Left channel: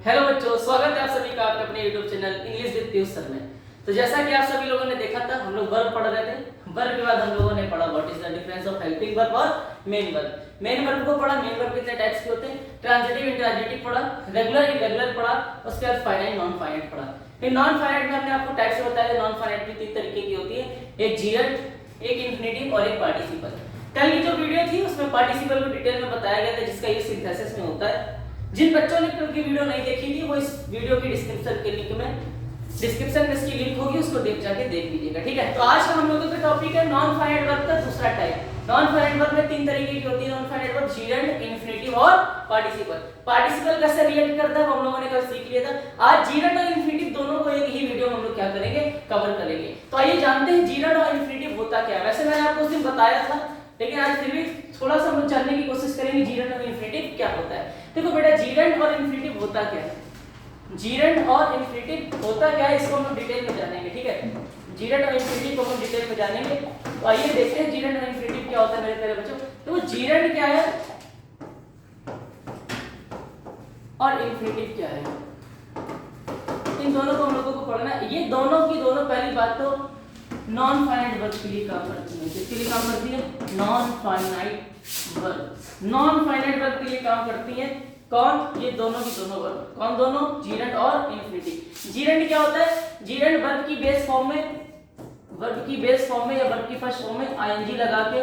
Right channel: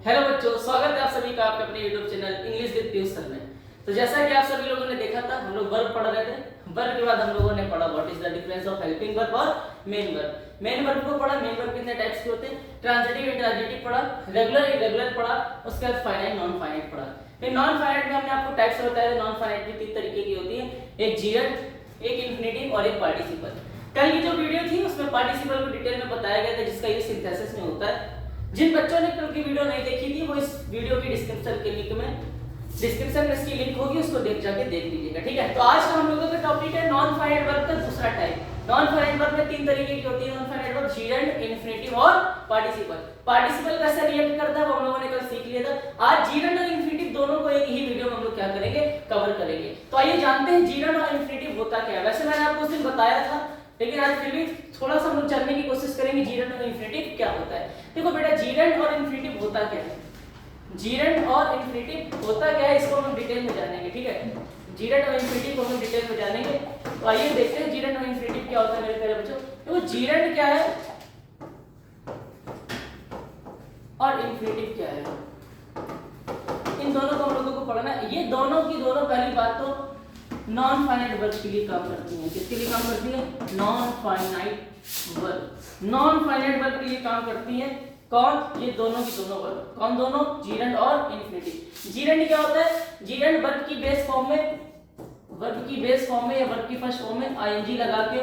Hello बच्चों, स्वागत है आप सभी का आपके अपने YouTube channel English with Piyush sir में। तो जैसा कि आप सभी लोगों ने देखा था, हम लोग वर्ब पढ़ रहे थे। वर्ब के बाद हम लोगों ने पढ़ा what is the difference of helping verb और मेन वर्ब। मेन वर्ब को पढ़ा, मेन वर्ब कितने टाइप्स के होते हैं, ट्रांजिटिव इंट्रांजिटिव पढ़ा, रेगुलर इरेगुलर पढ़ा, उसके बाद फाइनाइट नॉन फाइनाइट पढ़ा। फिर नॉन फाइनाइट में हमने आपको टाइप्स बताया। नॉन फाइनाइट भी 3 तरीके की होती है, एक जीरंड, एक इंफिनिटिव और एक पार्टिसिपल। कल की जो वीडियो थी उसमें पार्टिसिपल को डिटेल में बताया गया था, जिसका यूज सिंथेसिस में होता है। जिन बच्चों ने कल की वीडियो नहीं देखी थी वो इस वीडियो की डिस्क्रिप्शन में इसकी लिंक होगी, उसको जाके देख लीजिएगा, ठीक है। तो आज का हम लोगों का टॉपिक है नॉन फाइनाइट वर्ब का दूसरा टाइप। नॉन फाइनाइट वर्ब में 3 तरीके की होती है non finite verb, gerund, infinitive और पार्टिसिपल। पार्टिसिपल कैसे रिएक्ट करता है वो हम लोगों ने कल सीख लिया था। आज जीरंड और इंफिनिटिव दोनों को एक ही वीडियो में हम लोग क्या करेंगे, कवर करेंगे। तो आइए जानते हैं जीरंड और इंफिनिटिव होता क्या है। वैसे मैंने आपको उस दिन बताया था, लेकिन आज फिर भी थोड़ा सा हम लोग जानने की कोशिश करेंगे जीरंड और इंफिनिटिव क्या होता है। देखो बेटा, जीरंड और इंफिनिटिव होता क्या है, जीरंड और इंफिनिटिव होता क्या है, इसको हम डिटेल में जानेंगे, ठीक है। जीरंड और इंफिनिटिव को हम डिटेल में जानेंगे। तो आइए देखते हैं जीरंड और इंफिनिटिव क्या होता है मेरे प्यारे बच्चों। तो जीरंड क्या है और इंफिनिटिव क्या है, इन दोनों को हम लोगों को पढ़ना है। ये दोनों की दोनों पहली बात तो नॉन फाइनाइट वर्ब के लिए काम करती है। किसके लिए काम करती है, non finite verb. Non finite verb के लिए काम करती है कौन, ये दोनों की दोनों वर्ब। कौन दोनों, जीरंड और इंफिनिटिव। जीरंड क्या होता है, जीरंड वर्ब की बेस फॉर्म में या वर्ब की फर्स्ट फॉर्म में आईएनजी लगा के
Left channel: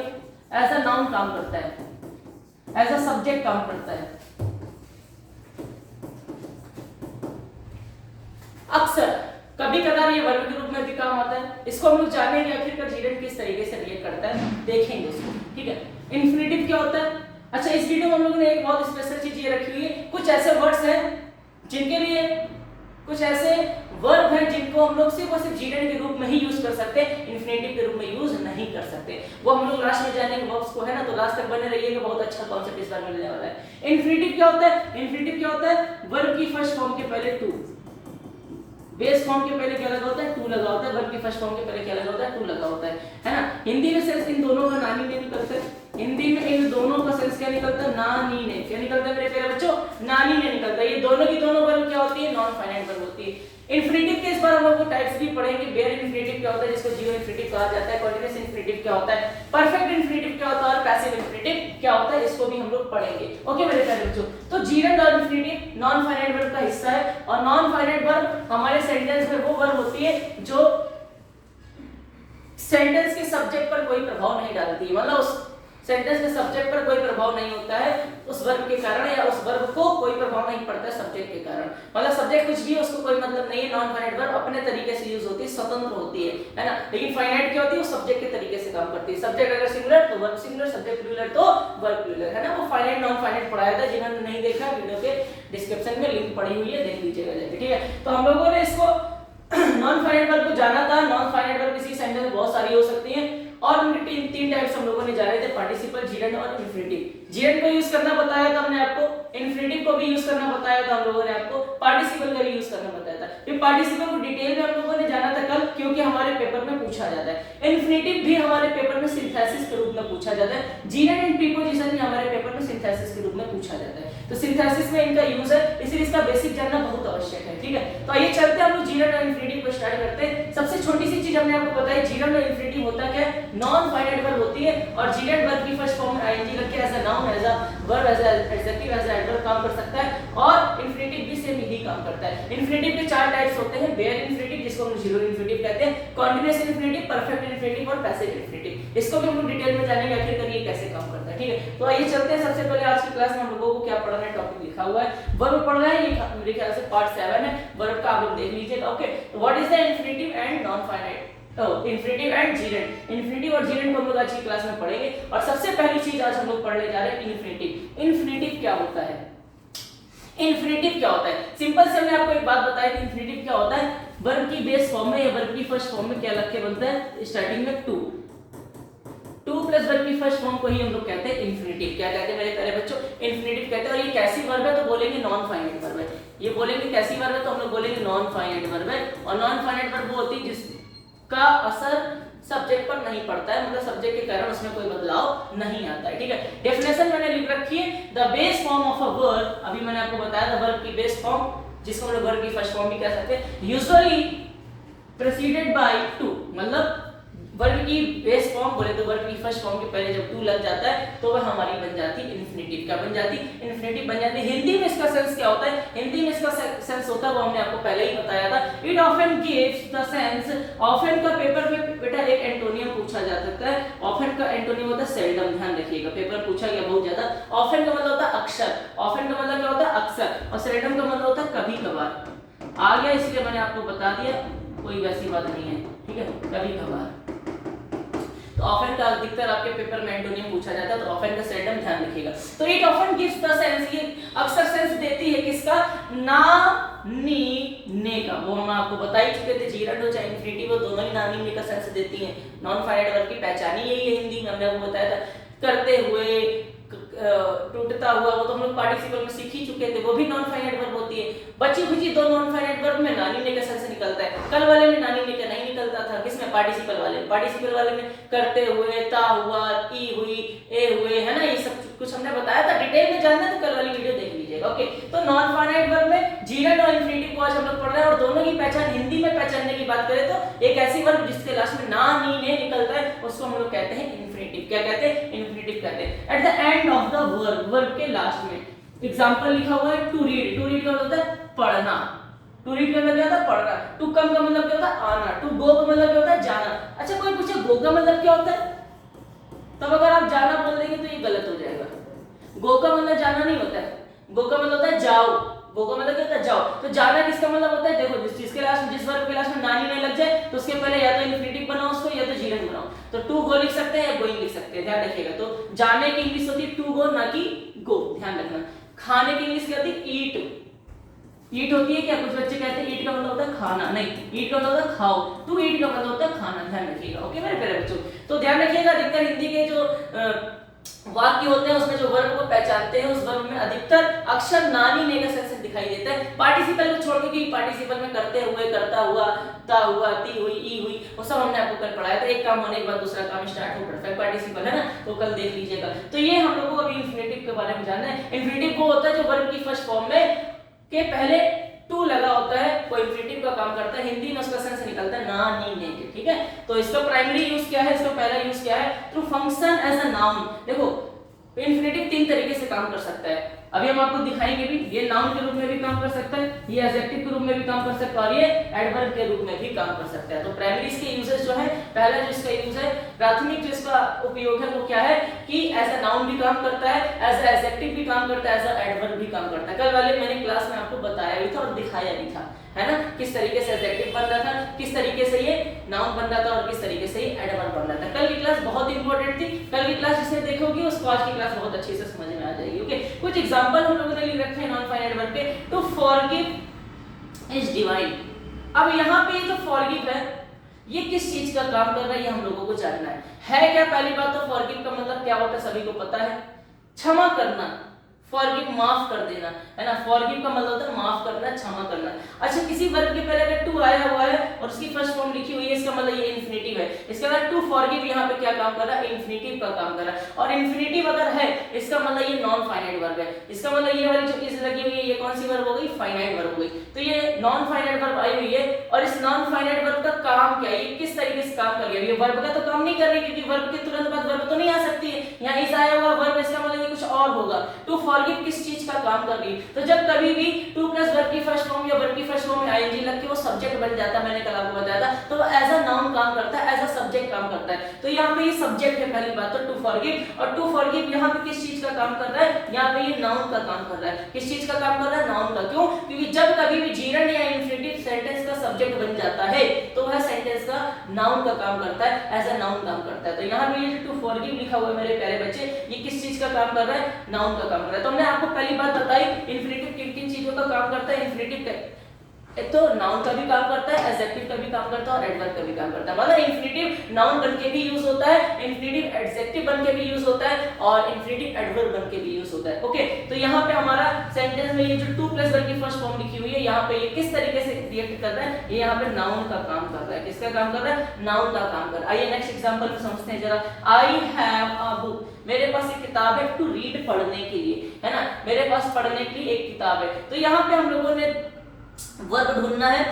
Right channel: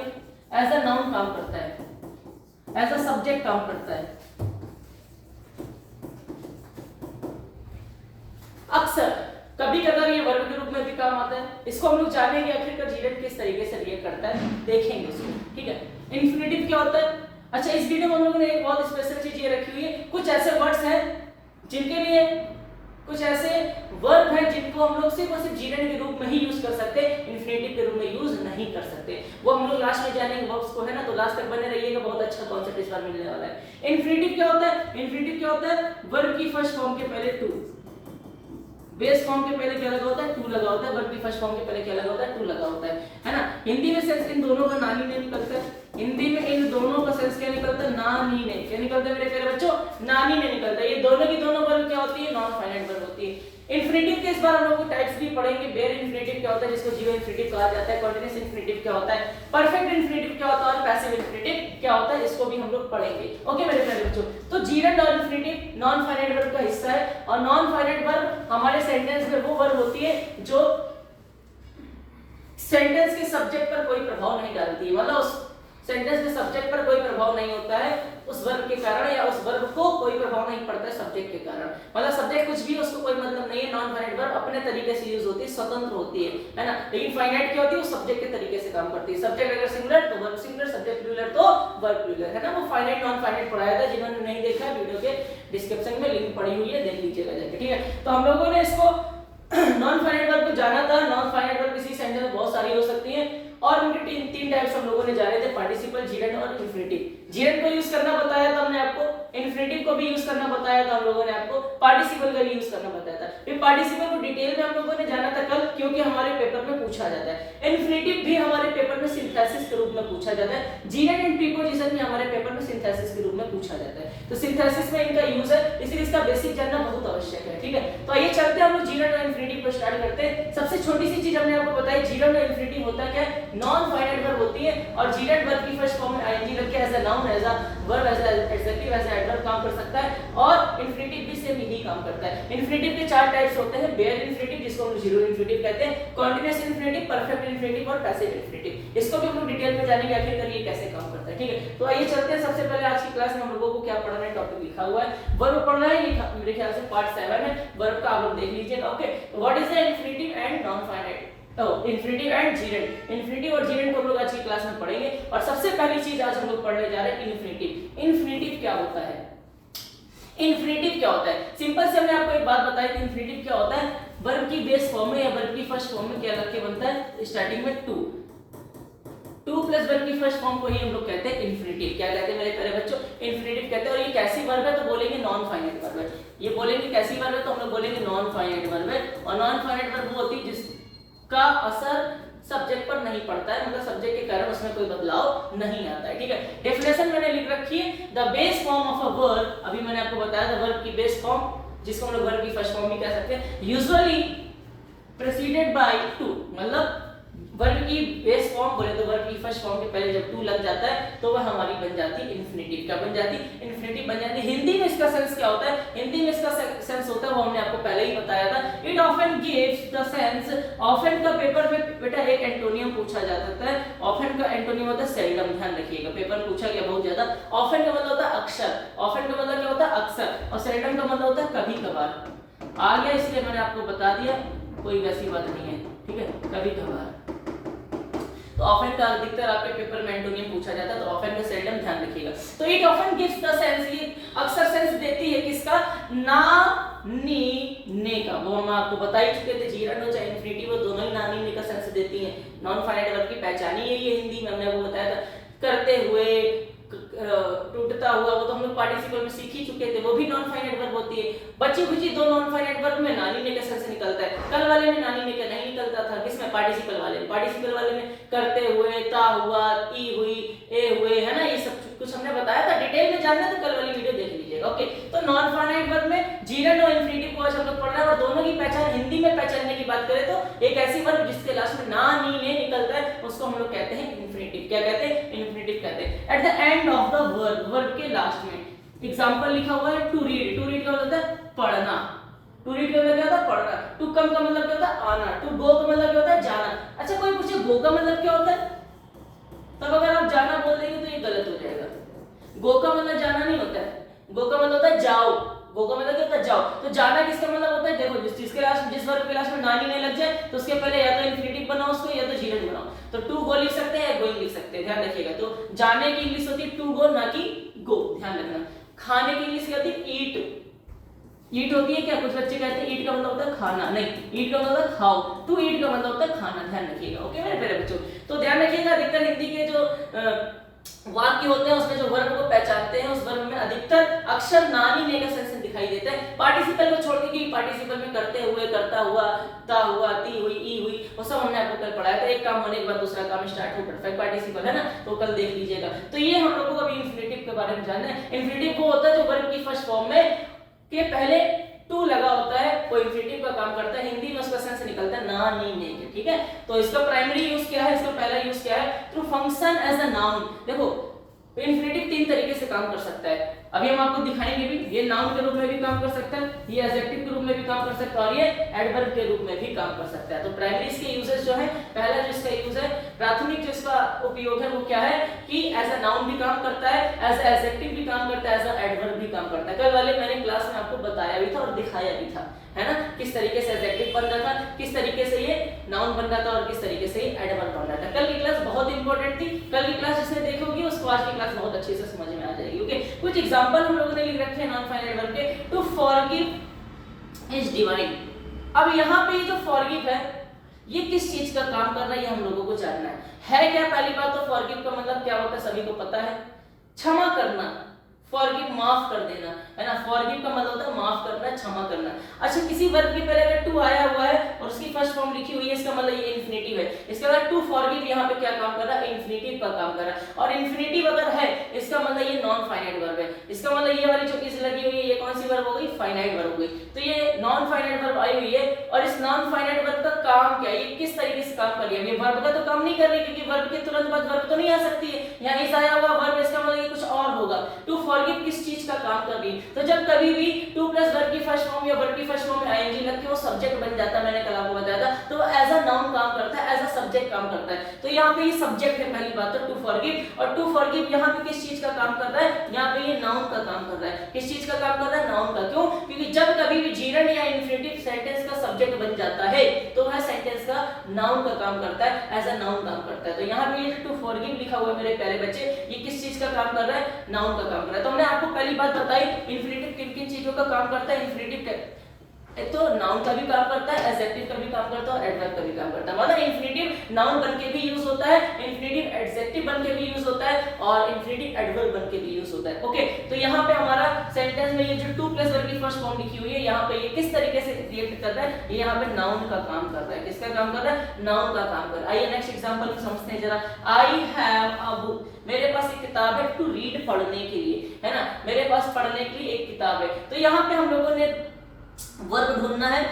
एज अ नाउन काम करता है, एज अ सब्जेक्ट काम करता है। अक्सर कभी कभार ये वर्ब के रूप में भी काम आता है। इसको हम लोग जानेंगे आखिरकार जीरंड किस तरीके से रिएक्ट करता है, देखेंगे इसको, ठीक है। इंफिनिटिव क्या होता है, अच्छा इस वीडियो में हम लोगों ने एक बहुत स्पेशल चीज ये रखी हुई है। कुछ ऐसे वर्ड्स हैं जिनके लिए, कुछ ऐसे वर्ब हैं जिनको हम लोग सिर्फ और सिर्फ जीरंड के रूप में ही यूज कर सकते हैं, इंफिनिटिव के रूप में यूज नहीं कर सकते। वो हम लोग लास्ट में जानेंगे वर्ब्स को, है ना। तो लास्ट तक बने रहिएगा, बहुत अच्छा कॉन्सेप्ट इस बार मिलने वाला है। इंफिनिटिव क्या होता है, इंफिनिटिव क्या होता है, वर्ब की फर्स्ट फॉर्म के पहले टू, बेस फॉर्म के पहले क्या लगा होता है, टू लगा होता है। वर्ब की फर्स्ट फॉर्म के पहले क्या लगा होता है, टू लगा होता है ना। हिंदी में सेंस इन दोनों का नानी ने निकलता है। हिंदी में इन दोनों का सेंस क्या निकलता है, नानी ने। क्या निकलता है मेरे प्यारे बच्चों, नानी ने निकलता है। ये दोनों की दोनों वर्ब क्या होती है, नॉन फाइनाइट वर्ब होती है। इंफिनिटिव के इस बार हम लोग को टाइप्स भी पढ़ेंगे। बेयर इंफिनिटिव क्या होता है, जिसको जीरो इंफिनिटिव कहा जाता है। कॉन्टिन्यूअस इंफिनिटिव क्या होता है, परफेक्ट इंफिनिटिव क्या होता है और पैसिव इंफिनिटिव क्या होता है, इसको भी हम लोग पढ़ेंगे। ओके मेरे प्यारे बच्चों, तो जीरंड और इंफिनिटिव नॉन फाइनाइट वर्ब का हिस्सा है। और नॉन फाइनाइट वर्ब हमारे सेंटेंस में वो वर्ब होती है जो सेंटेंस के सब्जेक्ट पर कोई प्रभाव नहीं डालती, मतलब उस सेंटेंस के सब्जेक्ट पर कोई प्रभाव नहीं होता है उस वर्ब के कारण, या उस वर्ब को कोई प्रभाव नहीं पड़ता है सब्जेक्ट के कारण। मतलब सब्जेक्ट कुछ भी है, उसको कोई मतलब नहीं है। नॉन फाइनाइट वर्ब अपने तरीके से यूज होती है, स्वतंत्र होती है ना। लेकिन फाइनाइट क्या होती है, वो सब्जेक्ट के तरीके से काम करती है। सब्जेक्ट अगर सिंगुलर तो वर्ब सिंगुलर, सब्जेक्ट प्लूरल तो वर्ब प्लूरल, है ना। वो फाइनाइट नॉन फाइनाइट पढ़ाया था, जिन्होंने नहीं देखा वीडियो के डिस्क्रिप्शन में लिंक पड़ी हुई है, देख लीजिएगा जाके, ठीक है। तो हम लोगों ने इसको नॉन फाइनाइट वर्ब को जाना था। नॉन फाइनाइट वर्ब किसी सेंटेंस में बहुत सारी हो सकती हैं और उनके तीन टाइप्स हम लोगों ने जाने थे, पार्टिसिपल, जीरंड और इंफिनिटिव। जीरंड को यूज करना बताया था हमने आपको, इंफिनिटिव को भी यूज करना बताया था हम लोगों ने आपको, पार्टिसिपल का भी यूज करना बताया था। फिर पार्टिसिपल को डिटेल में हम लोगों ने जाना था कल, क्योंकि हमारे पेपर में पूछा जाता है। इंफिनिटिव भी हमारे पेपर में सिंथेसिस के रूप में पूछा जाता है। जीरंड एंड प्रीपोजिशन भी हमारे पेपर में सिंथेसिस के रूप में पूछा जाता है। तो सिंथेसिस में इनका यूज है, इसलिए इसका बेसिक जानना बहुत आवश्यक है, ठीक है। तो आइए चलते हैं हम लोग जीरंड और इंफिनिटिव को स्टार्ट करते हैं। सबसे छोटी सी चीज हमने आपको बताई, जीरंड और इंफिनिटिव होता क्या है, नॉन फाइनाइट वर्ब होती है। और जीरंड वर्ब की फर्स्ट फॉर्म में आईएनजी लग के as a noun, as a verb, as an adjective, as an adverb काम कर सकता है। और इंफिनिटिव भी सेम यही काम करता है। इंफिनिटिव के 4 टाइप्स होते हैं, बेयर इंफिनिटिव जिसको हम जीरो इंफिनिटिव कहते हैं, कॉन्टिन्यूअस इंफिनिटिव, परफेक्ट इंफिनिटिव और पैसिव इंफिनिटिव। इसको भी हम लोग डिटेल में जानेंगे आखिरकार ये कैसे काम करता है, ठीक है। तो आइए चलते हैं। सबसे पहले आज की क्लास में हम लोगों को क्या पढ़ना है, टॉपिक लिखा हुआ है, वर्ब पढ़ना है। ये मेरे ख्याल से पार्ट 7 है, वर्ब का आप लोग देख लीजिएगा। Okay, what is the infinitive and non finite, infinitive and gerund. Infinitive और जीरंड को हम लोग आज की क्लास में पढ़ेंगे। और सबसे पहली चीज आज हम लोग पढ़ने जा रहे हैं इंफिनिटिव। इंफिनिटिव क्या होता है, इंफिनिटिव क्या होता है, सिंपल से हमने आपको एक बात बताई कि इंफिनिटिव क्या होता है, वर्ब की बेस फॉर्म में या वर्ब की फर्स्ट फॉर्म में क्या लग के बनता है, स्टार्टिंग में टू प्लस वर्ब की फर्स्ट फॉर्म को ही हम लोग कहते हैं इंफिनिटिव। क्या कहते हैं मेरे प्यारे बच्चों, इंफिनिटिव कहते हैं। और ये कैसी वर्ब है, तो बोलेंगे नॉन फाइनाइट वर्ब है। ये बोलेंगे कैसी वर्ब है, तो हम लोग बोलेंगे नॉन फाइनाइट वर्ब है। और नॉन फाइनाइट वर्ब वो होती है जिसका असर सब्जेक्ट पर नहीं पड़ता है, मतलब सब्जेक्ट के कारण उसमें कोई बदलाव नहीं आता है। ठीक है, डेफिनेशन मैंने लिख रखी है, the base form of a verb, अभी मैंने आपको बताया था वर्ब की बेस फॉर्म, जिसको हम लोग वर्ब की फर्स्ट फॉर्म भी कह सकते हैं, यूजुअली प्रेसिडेड बाय टू, मतलब वर्ब की बेस फॉर्म बोले तो वर्ब की फर्स्ट फॉर्म के पहले जब टू लग जाता है तो वह हमारी बन जाती है इन्फिनिटिव। क्या बन जाती? इन्फिनिटिव बन जाती है। हिंदी में इसका सेंस क्या होता है? हिंदी में इसका सेंस होता है, वो हमने आपको पहले ही बताया था, it often gives the sense, often का पेपर में बेटा एक एंटोनियम पूछा जा सकता है, ऑफन का एंटोनियम होता है सेल्डम, ध्यान रखिएगा, पेपर पूछा गया बहुत ज्यादा। ऑफन का मतलब होता है अक्सर, ऑफन का मतलब क्या होता है? अक्सर, और सेल्डम का मतलब होता है कभी कभार। आ गया, इसलिए मैंने आपको बता दिया, कोई वैसी बात नहीं है, ठीक है, कभी कभार। तो ऑफन का अधिकतर आपके पेपर में एंटोनियम पूछा जाता है, तो ऑफन का सेल्डम ध्यान रखिएगा। तो it often gives the sense, ये अक्सर सेंस देती है किसका? ना, नी, ने का। वो हम आपको बता ही चुके थे, जीरंड हो चाहे इन्फिनिटिव हो, दोनों ही ना, नी, ने का सेंस देती हैं। नॉन फाइनाइट वर्ब की पहचान ही यही है हिंदी में, हमने आपको बताया था। करते हुए, टूटता हुआ, वो तो हम लोग पार्टिसिपल में सीख ही चुके थे, वो भी नॉन फाइनाइट वर्ब होती है। बची खुची दो नॉन फाइनाइट वर्ब में नानी ने का सेंस निकलता है, कल वाले में नानी ने का नहीं निकलता था, किसमें? पार्टिसिपल वाले। पार्टिसिपल वाले में करते हुए, ता हुआ, ई हुई, ए हुए, है ना, ये सब कुछ हमने बताया था। डिटेल में जानना तो कल वाली वीडियो देख लीजिएगा। ओके, तो नॉन फाइनाइट वर्ब में जीरंड और इन्फिनिटिव को आज हम लोग पढ़ रहे हैं, और दोनों की पहचान हिंदी में पहचानने की बात करें तो एक ऐसी वर्ब जिसके लास्ट में ना, नी, ने निकलता है, उसको हम लोग कहते हैं इन्फिनिटिव। क्या कहते हैं? इन्फिनिटिव कहते हैं। At the end of the verb, verb के लास्ट में एग्जांपल लिखा हुआ है टू रीड, टू रीड का मतलब होता है पढ़ना, टू रीड का मतलब क्या होता है? पढ़ना। टू कम का मतलब क्या होता है? आना। टू गो का मतलब क्या होता है? जाना। अच्छा, कोई पूछे गो का मतलब क्या होता है, तब अगर आप जाना बोल देंगे तो ये गलत हो जाएगा। गो का मतलब जाना नहीं होता है, गो का मतलब होता है जाओ, गो का मतलब क्या होता है? जाओ। तो जाना किसका मतलब होता है? देखो, जिसके लास्ट, जिस वर्ब के लास्ट में नानी नहीं लग जाए तो उसके पहले या तो इन्फिनिटिव बनाओ उसको, या तो जीरंड बनाओ। तो टू गो लिख सकते हैं या गोइंग लिख सकते हैं, ध्यान रखिएगा। तो जाने की इंग्लिश होती है टू गो, ना कि गो, ध्यान रखना। खाने की इंग्लिश क्या होती है? ईट। ईट होती है क्या? कुछ बच्चे कहते हैं ईट का मतलब होता है खाना, नहीं, ईट का मतलब होता है खाओ, टू ईट का मतलब होता है खाना, ध्यान रखिएगा। ओके मेरे प्यारे बच्चों, तो ध्यान रखिएगा, अधिकतर हिंदी के जो वाक्य होते हैं उसमें जो वर्ब को पहचानते हैं, उस वर्ब में अधिकतर अक्षर नानी ने का सेंस दिखाई देता है। पार्टिसिपल को छोड़ के, पार्टिसिपल में करते हुए, करता हुआ, ता हुआ, ती हुई, ई हुई, वो सब हमने आपको कल पढ़ाया था। एक काम होने के बाद दूसरा काम स्टार्ट हो, परफेक्ट पार्टिसिपल है ना, तो कल देख लीजिएगा। तो ये हम लोग को अभी इन्फिनिटिव के बारे में जानना है। इन्फिनिटिव वो होता है जो वर्ब की फर्स्ट फॉर्म में के पहले टू लगा होता है, वो इन्फिनिटिव का काम करता है। हिंदी में उसका सेंस निकलता है ना, नी, ने के, ठीक है। तो इसका प्राइमरी यूज क्या है? इसका पहला यूज क्या है? To function as a noun. देखो, इन्फिनिटिव तीन तरीके से काम कर सकता है, अभी हम आपको दिखाएंगे भी। ये नाउन के रूप में भी काम कर सकता है, ये एडजेक्टिव के रूप में भी काम कर सकता है, और ये एडवर्ब के रूप में भी काम कर सकता है। तो प्राइमरी इसके यूजेस जो है, पहला जो इसका यूज है, प्राथमिक जो इसका उपयोग है वो क्या है कि एज अ नाउन भी काम करता है, एज अ एडजेक्टिव भी काम करता है, एज अ एडवर्ब भी काम करता है। कल वाले मैंने क्लास में आपको बताया भी था और दिखाया भी था, है ना, किस तरीके से एडजेक्टिव बन रहा था, किस तरीके से ये नाउन बन रहा था, और किस तरीके से ये एडवर्ब बन रहा था। कल की क्लास बहुत इंपॉर्टेंट थी, कल की क्लास जिसने देखोगी उसको आज की क्लास बहुत अच्छे से समझ में आ जाएगी। ओके, कुछ एग्जांपल हम लोगों ने लिख रखे हैं नॉन फाइनाइट वर्ब के। To forgive is divine. अब यहाँ पे ये जो फॉरगिव है, ये किस चीज का काम कर रहा है, ये हम लोगों को जानना है क्या? पहली बात तो फॉरगिव का मतलब क्या होता है सभी को पता है, क्षमा करना, फॉरगिव माफ कर देना, है ना। फॉरगिव का मतलब होता है माफ करना, क्षमा करना। अच्छा, किसी वर्ब के पहले अगर टू आया हुआ है और उसकी फर्स्ट फॉर्म लिखी हुई है, इसका मतलब ये इन्फिनिटिव है। इसके बाद टू फॉरगिव यहाँ पे क्या काम कर रहा है? इन्फिनिटिव का काम कर रहा है। और इन्फिनिटिव अगर है, इसका मतलब ये नॉन फाइनाइट वर्ब है। इसका मतलब ये वाली जो इज लगी हुई है, ये कौन सी वर्ब हो गई? फाइनाइट वर्ब हो गई। तो ये नॉन फाइनाइट वर्ब आई हुई है, और इस नॉन फाइनाइट वर्ब का काम क्या है, ये किस तरीके से काम कर रही है? ये वर्ब का तो काम नहीं कर रही, क्योंकि वर्ब के तुरंत बाद वर्ब तो नहीं आ सकती है। यहाँ इस आया हुआ वर्ब, इसका मतलब ये कुछ और होगा। टू फॉरगिव किस चीज का काम कर रही है? तो जब कभी भी टू प्लस वर्ब की फर्स्ट फॉर्म या वर्ब की फर्स्ट फॉर्म में आईएनजी लग के वो सब्जेक्ट बन जाता है, मैंने कल आपको बताया था, तो एज अ नाउन काम करता है, एज अ सब्जेक्ट काम करता है। तो यहाँ पे ये सब्जेक्ट है पहली बात तो टू फॉरगिव। और टू फॉरगिव यहाँ पे किस चीज का काम कर रहा है? यहाँ पे ये नाउन का काम कर रहा है। किस चीज का काम कर रहा है? नाउन का। क्यों? क्योंकि जब कभी भी जीरंड या इन्फिनिटिव सेंटेंस का सब्जेक्ट बन जाता है तो वह सेंटेंस का नाउन का काम करता है, एज अ नाउन काम करता है। तो यहाँ पे ये टू फॉरगिव लिखा हुआ है मेरे प्यारे बच्चे, ये किस चीज का काम कर रहा है? नाउन का काम कर रहा है। तो हमने आपको पहली बात बताई इन्फिनिटिव किन किन चीजों का काम करता है। इन्फिनिटिव एक तो नाउन का भी काम करता है, एडजेक्टिव का भी काम करता है और एडवर्ब का भी काम करता है। मतलब इन्फिनेटिव नाउन बनके भी यूज होता है, इन्फिनेटिव एडजेक्टिव बनके भी यूज होता है और इन्फिनेटिव एडवर्ब बनके भी यूज होता है। ओके, तो यहाँ पे हमारा सेंटेंस में ये जो टू प्लस वर्ब की फर्स्ट फॉर्म लिखी हुई है, यहाँ पे ये किस तरीके से रिएक्ट कर रहा है, ये यहाँ पे नाउन का काम कर रहा है। किसका काम कर रहा है? नाउन का काम कर रहा है। आइए नेक्स्ट एग्जांपल में समझते हैं जरा। आई हैव अ बुक, मेरे पास एक किताब है, टू रीड पढ़ने के लिए, है ना, मेरे पास पढ़ने के लिए एक किताब है। तो यहाँ पे हम लोगों ने वर्ब ढूंढना है।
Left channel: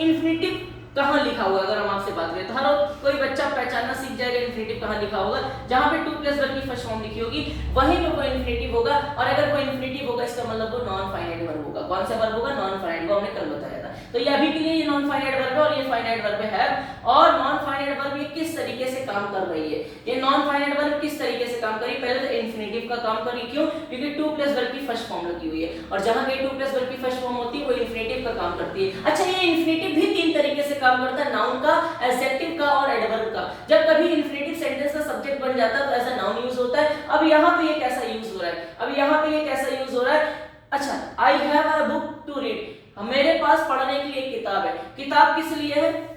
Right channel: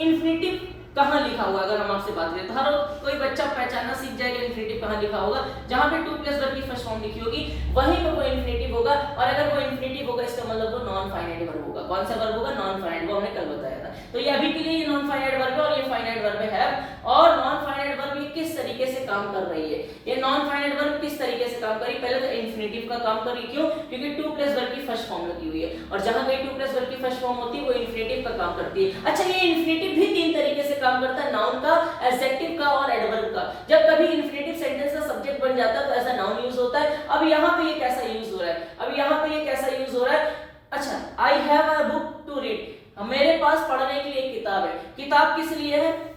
इन्फिनेटिव कहाँ लिखा हुआ, अगर हम आपसे बात करें तो हर कोई बच्चा पहचानना सीख जाएगा इन्फिनेटिव कहाँ लिखा होगा। जहाँ पे टू प्लस वर्ब की फर्स्ट फॉर्म लिखी होगी वहीं पे कोई इन्फिनेटिव होगा, और अगर कोई इन्फिनेटिव होगा इसका मतलब वो नॉन फाइनाइट वर्ब होगा। कौन सा वर्ब होगा? नॉन फाइनाइट, वो हमने कल बताया था। तो ये अभी के लिए ये नॉन फाइनाइट वर्ब है और ये फाइनाइट वर्ब है। और नॉन फाइनाइट वर्ब ये किस तरीके से काम कर रही है, ये नॉन फाइनाइट वर्ब किस तरीके से काम कर रही है? पहले तो इन्फिनेटिव का काम कर रही है। क्यों? क्योंकि टू प्लस वर्ब की फर्स्ट फॉर्म लगी हुई है, और जहां पे टू प्लस वर्ब की फर्स्ट फॉर्म होती है वो इन्फिनेटिव का काम करती है। अच्छा, ये इन्फिनेटिव भी तीन तरीके से काम करता है, नाउन का, एडजेक्टिव का और एडवर्ब का। जब कभी इन्फिनेटिव सेंटेंस का सब्जेक्ट बन जाता है तो ऐसा नाउन यूज होता है। अब यहाँ पे ये कैसा यूज हो रहा है? अब यहाँ पे ये कैसा यूज हो रहा है? अच्छा, I have a book to read, मेरे पास पढ़ने के लिए एक किताब है। किताब किस लिए है?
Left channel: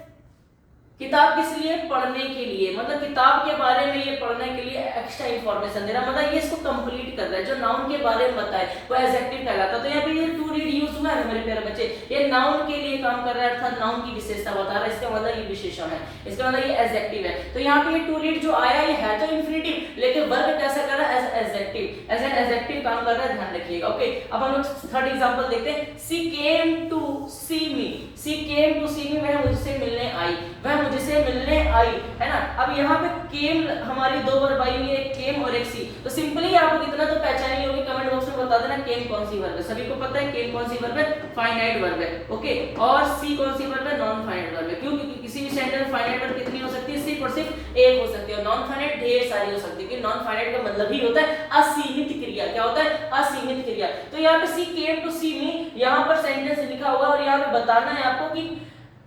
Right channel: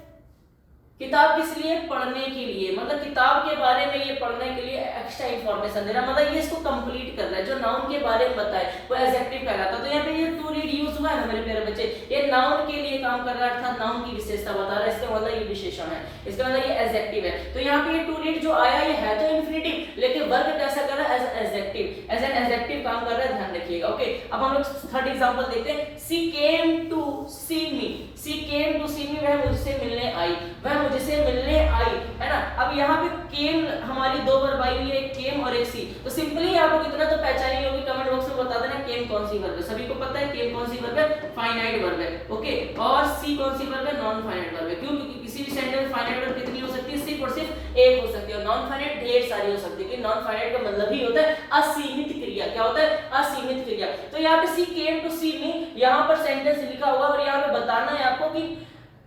किताब किस लिए? पढ़ने के लिए। मतलब किताब के बारे में ये पढ़ने के लिए एक्स्ट्रा इंफॉर्मेशन दे रहा है, मतलब ये इसको कंप्लीट कर रहा है। जो नाउन के बारे में बताए वो एडजेक्टिव कहलाता है। तो यहाँ पे ये टू रीड यूज हुआ है ना मेरे प्यारे बच्चे, ये नाउन के लिए काम कर रहा है, अर्थात नाउन की विशेषता बता रहा है। इसका मतलब ये विशेषण है, इसका मतलब ये एडजेक्टिव है। तो यहाँ पे ये टू रीड जो आया ये है तो इन्फिनेटिव, लेकिन वर्ब कैसा कर रहा है? As adjective, as an adjective काम कर रहा है, ध्यान रखिएगा। ओके, अब हम लोग थर्ड एग्जांपल देखते हैं। सी came to C me, C came to सी मी, वह मुझसे मिलने आई, वह मुझसे मिलने आई, है ना। अब यहाँ पे केम हमारी दो वर्ब आई हुई है, एक केम और एक सी। तो सिंपली आप लोग इतना तो पहचानी होगी, कमेंट बॉक्स में बता देना केम कौन सी वर्ब है। सभी को पता है केम कौन सी वर्ब है? फाइनाइट वर्ब है। ओके, और सी कौन सी वर्ब है? नॉन फाइनाइट वर्ब है। क्यों? क्योंकि किसी भी सेंटेंस में फाइनाइट वर्ब कितनी हो सकती है? सिर्फ और सिर्फ एक हो सकती है, और नॉन फाइनाइट ढेर सारी हो सकती है। नॉन फाइनाइट का मतलब ही होता है असीमित क्रिया। क्या होता है? असीमित क्रिया। तो यहाँ पे सी केम टू सी मी, यहाँ पर सेंटेंस लिखा हुआ और यहाँ पे बताना है आपको कि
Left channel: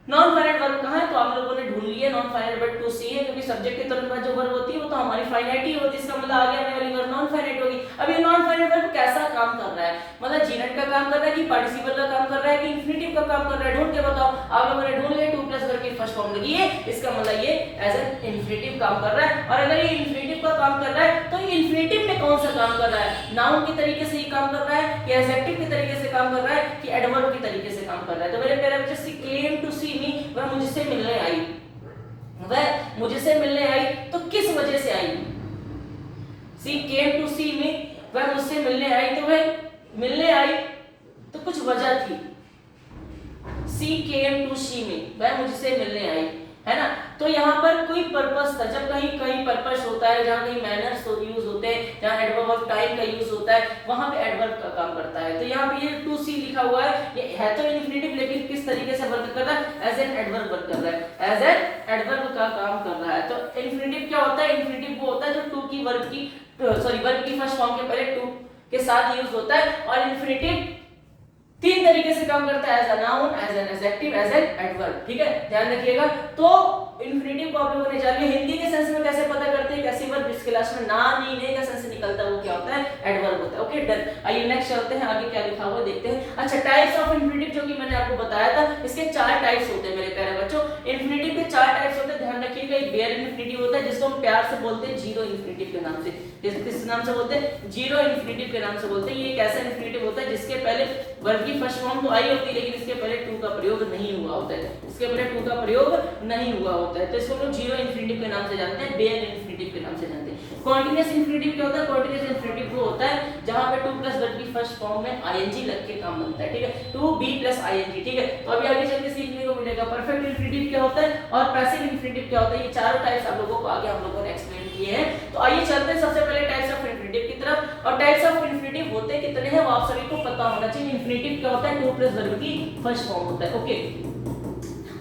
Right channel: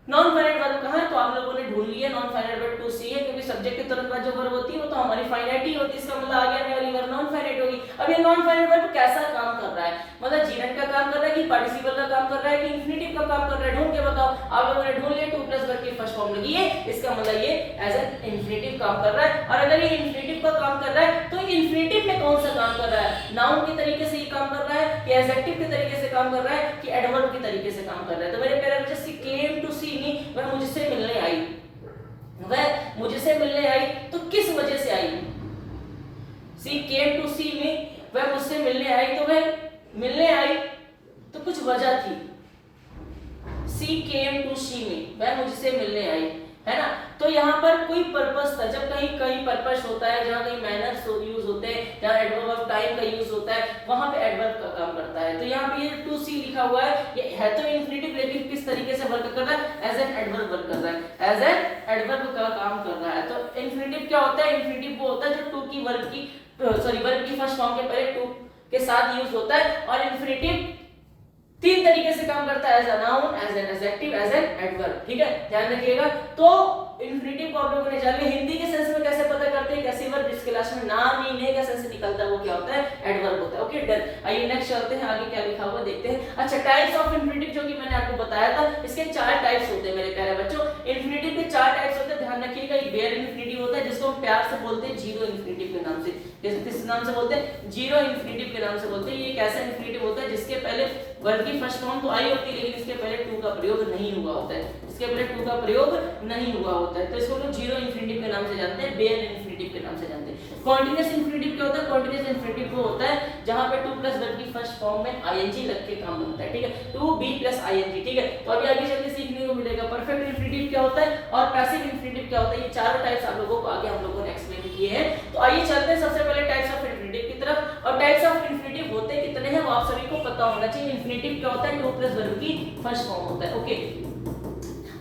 नॉन फाइनाइट वर्ब कहाँ है। तो आप लोगों ने ढूंढ लिया नॉन फाइनाइट वर्ब टू सी है, क्योंकि सब्जेक्ट के तुरंत बाद जो वर्ब होती है वो तो हमारी फाइनाइट ही होती है। इसका मतलब आ गया ये वाली वर्ब नॉन फाइनाइट होगी। अब ये नॉन फाइनाइट वर्ब कैसा काम कर रहा है? मतलब जीनेट का काम कर रहा है कि पार्टिसिपल का काम कर रहा है कि इन्फिनेटिव का काम कर रहा है? ढूंढ के बताओ। आप लोगों ने ढूंढ लिया टू प्लस वर्ब की फर्स्ट फॉर्म लगी है, इसका मतलब ये एज एन इन्फिनेटिव काम कर रहा है। और अगर ये इन्फिनेटिव का काम कर रहा है तो इन्फिनेटिव में कौन सा काम कर रहा है? नाउन की तरीके से ये काम कर रहा है कि एडजेक्टिव के तरीके से काम कर रहा है कि एडवर्ब के तरीके से काम कर रहा है? तो मेरे प्यारे बच्चे, सी केम टू सी मी, वह मुझसे मिलने आई, वह मुझसे मिलने आई। तो किस वजह से आई? सी केम टू सी मी, वह मुझसे मिलने आई, तो वह मिलने आई तो कुछ वजह थी। सी केम टू सी मी, वह मुझसे मिलने आई, है ना। तो यहाँ पर कोई पर्पस था। जब कहीं कहीं पर्पस होता है, जहाँ कहीं मैनर्स यूज होते हैं, जहाँ एडवर्ब ऑफ टाइम का यूज होता है, वहां पे एडवर्ब का काम करता है। तो यहाँ पे ये टू सी लिखा हुआ है, ये है तो इन्फिनेटिव, लेकिन किस तरीके से वर्क कर रहा है? एज एन एडवर्ब वर्क कर रहा है, एज एन एडवर्ब का काम कर रहा है। तो इन्फिनेटिव क्या होता है? इन्फिनेटिव वो होता है जो टू की वर्ब की वर्ब की फर्स्ट फॉर्म के पहले टू के साथ यूज होता है। और इन्फिनेटिव तीन तरीके से काम करता है, as a noun, as an adjective, as an adverb. ठीक है, ध्यान रखिएगा। तो इन्फिनेटिव को आप लोगों ने जान लिया। हिंदी के सेंस में कैसे पता करते हैं? कैसी वर्ब जिस क्लास में ना नी का सेंस निकलता है वो क्या होता है? एडवर्ब होता है। Okay, done. आइए नेक्स्ट चलते हैं, आगे क्या लिखा हुआ है देखते हैं। अच्छा, टाइप्स ऑफ इन्फिनेटिव जो कि मैंने आपको बताया था, इसके चार टाइप्स होते हैं मेरे प्यारे बच्चों। इन्फिनेटिव के चार टाइप्स होते हैं, ध्यान रखिएगा। एक बेयर इन्फिनेटिव होता है जिसको हम प्यार से बोलते हैं जीरो इन्फिनेटिव के नाम से। किस नाम से बोलते हैं? जीरो इन्फिनेटिव के नाम से बोलते हैं। ये एक ऐसा इन्फिनेटिव होता है जिसके पहले वर्ब की फर्स्ट फॉर्म तो आई होती है, लेकिन इसके पहले टू का प्रयोग नहीं हुआ होता है, इसके पहले टू का प्रयोग नहीं हुआ होता है। तो इसको हम जीरो इन्फिनेटिव के नाम से जानते हैं, बेयर इन्फिनेटिव के नाम से जानते हैं। कॉन्टिन्यूअस इन्फिनेटिव क्या होता है? कॉन्टिन्यूअस इन्फिनेटिव वो होता है जहां पे टू प्लस वर्ब की फर्स्ट फॉर्म में आईएनजी लग के काम बनता है। ठीक है, टू बी प्लस आईएनजी। ठीक है, तो अभी आगे चल के सीखने को मिलेगा। परफेक्ट इन्फिनेटिव क्या होता है और पैसिव इन्फिनेटिव क्या होता है, ये चारों टाइप्स आप लोगों को आगे हम लोगों ने एक्सप्लेन किए हैं। तो आइए चलते हैं सबसे पहले टाइप्स ऑफ इन्फिनेटिव की तरफ। और टाइप्स ऑफ इन्फिनेटिव होते कितने हैं वो आप सभी को पता होना चाहिए। इन्फिनेटिव क्या होता है? टू प्लस वर्ब की फर्स्ट फॉर्म होता है। ओके,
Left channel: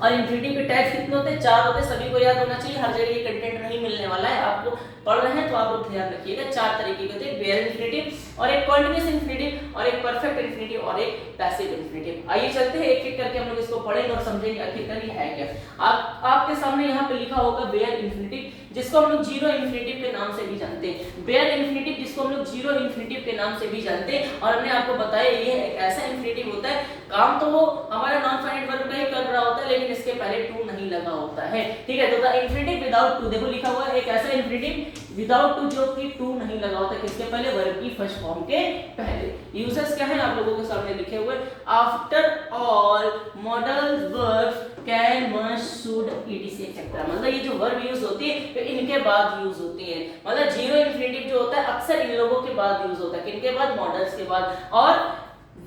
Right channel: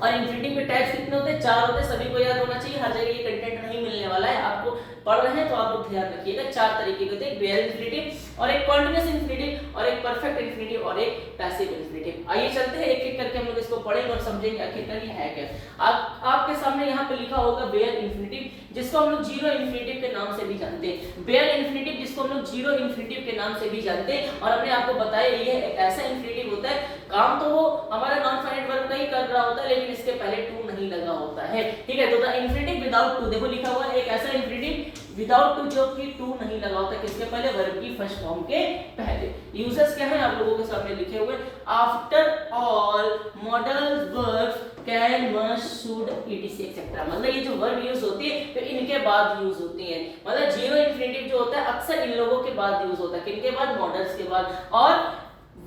और इन्फिनेटिव के टाइप्स कितने होते हैं? चार होते हैं। सभी को याद होना चाहिए, हर जगह ये कंटेंट नहीं मिलने वाला है। आपको पढ़ रहे हैं तो आप लोग ध्यान रखिएगा। चार तरीके के होते हैं, बेयर इन्फिनेटिव और एक कॉन्टिन्यूअस इन्फिनेटिव और एक परफेक्ट इन्फिनेटिव इन्फिनेटिव और एक पैसिव इन्फिनेटिव। आइए चलते हैं एक एक करके हम लोग इसको पढ़ेंगे और समझेंगे आखिरकार ये है क्या। आपके सामने यहाँ पे लिखा होगा बेयर इन्फिनेटिव, जिसको हम लोग जीरो इन्फिनेटिव के नाम से भी जानते हैं। बेयर इन्फिनेटिव जिसको हम लोग जीरो इन्फिनेटिव के नाम से भी जानते हैं, और हमने आपको बताया ये एक ऐसा इन्फिनेटिव होता है, काम तो वो हमारा नॉन फाइनाइट वर्ब का ही कर रहा होता है, लेकिन इसके पहले टू नहीं लगा होता है। ठीक है, तो द इन्फिनेटिव विदाउट टू, देखो लिखा हुआ है एक ऐसा इन्फिनेटिव विदाउट टू जो कि टू नहीं लगा होता, किसके पहले, वर्ब की फर्स्ट फॉर्म के पहले। यूजेस क्या है आप लोगों के सामने लिखे हुए, after all modal verbs can, must, should, etc etcetera. मतलब ये जो वर्ब यूज होती है तो इनके बाद यूज होती है। मतलब जीरो इन्फिनेटिव जो होता है अक्सर इन लोगों के बाद यूज होता है, किनके बाद, मॉडल्स के बाद। और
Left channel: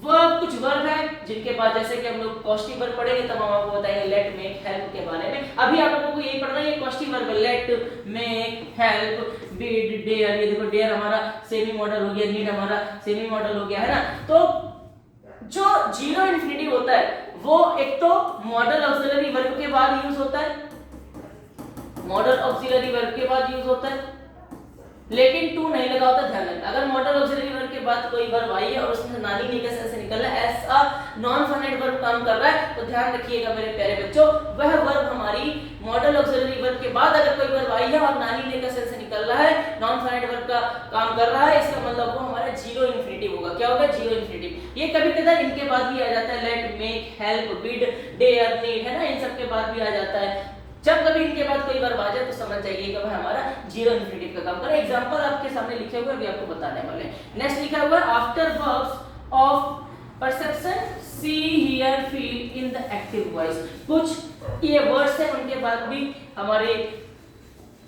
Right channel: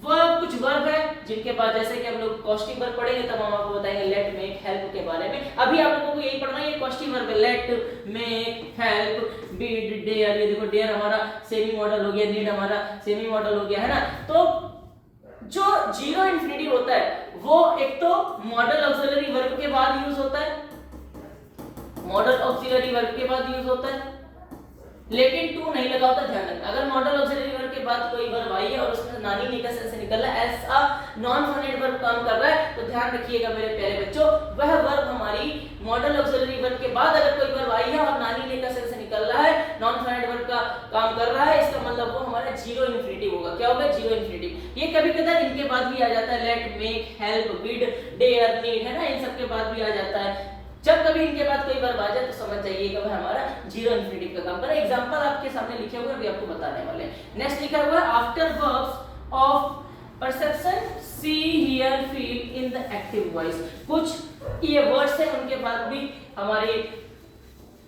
वर्ब, कुछ वर्ब है जिनके बाद, जैसे कि हम लोग कॉस्टिव वर्ब पढ़ेंगे तब हम आपको बताएंगे लेट, मेक, हेल्प के बारे में। अभी आप लोगों को यही पढ़ना है, ये कॉस्टिव वर्ब है, let, make, help, bid, dare. ये देखो डेयर हमारा सेमी मॉडल हो गया, नीड हमारा सेमी मॉडल हो गया, है ना। तो जो जीरो इन्फिनेटिव होता है वो एक तो मॉडल ऑक्सिलरी वर्ब के बाद यूज होता है, मॉडल ऑक्सिलरी वर्ब के बाद यूज होता है, लेकिन टू नहीं लगा होता। ध्यान रखना, अगर मॉडल ऑक्सिलरी वर्ब के बाद कोई वर्ब आई है और उसमें नानी निकल से निकल रहा है, ऐसा नॉन फाइनाइट वर्ब काम कर रहा है, तो ध्यान रखिएगा मेरे प्यारे बच्चों, वह वर्ब हमारी मॉडल ऑक्सिलरी वर्ब के बाद अगर कोई वर्ब आई है और नानी निकल से निकल रहा है, नॉन फाइनाइट वर्ब का काम कर रहा है, इसका मतलब वो हमारा जीरो इन्फिनेटिव होगा। क्या होगा, जीरो इन्फिनेटिव। ये कभी कभार इनके बाद भी आ जाता है, let, make, help, bid, dare, need, है ना, इन सब के बाद भी आ जाता है। जब कभी इनके बाद कोई वर्ब आ जाए तो समझ जाइए कि वह हमारा जीरो इन्फिनेटिव का काम कर रहा है। एग्जांपल आपके सामने लिखे हुए अभी आपको बताने वाले हैं। नेक्स्ट लिखा हुआ है after verbs of perception, see, hear, feel in the active voice. कुछ ये वर्ड्स हैं उनके बाद भी हमारे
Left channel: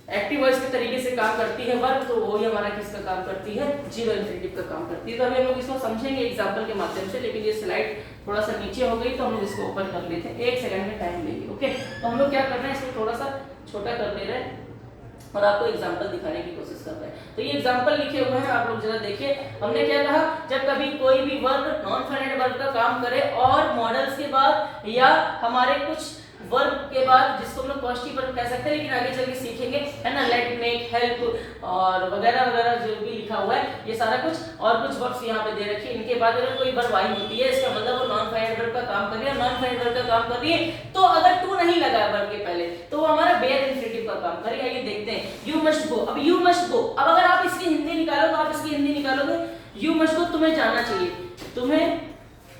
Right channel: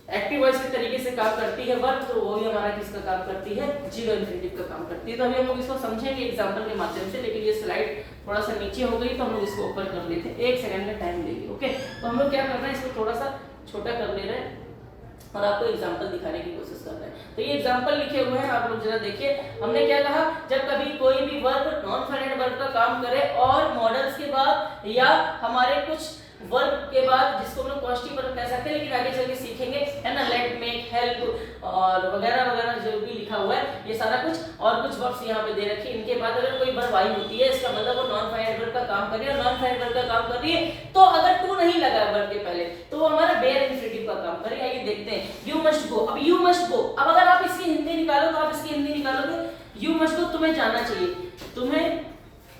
एक्टिव वॉइस के तरीके से काम करती है वर्ब, तो वो ही हमारा किसका काम करती है, जीरो इन्फिनेटिव का काम करती है। तो अभी हम लोग इसको समझेंगे एग्जांपल के माध्यम से, लेकिन ये स्लाइड थोड़ा सा नीचे हो गई तो हम लोग इसको ऊपर कर लेते हैं, 1 सेकंड का टाइम लेंगे। ओके, तो हम लोग क्या कर रहे हैं, इसको थोड़ा सा छोटा कर दे रहे हैं और आपको एग्जांपल दिखाने की कोशिश कर रहे हैं। तो ये एग्जांपल लिखे हुए हैं, आप लोग जरा देखिए। हमने क्या कहा, जब कभी कोई भी वर्ब नॉन फाइनाइट वर्ब का काम करे और मॉडल्स के बाद या हमारे कुछ वर्ब के बाद, जिसको हम लोग कॉस्टिव वर्ब कह सकते हैं, लेकिन आगे चल के सीखेंगे, है ना, लेट, मेक, हेल्प और वगैरह वगैरह जो भी लिखा हुआ है ये सारा कुछ, और कुछ वर्ब्स यहाँ पे दे रखे हैं। इनके बाद अगर कोई वर्ब आई होती है, इसका मतलब वो नॉन फाइनाइट वर्ब का काम कर रही है, नॉन फाइनाइट वर्ब का काम कर रही है, तो अगर टू नहीं लगा वर्ब के पहले तो वो हमारा बेयर इन्फिनेटिव का काम करेगा। आइए देखते हैं, यू मस्ट गो। अब यू मस्ट गो, अब अगर आप इसकी हिंदी निकालो तो आप इसकी हिंदी निकालोगे, यू मस्ट गो, तुम्हें जाना चाहिए, तुम्हें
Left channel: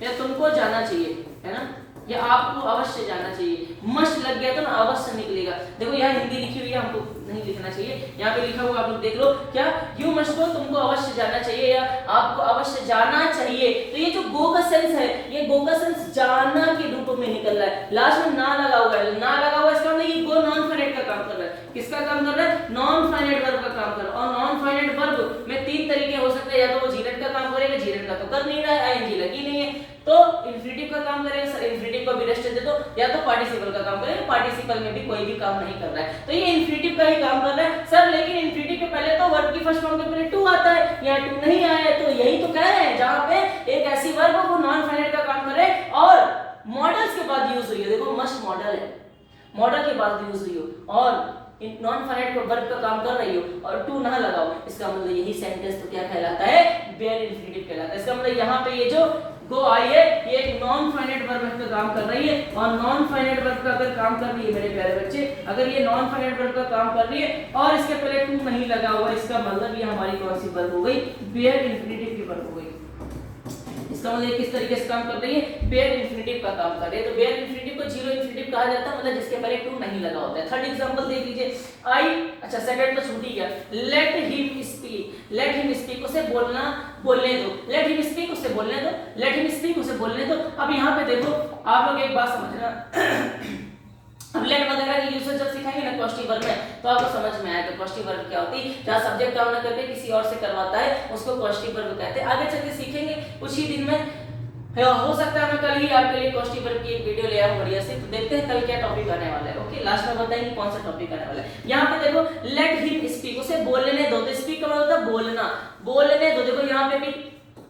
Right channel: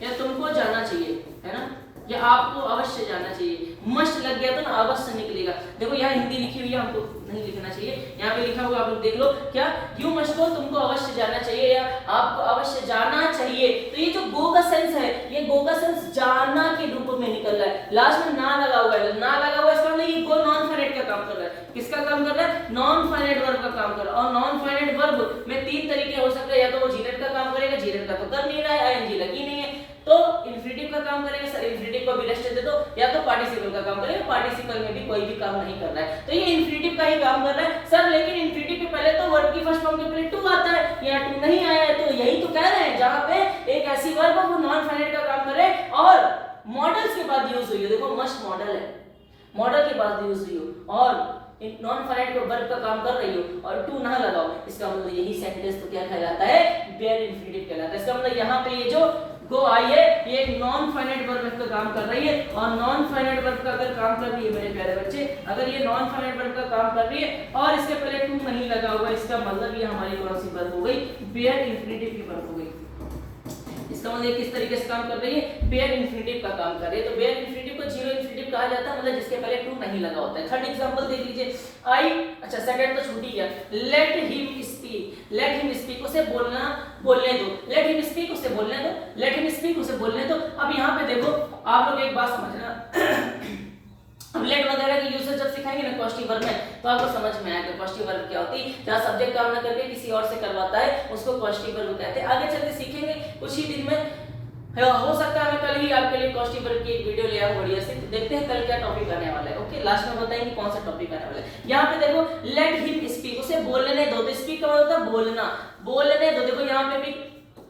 या तुमको जाना चाहिए, है ना, या आपको अवश्य जाना चाहिए। मस्ट लग गया तो ना अवश्य निकलेगा। देखो यहाँ हिंदी लिखी हुई है, हमको नहीं लिखना चाहिए, यहाँ पे लिखा हुआ आप लोग देख लो, क्या, यू मस्ट गो, तुमको अवश्य जाना चाहिए या आपको अवश्य जाना चाहिए। तो ये जो गो का सेंस है, ये गो का सेंस जाना के रूप में निकल रहा है, लास्ट में ना लगा हुआ है, ना लगा हुआ है, इसका मतलब ये गो नॉन फाइनाइट का काम कर रहा है। किसका काम कर रहा है, नॉन फाइनाइट वर्ब का काम कर रहा है। और नॉन फाइनाइट वर्ब में 3 तरीके हो सकते हैं, या तो वो जीरेट का काम करेगा, जीरेट का तो कर नहीं रहा है, आईएनजी लगी नहीं है, तो इन्फिनेटिव का काम करेगा, सर इन्फिनेटिव को भी रेस्ट दे दो, या तो पार्टिसिपल का काम करेगा, पार्टिसिपल में भी कोई भी काम नहीं कर रहा है, तो ये इन्फिनेटिव का ही काम कर रहा है। सर लेकिन इन्फिनेटिव के पहले तो वर्ब की फर्स्ट फॉर्म के पहले टू आता है, यहाँ टू नहीं आया है, तो यही तो कह रहे हैं, जहां पे एक ऐसी वर्ब वो नॉन फाइनाइट का काम करे और मॉडल्स के बाद यूज हुई है। देखो मस्ट मॉडल है, मॉडल के बाद यूज हुई हो और नॉन फाइनाइट वर्ब का काम कर रही हो और टू ना लगाओ, इसका मतलब यही सेंटेंस तो क्या कहलाता है, बेयर इन्फिनेटिव कहलाता है। इसका मतलब यहाँ पे ये जो गो आई है ये एक नॉन फाइनाइट वर्ब का काम कर रही है, और नॉन फाइनाइट वर्ब का अगर काम कर रही है मेरे प्यारे बच्चे, अगर ये नॉन फाइनाइट वर्ब का काम कर रही है और इसके पहले टू नहीं लगा हुआ, इसका मतलब ये हमारी कौन सी वर्ब हो गई, बेयर इन्फिनेटिव की वर्ब हो गई। इसका मतलब किस तरीके से काम कर रही है, बेयर इन्फिनेटिव का काम कर रही है। तो बेयर इन्फिनेटिव को जीरो इन्फिनेटिव कहा जाता है, मतलब जिसके पहले टू नहीं लगा होता है। थर्ड एग्जांपल देख लीजिए, आई, अच्छा सेकंड तो छूट ही गया, let him speak, let him speak, उसे बोलना बोलने दो, लेट हिम स्पीक, उसे बोलने दो, लेट हिम स्पीक, उसे बोलने दो। अब यहाँ पे देखो आप लोग एक बात समझना, हम लेट वगैरह की यूसेज जब सिखाएंगे ना कॉस्टिव वर्ब में, तो आपको समझ में आएगा कॉस्टिव वर्ब क्या होती है। जहाँ सब्जेक्ट काम ना करके किसी और से करवाता है उसको कॉस्टिव वर्ब कहते हैं। आगे चलकर सीखेंगे कुछ ही दिन में, हो सकता है मैं कल ही आपके लिए कॉस्टिव वर्ब की एक वीडियो ले आऊं बढ़िया से। तो देखते हैं कल क्या टॉपिक आने वाला है। ओके, लास्ट में बताएंगे कौन सा टॉपिक आने वाला है। यहाँ पे देखो लेट हिम स्पीक, उसे बोलने दो, तो स्पीक का मतलब होता है बोलना, बोलने दो। देखो यहाँ पे भी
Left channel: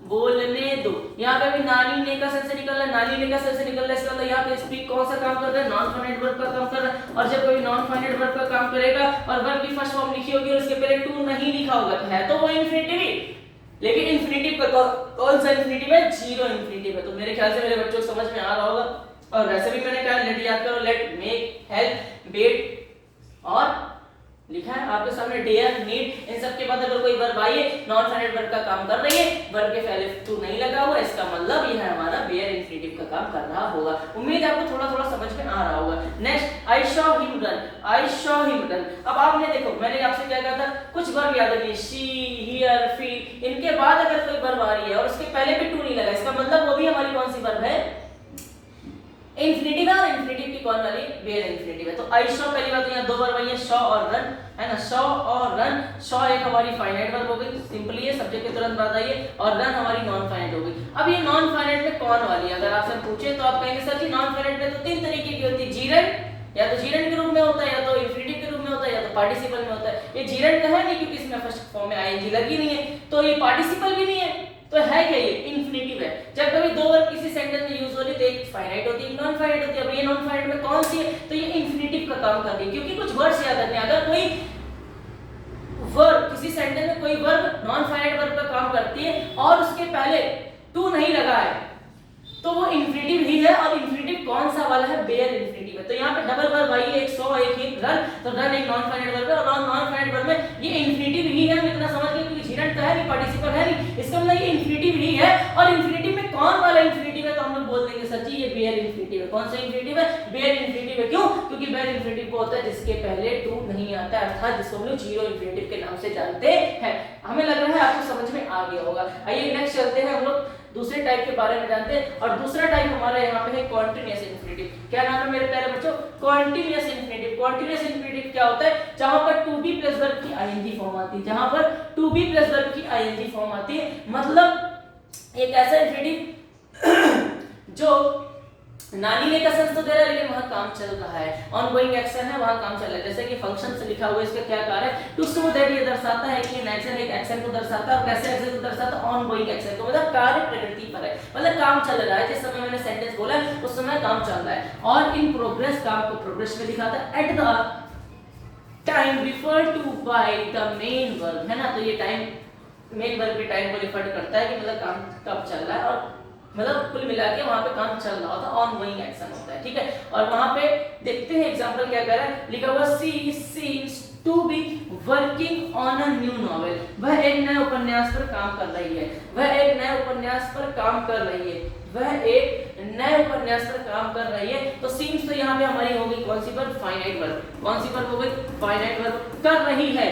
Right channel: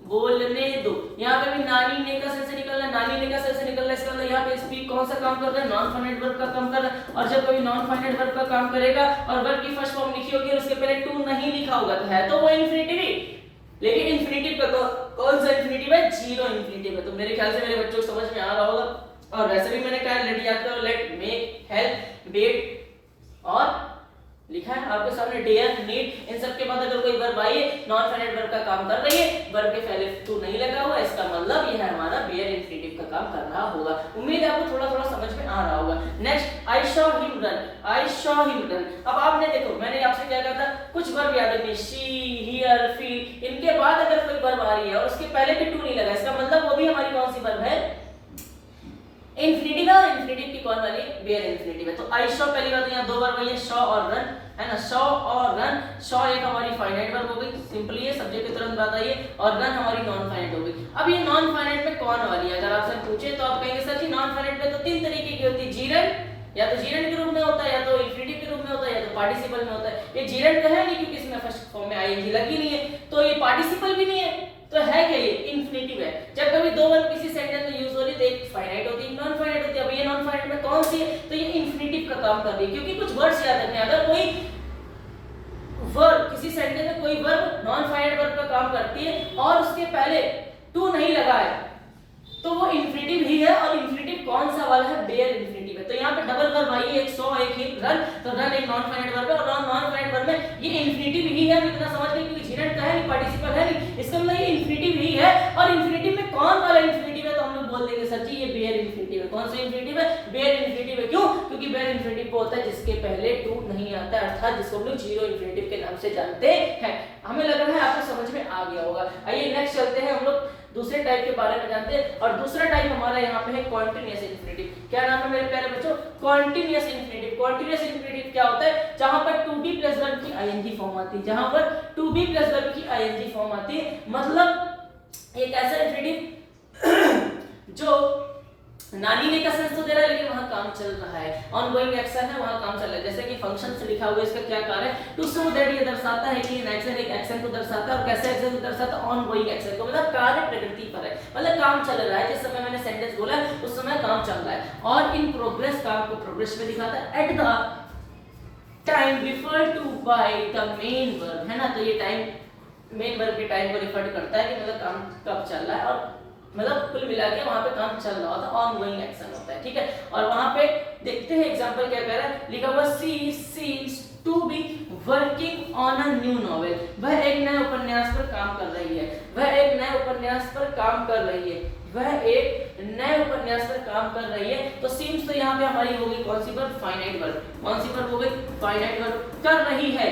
बोलने दो, यहाँ पे भी नानी ने का से निकल रहा है, नानी ने का से निकल रहा है, इसका मतलब यहाँ पे स्पीक कौन सा काम कर रहा है, नॉन फाइनाइट वर्ब का काम कर रहा है। और जब कोई नॉन फाइनाइट वर्ब का काम करेगा और वर्ब की फर्स्ट फॉर्म लिखी होगी और उसके पहले टू नहीं लिखा होगा, तो है तो वो इन्फिनेटिव ही, लेकिन इन्फिनेटिव का कौन सा इन्फिनेटिव है? जीरो इन्फिनेटिव है। तो मेरे ख्याल से मेरे बच्चों को समझ में आ रहा होगा। और वैसे भी मैंने कहा लेट याद करो, लेट, मेक, हेल्प, बेट और लिखा है आपके सामने डेयर, नीड। इन सब के बाद अगर कोई वर्ब आई है नॉन फाइनाइट वर्ब का काम कर रही है, वर्ब के पहले टू नहीं लगा हुआ, इसका मतलब ये है हमारा बेयर इन्फिनेटिव का काम कर रहा होगा। उम्मीद है आपको थोड़ा थोड़ा समझ में आ रहा होगा। नेक्स्ट, आई शॉ हिम रन, आई शॉ हिम रन। अब आपने देखो मैंने आपसे क्या कहा था, कुछ वर्ब याद रखिए, शी, हियर, फील, इनके बाद अगर कोई वर्ब आ रही है और उसके पहले भी टू नहीं लगा, इसका मतलब वो भी हमारी कौन सी वर्ब है? इन्फिनेटिव है। और इन्फिनेटिव की कौन वाली? बेयर इन्फिनेटिव है। तो आई शॉ पहली बात यहाँ दो वर्ब है, शॉ और रन, है ना। शॉ और रन, शॉ एक हमारी फाइनाइट वर्ब हो गई, सिंपली है, सब्जेक्ट की तुरंत बात आई है, और रन हमारी नॉन फाइनाइट हो गई। अब ये नॉन फाइनाइट में कौन वाली है? अगर आपसे पूछे तो आप कहेंगे सर जी नॉन फाइनाइट में तो तीन तरीके की होती है, जीरेंट, या तो जीरेंट के रूप में होता है, या तो इन्फिनेटिव के रूप में होता है, या तो पार्टिसिपल में होता है। ये जीरेंट का है नहीं क्योंकि इसमें फर्स्ट फॉर्म में आईएनजी लगी नहीं है, तो ये पार्टिसिपल भी नहीं है, तो है क्या? ये इन्फिनेटिव है। जब कभी दो वर्ब किसी सेंटेंस में यूज हो रही है तो एक फाइनाइट होती है, एक नॉन फाइनाइट होती है। अब ये नॉन फाइनाइट में कौन सी है? तो ये इन्फिनेटिव का काम कर रही है, क्योंकि कुछ वर्ड्स याद रखने, अगर कोई वर्ब किसी सेंटेंस में कोई वर्ब नॉन फाइनाइट वर्ब का काम करती है और उसके पहले टू नहीं लगा है तो वो इन्फिनेटिव ही है। और इन्फिनेटिव कौन सा वाला है? बेयर इन्फिनेटिव है। तो यहाँ पे डबल वर्ब आई है, एक सो एक हिम रन, तो रन एक नॉन फाइनाइट वर्ब है और नॉन फाइनाइट वर्ब में ये इन्फिनेटिव ही है। इतना समझ गए, क्योंकि जीरेंट का है नहीं, पार्टिसिपल है नहीं, इसका मतलब ये इन्फिनेटिव ही है। और इन्फिनेटिव में कौन वाला इन्फिनेटिव है? तो हम लोग बोल देंगे सर जी ये बेयर इन्फिनेटिव है। कौन सा इन्फिनेटिव है? बेयर इन्फिनेटिव है। क्यों? क्योंकि बेयर इन्फिनेटिव वो होता है जिसके पहले टू नहीं आता है, अर्थात जिसको हम लोग जीरो इन्फिनेटिव के नाम से जानते हैं। हमें लग रहा है आपको समझ में आ गया होगा। आइए नेक्स्ट चलते हैं, हम लोग दूसरे टाइप के बारे में जानते हैं। और दूसरा टाइप हमारा यहाँ पे है कॉन्टिन्यूअस इन्फिनेटिव। क्या नाम है मेरे प्यारे बच्चों? Continuous infinitive. कॉन्टिन्यूअस इन्फिनेटिव क्या होता है? जहां पर टू बी प्लस वर्ब की आईएनजी फॉर्म आती है, जहां पर टू बी प्लस वर्ब की आईएनजी फॉर्म आती है, मतलब एक ऐसा इन्फिनेटिव जो नानी ने कसम तो दे रहा है लेकिन वहां काम चल रहा है, ऑनगोइंग एक्शन है, वहां काम चल रहा है। जैसे कि फंक्शन से लिखा हुआ है, इसका क्या कार्य है? टू शो दैट, ये दर्शाता है कि एक्शन एक एक्शन को दर्शाता है। और कैसे एक्शन को दर्शाता है? ऑनगोइंग एक्शन को, मतलब कार्य प्रगति पर है, मतलब काम चल रहा है। जिस समय मैंने सेंटेंस बोला उस समय काम चल रहा है। और इन प्रोग्रेस, काम को प्रोग्रेस में दिखाता है। At the time refer to by the main verb, है ना। तो ये टाइम मेन वर्ब के टाइम को रिफर करता है कि मतलब काम कब चल रहा है, और मतलब कुल मिला के वहां पे काम चल रहा होता है, ऑनगोइंग एक्शन होता है, ठीक है। और वहां पे देखते हैं एग्जांपल क्या कह रहा है, लिखा हुआ she seems to be working on a new novel. वह एक नए उपन्यास पर काम कर रही है, वह एक नए उपन्यास पर काम कर रही है, वह एक नए उपन्यास पर काम कर रही है। तो सीम्स तो यहाँ पे हमारी होगी कौन सी वर्ब? Finite verb. कौन सी वर्ब हो गई? Finite verb. कर रही है,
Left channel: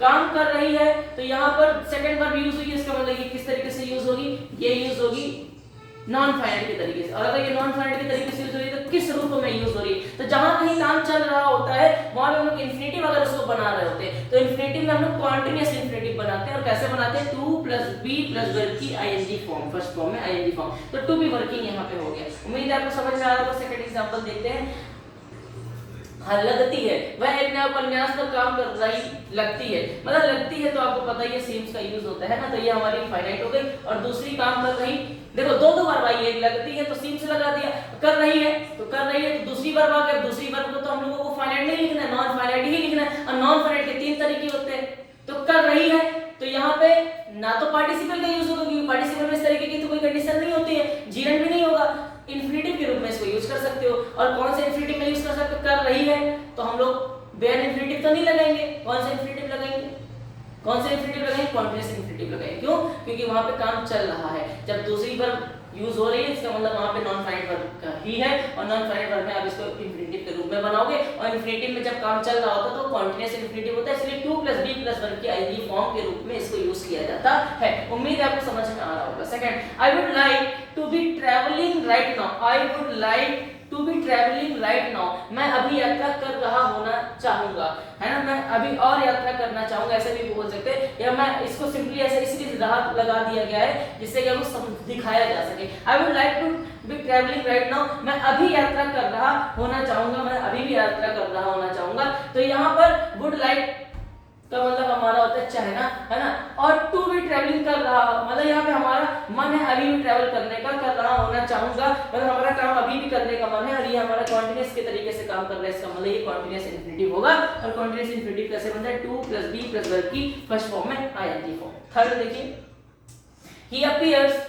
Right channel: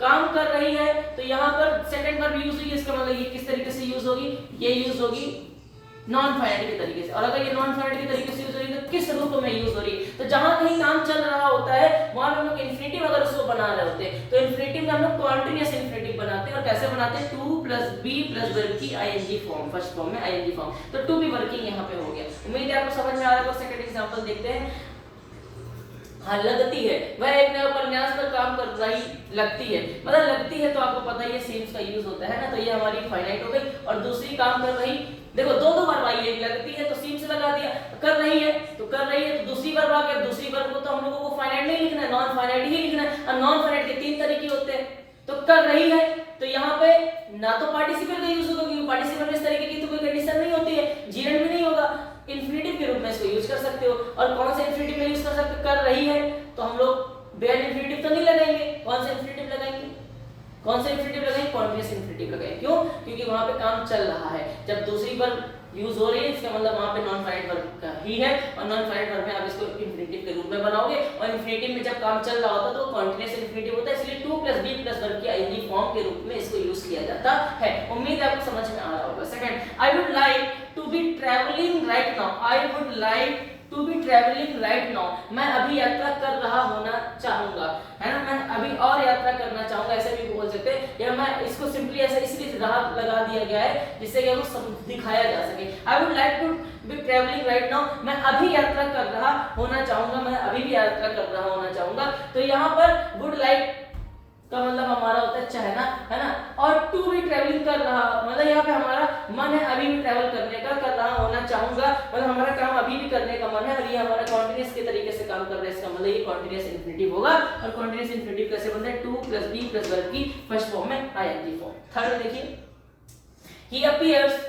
काम कर रही है, तो यहाँ पर सेकंड वर्ब यूज हुई है, इसका मतलब ये किस तरीके से यूज होगी? ये यूज होगी नॉन फाइनाइट के तरीके से। और अगर ये नॉन फाइनाइट के तरीके से यूज हो रही है तो किस रूप में यूज हो रही है? तो जहां कहीं काम चल रहा होता है वहां हम लोग इन्फिनेटिव अगर उसको बना रहे होते हैं तो इन्फिनेटिव में हम लोग कॉन्टिन्यूअस इन्फिनेटिव बनाते हैं। और कैसे बनाते हैं? To plus be plus verb की आईएनजी फॉर्म, फर्स्ट फॉर्म में आईएनजी फॉर्म, तो टू बी वर्किंग यहाँ पे हो गया। उम्मीद है आपको समझ में आ रहा होगा। सेकंड एग्जांपल देखते हैं। हाँ, लगती है, वह एक नया उपन्यास पर काम कर रही, लगती है, मतलब लगती है तो आपको पता ही है सीम्स का यूज होता है ना। तो ये हमारी फाइनाइट हो गई। और दूसरी काम कर रही, देखो दो दो बार आई है, लगती है तो सीम्स लगा दिया, कर रही है तो कर रही है तो दूसरी बार आ गया। दूसरी बार को तो हम लोगों को फाइनाइट नहीं लिखना है, नॉन फाइनाइट ही लिखना है। और नॉन फाइनाइट के तीन तरीके होते हैं। तो कर रही है तो यहाँ पे ना तो पार्टिसिपल का यूज होगा, क्योंकि पार्टिसिपल में इस तरीके की तो कोई कंडीशन नहीं होती है, जीरेंट भी नहीं होगा। इन्फिनेटिव के रूप में इसको यूज कर सकते हो। और कौन से इन्फिनेटिव में यूज कर सकते हो? कर रही है तो हम लोग बेयर इन्फिनेटिव तो नहीं लगाएंगे। कौन सा इन्फिनेटिव लगाएंगे? कौन सा इन्फिनेटिव लगाएंगे? कॉन्टिन्यूअस इन्फिनेटिव लगाएंगे। क्यों? क्योंकि वहां पे काम चल रहा है। जब दूसरी वर्ब यूज हो रही है इसका मतलब वहां पे नॉन फाइनाइट वर्ब का ही है। और नॉन फाइनाइट वर्ब में आप इसको इन्फिनेटिव के रूप में बनाओगे। और इन्फिनेटिव में जब काम चल रहा होता है तो कॉन्टिन्यूअस इन्फिनेटिव होता है, इसलिए to plus be plus verb की आईएनजी फॉर्म के रूप में इसको यूज किया जाता है। उम्मीद है आपको समझ में आ रहा होगा। Second, I would like to be travelling right now. I would like to be travelling right now, मैं अभी यात्रा कर रहा होना चाहूंगा, है ना। मैं अभी और यात्रा करना चाहूंगा, ऐसे भी बोल सकते हैं। या मैं इसको सिंपली ऐसे इसलिए राह लगा दिया गया है जिससे कि वो दिखाया जा सके। I would like to be travelling right now, मैं अभी यात्रा कर रहा होना चाहूंगा, मैं अभी भी यात्रा कर रहा होना चाहूंगा। तो यहाँ पर वुड लाइक का मतलब हमारा होता है चाहना, है ना। और टू भी ट्रैवलिंग कर रहा, मतलब यहाँ पे हमारा मन है अभी भी ट्रैवल करने का, कर रहा होना चाहूंगा, मतलब हमारा काम अभी भी करने का मन है। और ये हमारा कॉन्टिन्यूअस के तरीके से काम कर रहा है, इसका मतलब ये कॉन्टिन्यूअस इन्फिनेटिव होगा। और कॉन्टिन्यूअस इन्फिनेटिव कैसे बनता है? To plus be plus verb की फर्स्ट फॉर्म में आईएनजी फॉर्म। थर्ड देखिए, he appears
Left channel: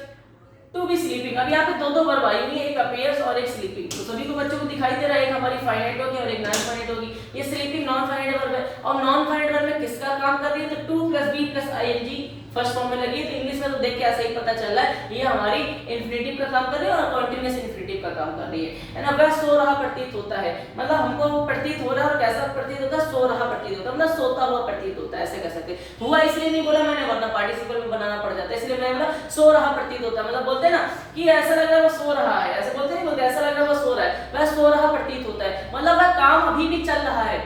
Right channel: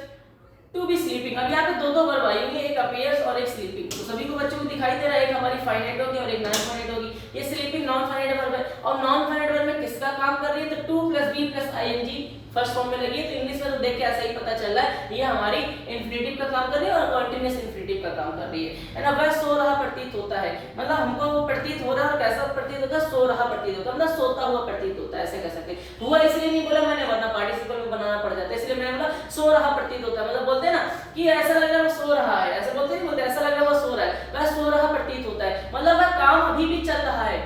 to be sleeping. अब यहाँ पे दो वर्ब आई हुई है, एक अपीयर्स और एक स्लीपिंग। तो सभी को बच्चों को दिखाई दे रहा है, एक हमारी फाइनाइट होगी और एक नॉन फाइनाइट होगी। ये स्लीपिंग नॉन फाइनाइट वर्ब है और नॉन फाइनाइट वर्ब में किसका काम कर रही है, तो to plus be plus ING first form में लगी है। तो इंग्लिश में तो देख के ऐसा ही पता चल रहा है ये हमारी इंफिनिटिव का काम कर रही है और कॉन्टिन्यूअस इंफिनिटिव का काम कर रही है ना। वह सो रहा प्रतीत होता है, मतलब हमको प्रतीत हो रहा है, कैसा प्रतीत होता है, सो रहा प्रतीत होता है, मतलब सोता हुआ प्रतीत होता है, ऐसे कह सकते हैं। हुआ इसलिए नहीं बोला मैंने, वरना पार्टिसिपल में बनाना पड़ जाता है, इसलिए मैंने बोला सो रहा प्रतीत होता है। मतलब बोलते हैं ना कि ऐसा लग रहा है वो सो रहा है, ऐसे बोलते नहीं बोलते, ऐसा लग रहा है वो सो रहा है, वह सो रहा प्रतीत होता है, मतलब वह काम अभी भी चल रहा है,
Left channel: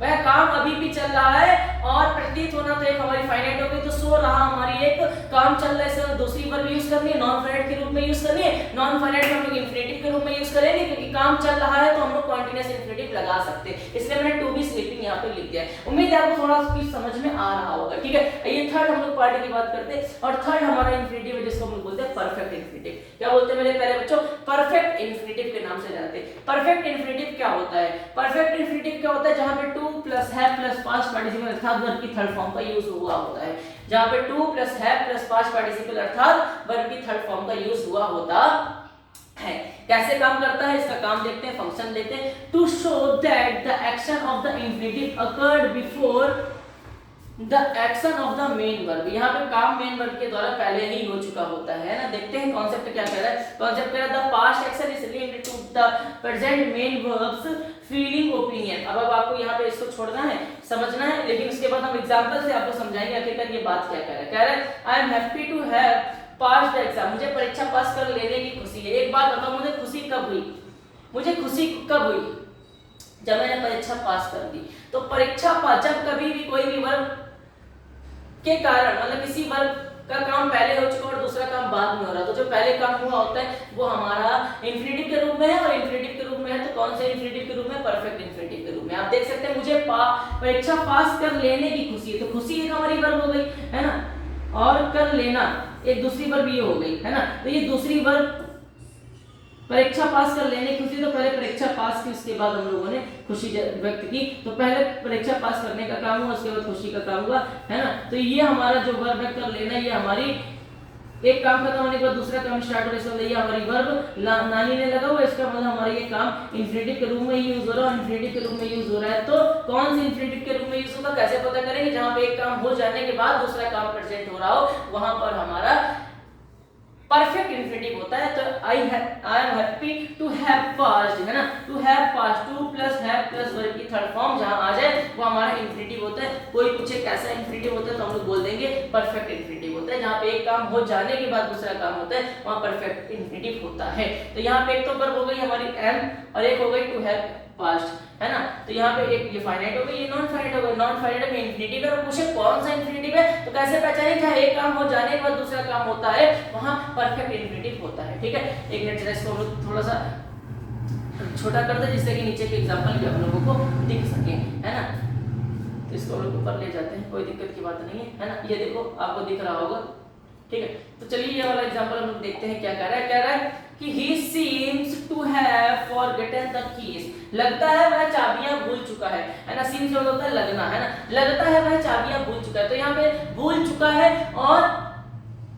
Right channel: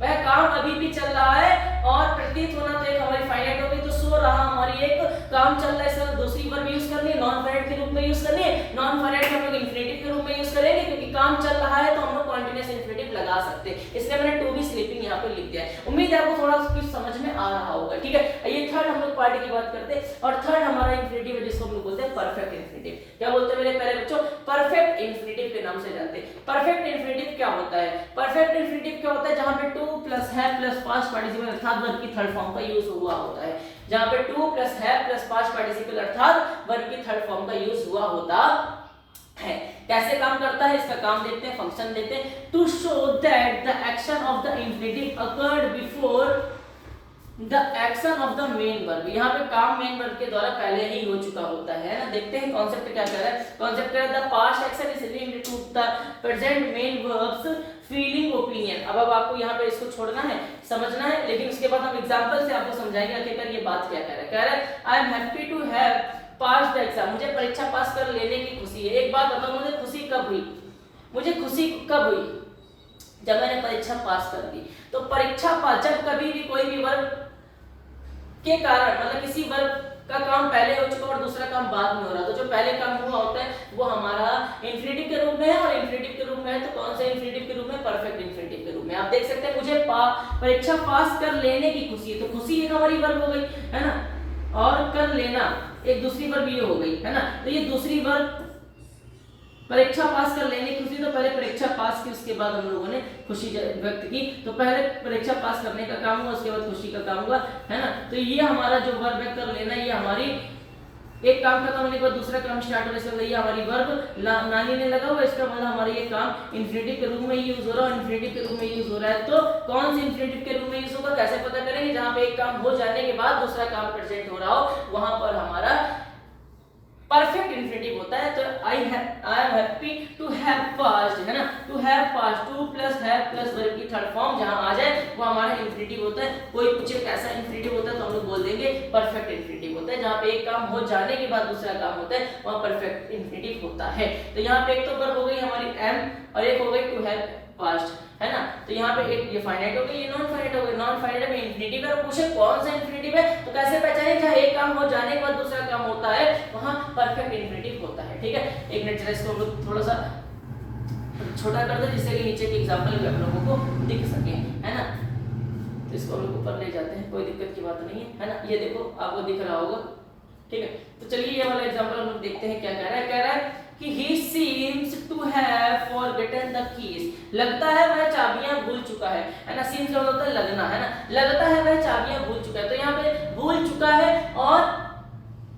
वह काम अभी भी चल रहा है। और प्रतीत होना तो एक हमारी फाइनाइट हो गई, तो सो रहा हमारी एक काम चल रहा है, इसमें दूसरी वर्ब यूज करनी है, नॉन फाइनाइट के रूप में यूज करनी है। नॉन फाइनाइट को हम लोग इंफिनिटिव के रूप में यूज करेंगे क्योंकि काम चल रहा है, तो हम लोग कॉन्टिन्यूअस इंफिनिटिव लगा सकते हैं, इसलिए मैंने टू बी स्लीपिंग यहाँ पे लिख दिया है। उम्मीद है आपको थोड़ा कुछ समझ में आ रहा होगा, ठीक है। ये थर्ड हम लोग पार्ट की बात करते हैं और थर्ड हमारा इंफिनिटिव है जिसको हम लोग बोलते हैं परफेक्ट इंफिनिटिव। क्या बोलते हैं मेरे प्यारे बच्चों, परफेक्ट इंफिनिटिव के नाम से जानते हैं। परफेक्ट इंफिनिटिव क्या होता है, परफेक्ट इंफिनिटिव क्या होता है, जहां पे to plus have plus past participle अर्थात वर्ब की थर्ड फॉर्म का यूज हुआ होता है, जहां पे to plus have plus past participle अर्थात वर्ब की थर्ड फॉर्म का यूज हुआ होता है। कैसे काम करता है इसका काम देखते हैं, फंक्शन देखते हैं। To show that the action of the infinitive occurred before the action of the main verb. यहाँ पे काम मेन वर्ब के द्वारा पहले ही हो चुका होता है ना। देखते हैं कॉन्सेप्ट क्या कह रहा है। कॉन्सेप्ट कह रहा है the past action is linked to the present main verbs feeling opinion. अब आपको यहाँ पे इसको छोड़ना है, समझना है, लेकिन उसके बाद हम एग्जांपल से आपको समझाएंगे आखिरकार ये बात क्या कह रहा है। कह रहा है I am happy to have pass the exam, मुझे परीक्षा पास कर लेने की खुशी है। एक बात बताओ, मुझे खुशी कब हुई, मुझे खुशी कब हुई, जब मैंने परीक्षा पास कर दी। तो परीक्षा पास, जब कभी भी कोई भी वर्ब के कारण, मतलब किसी वर्ब का काम पहले हो चुका और दूसरा काम बाद में हो रहा, तो जो पहले काम हुआ होता है वो हमारा इंफिनिटिव के रूप में है, और इंफिनिटिव के रूप में है तो कौन से इंफिनिटिव के रूप में, परफेक्ट इंफिनिटिव के रूप में। आप देख सकते हैं मुझे परीक्षा पास कर लेने की खुशी है, तो खुशी एक हमारी वर्ब हो गई है ना, और कर लेना एक दूसरी वर्ब ये हो गई है ना। तो ये दूसरी वर्ब परीक्षा पास कर लेने की खुशी, तो पहले परीक्षा पास की, उसके बाद हम लोगों ने खुशी व्यक्त की। तो पहले परीक्षा पास करने का काम हुआ, उसके बाद खुशी का काम हुआ है ना। तो ये हमारा जो वर्ब है कर लेना, ये हमारी एक काम खत्म होने के बाद दूसरा काम स्टार्ट होने से ये हमारी वर्ब नानी ने लगा हुआ, इसका मतलब हमारा ये काम इंफिनिटिव के रूप में यूज हो रहा है, इंफिनिटिव के रूप में यूज हो रहा है। तो कौन सी इंफिनिटिव के रूप में यूज होगा, कैसे पता करेंगे, जहां पे एक काम हो जाने के बाद दूसरा काम प्रेजेंट हो रहा हो, वहां पर हमारा परफेक्ट इंफिनिटिव होता है। तो I am happy to have passed है ना, to have passed, to plus have plus verb की थर्ड फॉर्म जहां आ जाए वो हमारा इंफिनिटिव होता है। कोई पूछे कैसा इंफिनिटिव होता है तो हम लोग बोल देंगे परफेक्ट इंफिनिटिव होता है, जहां पे एक काम हो जाने के बाद दूसरा काम होता है वहां परफेक्ट इंफिनिटिव होता है। तो यहाँ पे एक तो वर्ब हो गई हमारी एम और एक हो गई टू हैव पास्ट है ना। तो यहाँ पे एक ये फाइनाइट हो गई, ये नॉन फाइनाइट हो गई। नॉन फाइनाइट में इंफिनिटिव है, पूछे कौन सा इंफिनिटिव है तो कैसे पहचानें, जहां एक काम हो जाने के बाद दूसरा काम होता है वहां परफेक्ट इंफिनिटिव होता है, ठीक है। एक मिनट जरा इसको हम लोग थोड़ा सा छोटा कर दे जिससे कि नीचे के एग्जांपल भी आप लोगों को दिख सके है ना। तो इसको हम लोग ऊपर ले जाते हैं, कोई दिक्कत की बात नहीं है ना। ये देखो आपको दिख रहा होगा, ठीक है। तो चलिए ये वाला एग्जांपल हम लोग देखते हैं क्या कह रहा है। कह रहा है कि he seems to have forgotten the keys, लगता है वह चाबियां भूल चुका है ना। seems का होता है लगना है ना, लगता है वह चाबियां भूल चुका है। तो यहाँ पे भूल चुका है और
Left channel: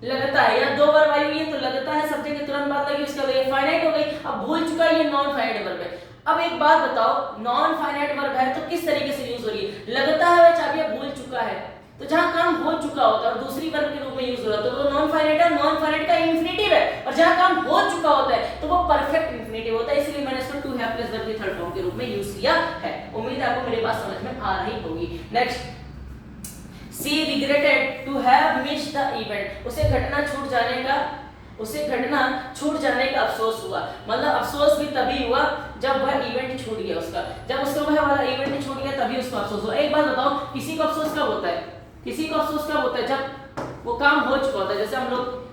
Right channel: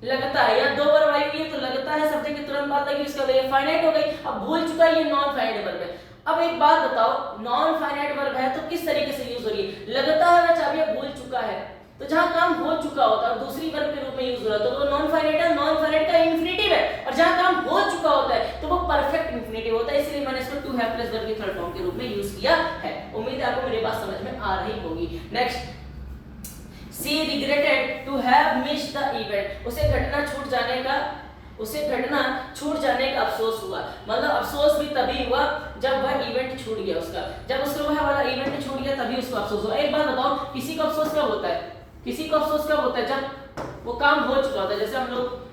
लगता है, या दो वर्ब आई हुई है तो लगता है सब्जेक्ट के तुरंत बाद लगी, इसका ये फाइनाइट हो गई। अब भूल चुका है ये नॉन फाइनाइट वर्ब है। अब एक बात बताओ, नॉन फाइनाइट वर्ब है तो किस तरीके से यूज हो रही है, लगता है वह चाबियां भूल चुका है, तो जहां काम हो चुका होता है दूसरी वर्ब के रूप में यूज हो रहा है तो वो नॉन फाइनाइट है, नॉन फाइनाइट का इंफिनिटिव है। और जहां काम हो चुका होता है तो वो परफेक्ट इंफिनिटिव होता है, इसलिए मैंने इसको टू हैव प्लस वर्ब की थर्ड फॉर्म के रूप में यूज किया है। उम्मीद है आपको मेरी बात समझ में आ रही होगी। Next, she regretted to have missed the event, उसे घटना छूट जाने का अफसोस हुआ। मतलब अफसोस भी तभी हुआ जब वह इवेंट छूट गया उसका, जब उसको वह वाला इवेंट छूट गया तभी उसको अफसोस हुआ। एक बात बताओ, किसी को अफसोस कब होता है, किसी को अफसोस कब होता है, जब वो काम हो चुका होता है। जैसे हम लोग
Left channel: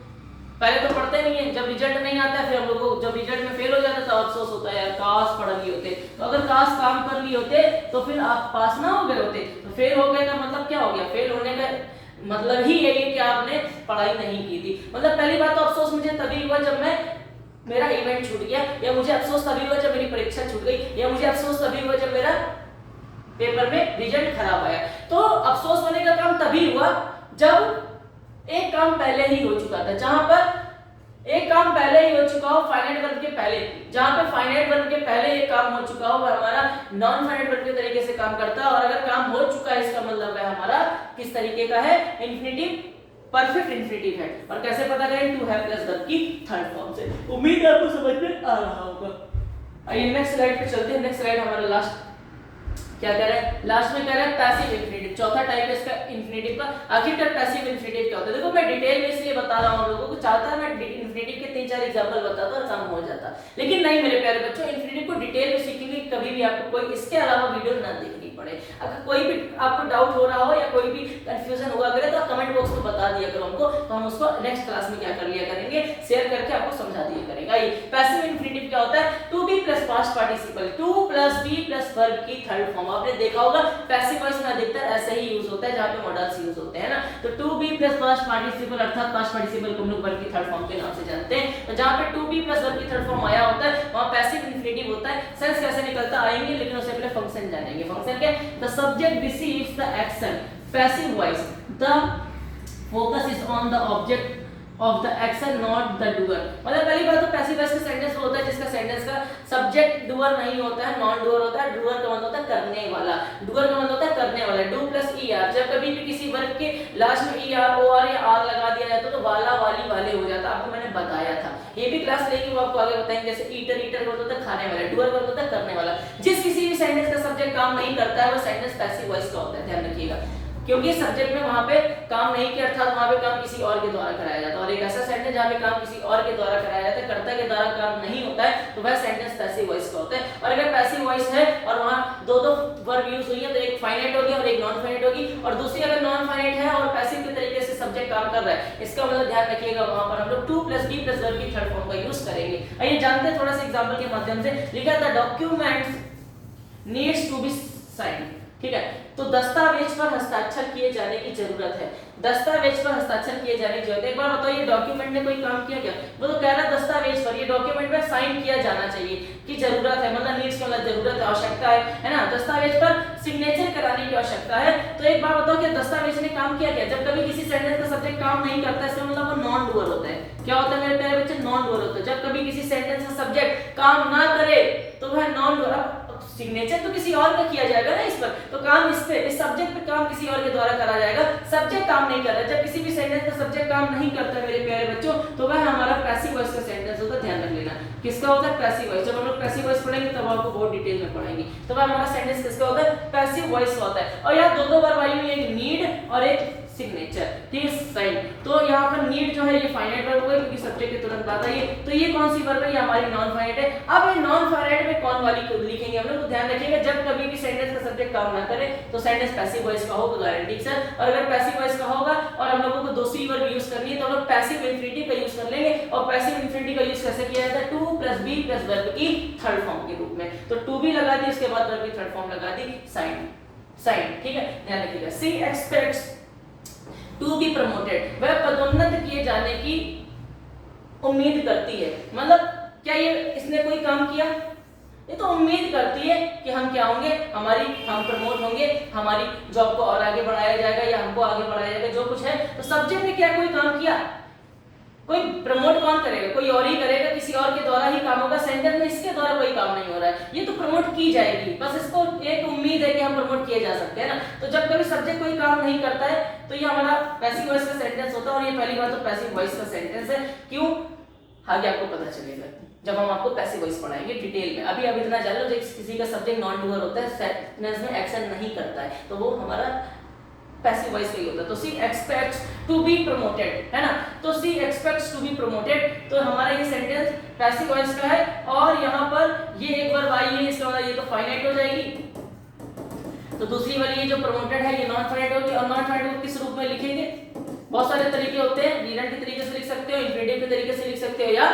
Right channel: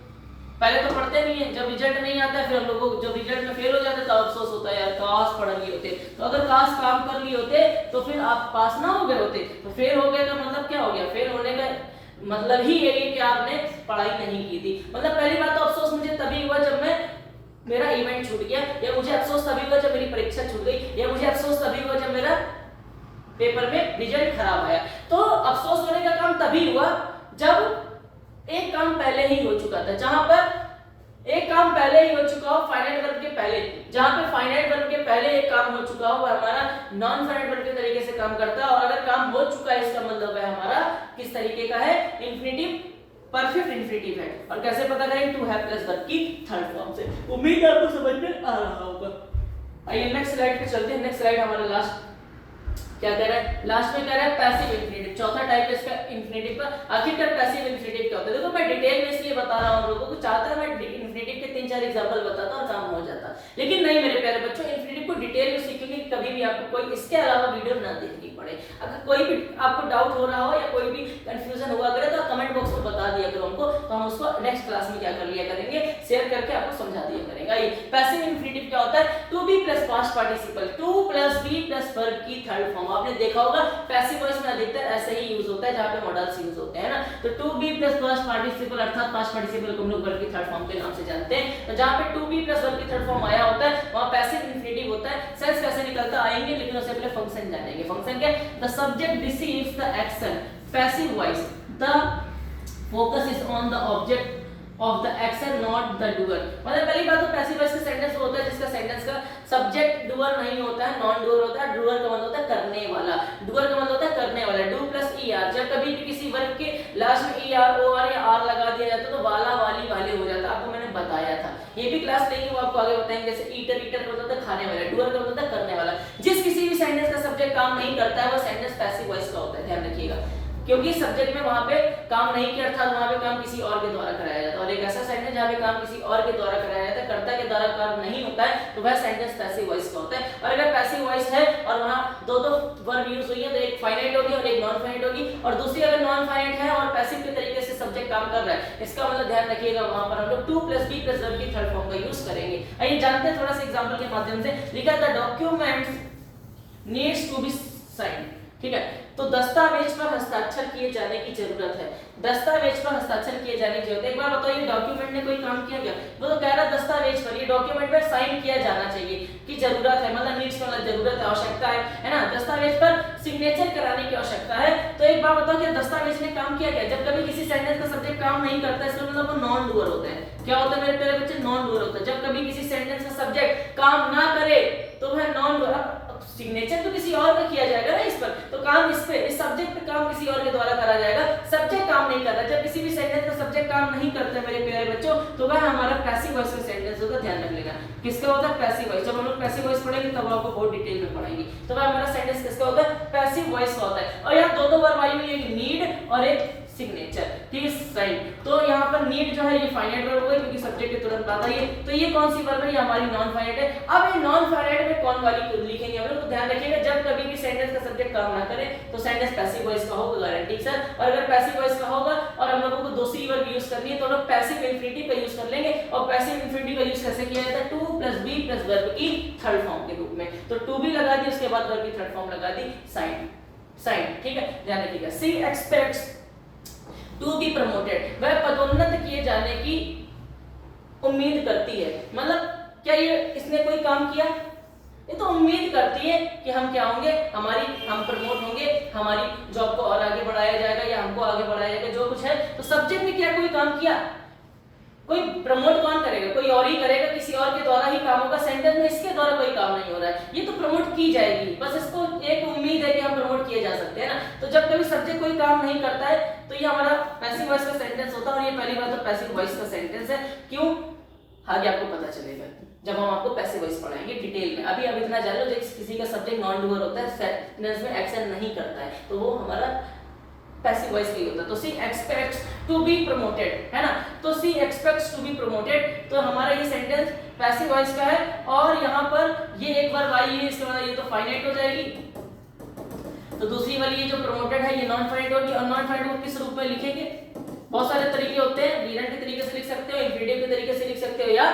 पहले तो पढ़ते नहीं है, जब रिजल्ट नहीं आता है फिर हम लोगों को जब रिजल्ट में फेल हो जाते तो अफसोस होता है, यार काश पढ़ लिए होते, तो अगर काश काम कर लिए होते तो फिर आप पास ना हो गए होते। तो फेल हो गए का मतलब क्या हो गया, फेल होने का मतलब ही यही है कि आपने पढ़ाई नहीं की थी। मतलब पहली बात तो अफसोस मुझे तभी हुआ जब मेरा इवेंट छूट गया, या मुझे अफसोस तभी हुआ जब मेरी परीक्षा छूट गई, या मुझे अफसोस तभी हुआ जब मेरा पेपर में रिजल्ट खराब आया। तो अफसोस होने का काम तभी हुआ जब एक काम पहले ही हो चुका था, जहां पर एक काम पहले ही हो चुका हो फाइनाइट वर्ब के पहले, जहां पे फाइनाइट वर्ब के पहले एक काम हो चुका हो वह हमारा नॉन फाइनाइट वर्ब के तरीके से काम करता है। और अगर काम हो चुका है इसका मतलब है हमारा किस तरीके का है, इन्फिनिटिव, परफेक्ट इन्फिनिटिव है। और कैसे पता करें, टू हैव प्लस वर्ब की थर्ड फॉर्म से। उम्मीद है आपको समझ में आ रहा होगा। आइए नेक्स्ट स्लाइड पे चलते हैं। नेक्स्ट स्लाइड हमारा लास्ट क्या कह रहा है, लास्ट में कह रहा है पैसिव इन्फिनिटिव, चौथा टाइप है इसका इन्फिनिटिव का। आखिरकार पैसिव इन्फिनिटिव क्या होता है, देखो मैं डिटेल में इसलिए बता रहा हूं आप लोगों को, चाहता मैं इन्फिनिटिव के 3-4 एग्जांपल बताता और काम हो जाता, लेकिन नहीं मेरे प्यारे बच्चों, इन्फिनिटिव को डिटेल में सीखेंगे कभी भी आपको कोई इसके अलावा वीडियो ना देखनी पड़े। अगर कोई भी आपको डाउट हो रहा हो या कोई भी कंफ्यूजन हुआ करे तो कमेंट बॉक्स में बता दिया करो हमको, तो हम उसको नेक्स्ट क्लास में क्या कर लिया करेंगे, शेयर करके आपको समझा दिया करेंगे। आइए पैसिव इन्फिनिटिव क्या होता है, to be plus past participle, to plus be plus verb की थर्ड फॉर्म। आपने देखा होगा पैसिव वॉइस में अधिकतर ऐसे ही यूज होता है जहां पे मॉडल्स यूज होते हैं ना। तो to be plus past participle अर्थात पास्ट पार्टिसिपल को हम लोग वर्ब की थर्ड फॉर्म के नाम से जानते हैं। तो जहां पे टू बी प्लस वर्ब की थर्ड फॉर्म आया होता है वहां पैसिव इन्फिनिटिव होता है। सेंस कैसे निकलता आएंगे, लेकिन उससे पहले फंक्शन जानेंगे। फंक्शन क्या, the subject receives the action, passive voice, the focus is on the object of the action not the doer। मतलब पहली बात तो पैसिव वॉइस का सेंटेंस होता है जिसका सेंटेंस का सब्जेक्ट डूअर नहीं होता है, नॉन डूअर होता है। डूअर का मतलब होता है करने वाला, डूअर का मतलब होता है करने वाला। डू प्लस ईआर, जब कभी भी किसी वर्ब के लास्ट में ईआर ओआर या आर लगा दिया जाता तो वाला वाली वाले हो जाता, आपको मैंने बताया था। ये भी क्लास लेके वो आपको आगे बताएंगे। जैसे ईटर, ईटर का मतलब होता है खाने वाला, डूअर का मतलब होता है करने वाला। जिस किसी भी सेंटेंस का सब्जेक्ट काम नहीं करता है वो सेंटेंस पैसिव वॉइस का होता है, ध्यान रखिएगा। क्योंकि सब्जेक्ट में वहां पे काम नहीं किया अर्थात वहां पे काम किसी और के द्वारा कराया जाता है। और एक ऐसा सेंटेंस जहां पे काम किसी और के द्वारा कराया जाता है, कर्ता के द्वारा काम नहीं होता है, तो वह सेंटेंस पैसिव वॉइस का होता है। और अगर पैसिव वॉइस है और वहां दो वर्ब यूज हुई है तो एक फाइनाइट होगी और एक नॉन फाइनाइट होगी, और दूसरी अगर नॉन फाइनाइट है और पैसिव के तरीके से सब्जेक्ट काम कर रहा है, इसका मतलब ध्यान रखिएगा वहां पर हम लोग to plus be plus verb की थर्ड फॉर्म का यूज करेंगे। आइए जानते हैं थोड़ा सा एग्जांपल के माध्यम से। लिखा था documents needs to be signed, ठीक है। तो दस्तावेज पर हस्ताक्षर किए जाने की जरूरत है, दस्तावेज पर हस्ताक्षर किए जाने की जरूरत है। एक बार बताओ ये डॉक्यूमेंट में कोई काम किया गया, वो तो कह रहा है दस्तावेज पर, ये डॉक्यूमेंट में साइन किया जाना चाहिए की जरूरत है, मतलब नीड्स का मतलब जरूरत है, आवश्यकता है ना। दस्तावेज पर सिग्नेचर कराने की आवश्यकता है। तो एक बार बताओ कि दस्तावेज ने काम किया गया। जब कभी किसी सेंटेंस का सब्जेक्ट काम नहीं करता इसका मतलब वो नॉन डूअर होता है। क्या होता है मेरे प्यारे बच्चे, नॉन डूअर होता है। जब कभी किसी सेंटेंस का सब्जेक्ट काम ना करे तो वह नॉन डूअर, सिग्नेचर तो किसी और का किया जाएगा ना इस पर, तो काम इस पे, इस सब्जेक्ट पे काम किसी और के द्वारा करा जाएगा। सब्जेक्ट काम नहीं कर रहा, जब किसी भी सेंटेंस का सब्जेक्ट काम नहीं करता मेरे प्यारे बच्चों तो वह हमारा पैसिव वॉइस का सेंटेंस होगा, ध्यान रख लेना। किसका होता है, पैसिव वॉइस। जब हम लोग पैसिव वॉइस पढ़ेंगे तब आपको बहुत डिटेल में पढ़ाएंगे, तो वह हमारा सेंटेंस किसका होता है, पैसिव वॉइस का होता है। और यहाँ दो वर्ब आई हुई है, एक नीड और एक सिग्नेचर, ठीक है, साइन। तो यहाँ पर नीड जो है ये फाइनाइट वर्ब होगा क्योंकि सब्जेक्ट के तुरंत बाद आई है। तो ये कौन सी वर्ब है, ये हमारी नॉन फाइनाइट है। अब ये नॉन फाइनाइट में कौन वाली को लिखेंगे हम लोग, तो ध्यान रखिएगा जब कभी भी सेंटेंस का सब्जेक्ट काम ना करे तो सेंटेंस पैसिव वॉइस का होगा, गारंटी सर। और अगर पैसिव वॉइस का होगा और हम लोगों को दूसरी वर्ब यूज करनी है तो हम लोग पैसिव इन्फिनिटिव का यूज कर लेंगे। और पैसिव इन्फिनिटिव का यूज कैसे किया जाता है, to plus be plus verb की थर्ड फॉर्म के रूप में। तो टू बी लगा दी, उसके बाद वर्ब की थर्ड फॉर्म लगा दी साइन, साइन, ठीक है, ध्यान रखिएगा। सी एक्सपेक्ट्स टू बी प्रमोटेड, वह पदोन्नत किए जाने की उम्मीद करती है। मतलब क्या ये इसने कोई काम किया, ये तो उम्मीद करती है कि हम क्या होंगे, हम प्रमोट होंगे, हमारी जॉब को और आगे बढ़ाया जाएगा या हमको आगे बढ़ाया जाएगा, जो कुछ है। तो सब्जेक्ट ने क्या कोई काम किया, कोई प्रमोट कौन करेगा, कोई और ही करेगा, किसी और के द्वारा ही काम होगा। सेंटेंस में इसके द्वारा कोई काम नहीं हो रहा है, ये तो प्रमोट की जाएगी, बस इसको एक उम्मीद है कि हम प्रमोट किए जा सकते हैं ना। तो जब कभी सब्जेक्ट कोई काम नहीं करता है तो ये हमारा पैसिव वॉइस का सेंटेंस होता है। और ये पहली बात तो पैसिव वॉइस का सेंटेंस है, क्यों आगे आपको पता चलेगा जब हम आपको पैसिव वॉइस पढ़ाएंगे डिटेल में। अभी इतना जान लो, किसी का सब्जेक्ट नॉन डूअर होता है, सेंटेंस में एक्शन नहीं करता है, तो वो हमारा पैसिव वॉइस का ही होता है। तो सी एक्सपेक्ट्स टू बी प्रमोटेड, है ना। तो सी एक्सपेक्ट्स टू बी प्रमोटेड, तो हमारा ये सेंटेंस पैसिव वॉइस का है। और यहाँ पर ये एक वर्ब आई है, इसका मतलब ये तो फाइनाइट हो जाएगी। तो दूसरी वाली ये जो प्रमोटेड है ये नॉन फाइनाइट होगी। और नॉन फाइनाइट को किस रूप में लिखेंगे, बहुत सारे तरीके होते हैं, डिरेक्ट के तरीके से लिख सकते हो, इन्फिनिटिव के तरीके से लिख सकते हो, या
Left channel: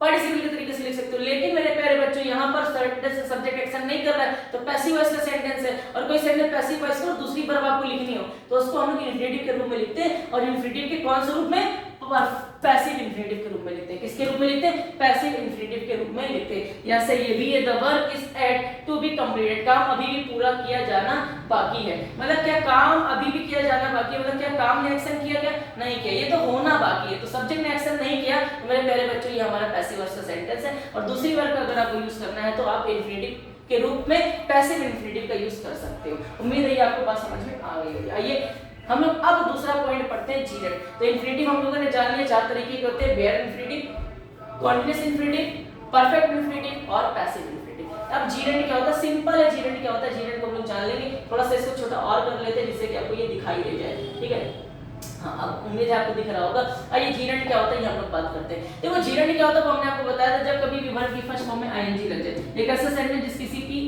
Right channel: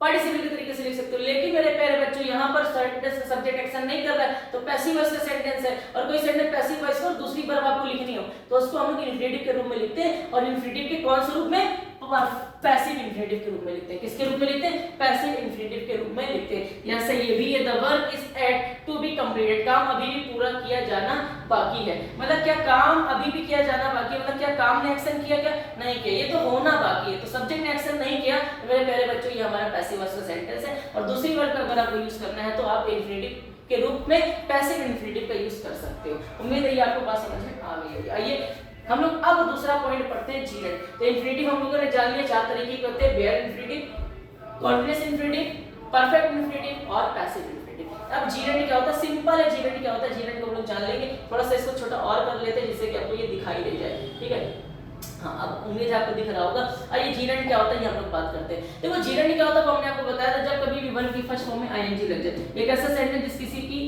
पार्टिसिपल के तरीके से लिख सकते हो। लेकिन मेरे प्यारे बच्चों यहाँ पर सेंटेंस का सब्जेक्ट एक्शन नहीं कर रहा है तो पैसिव वॉइस का सेंटेंस है। और कोई सेंटेंस पैसिव वॉइस का और दूसरी वर्ब आपको लिखनी हो तो उसको हम लोग इन्फिनिटिव के रूप में लिखते हैं। और इन्फिनिटिव के कौन से रूप में, पैसिव इंफिनिटिव के रूप में लिखते हैं। किसके रूप में लिखते हैं? पैसिव इंफिनिटिव के रूप में लिखते हैं। जैसे ये भी है, the work is yet to be completed, काम अभी भी पूरा किया जाना बाकी है। मतलब क्या काम अभी भी किया जाना बाकी है? मतलब क्या काम ने एक्शन किया? क्या नहीं किया, ये तो होना बाकी है। तो सब्जेक्ट ने एक्शन नहीं किया तो मेरे प्यारे बच्चों ये हमारा पैसिव वॉइस का सेंटेंस है। और दूसरी वर्ग अगर आपको यूज करना है तो आप इंफिनिटिव के रूप में पैसिव इंफिनिटिव का यूज कर सकते हो। उम्मीद है ये आपको बात समझ में आ गई होगी। आइए हम लोग अब दूसरा पॉइंट पढ़ते हैं, जीरेंड। तो इंफिनिटिव हम लोगों ने जान लिया, चार तरीके के होते हैं, bare infinitive, continuous infinitive, perfect infinitive और पैसिव इंफिनिटिव। अब जीरेंड क्या होता है? सिंपल है, जीरेंड क्या होता है, जीरेंड को हम लोग जान लेंगे। थोड़ा सा इसको छोटा और कर लेते हैं जिससे कि आपको ये दिखाई दे जाए, ठीक है। हाँ, अब उम्मीद है आपको दिख रहा होगा। आइए जीरेंड क्या होता है ये हम लोग बात करते हैं। देखो जीरेंड क्या होता है, वो हमने आपको बताया था, जब कभी भी वर्ब की फर्स्ट फॉर्म में आईएनजी लग जाए, एक ऐसा सेंटेंस जिस किसी की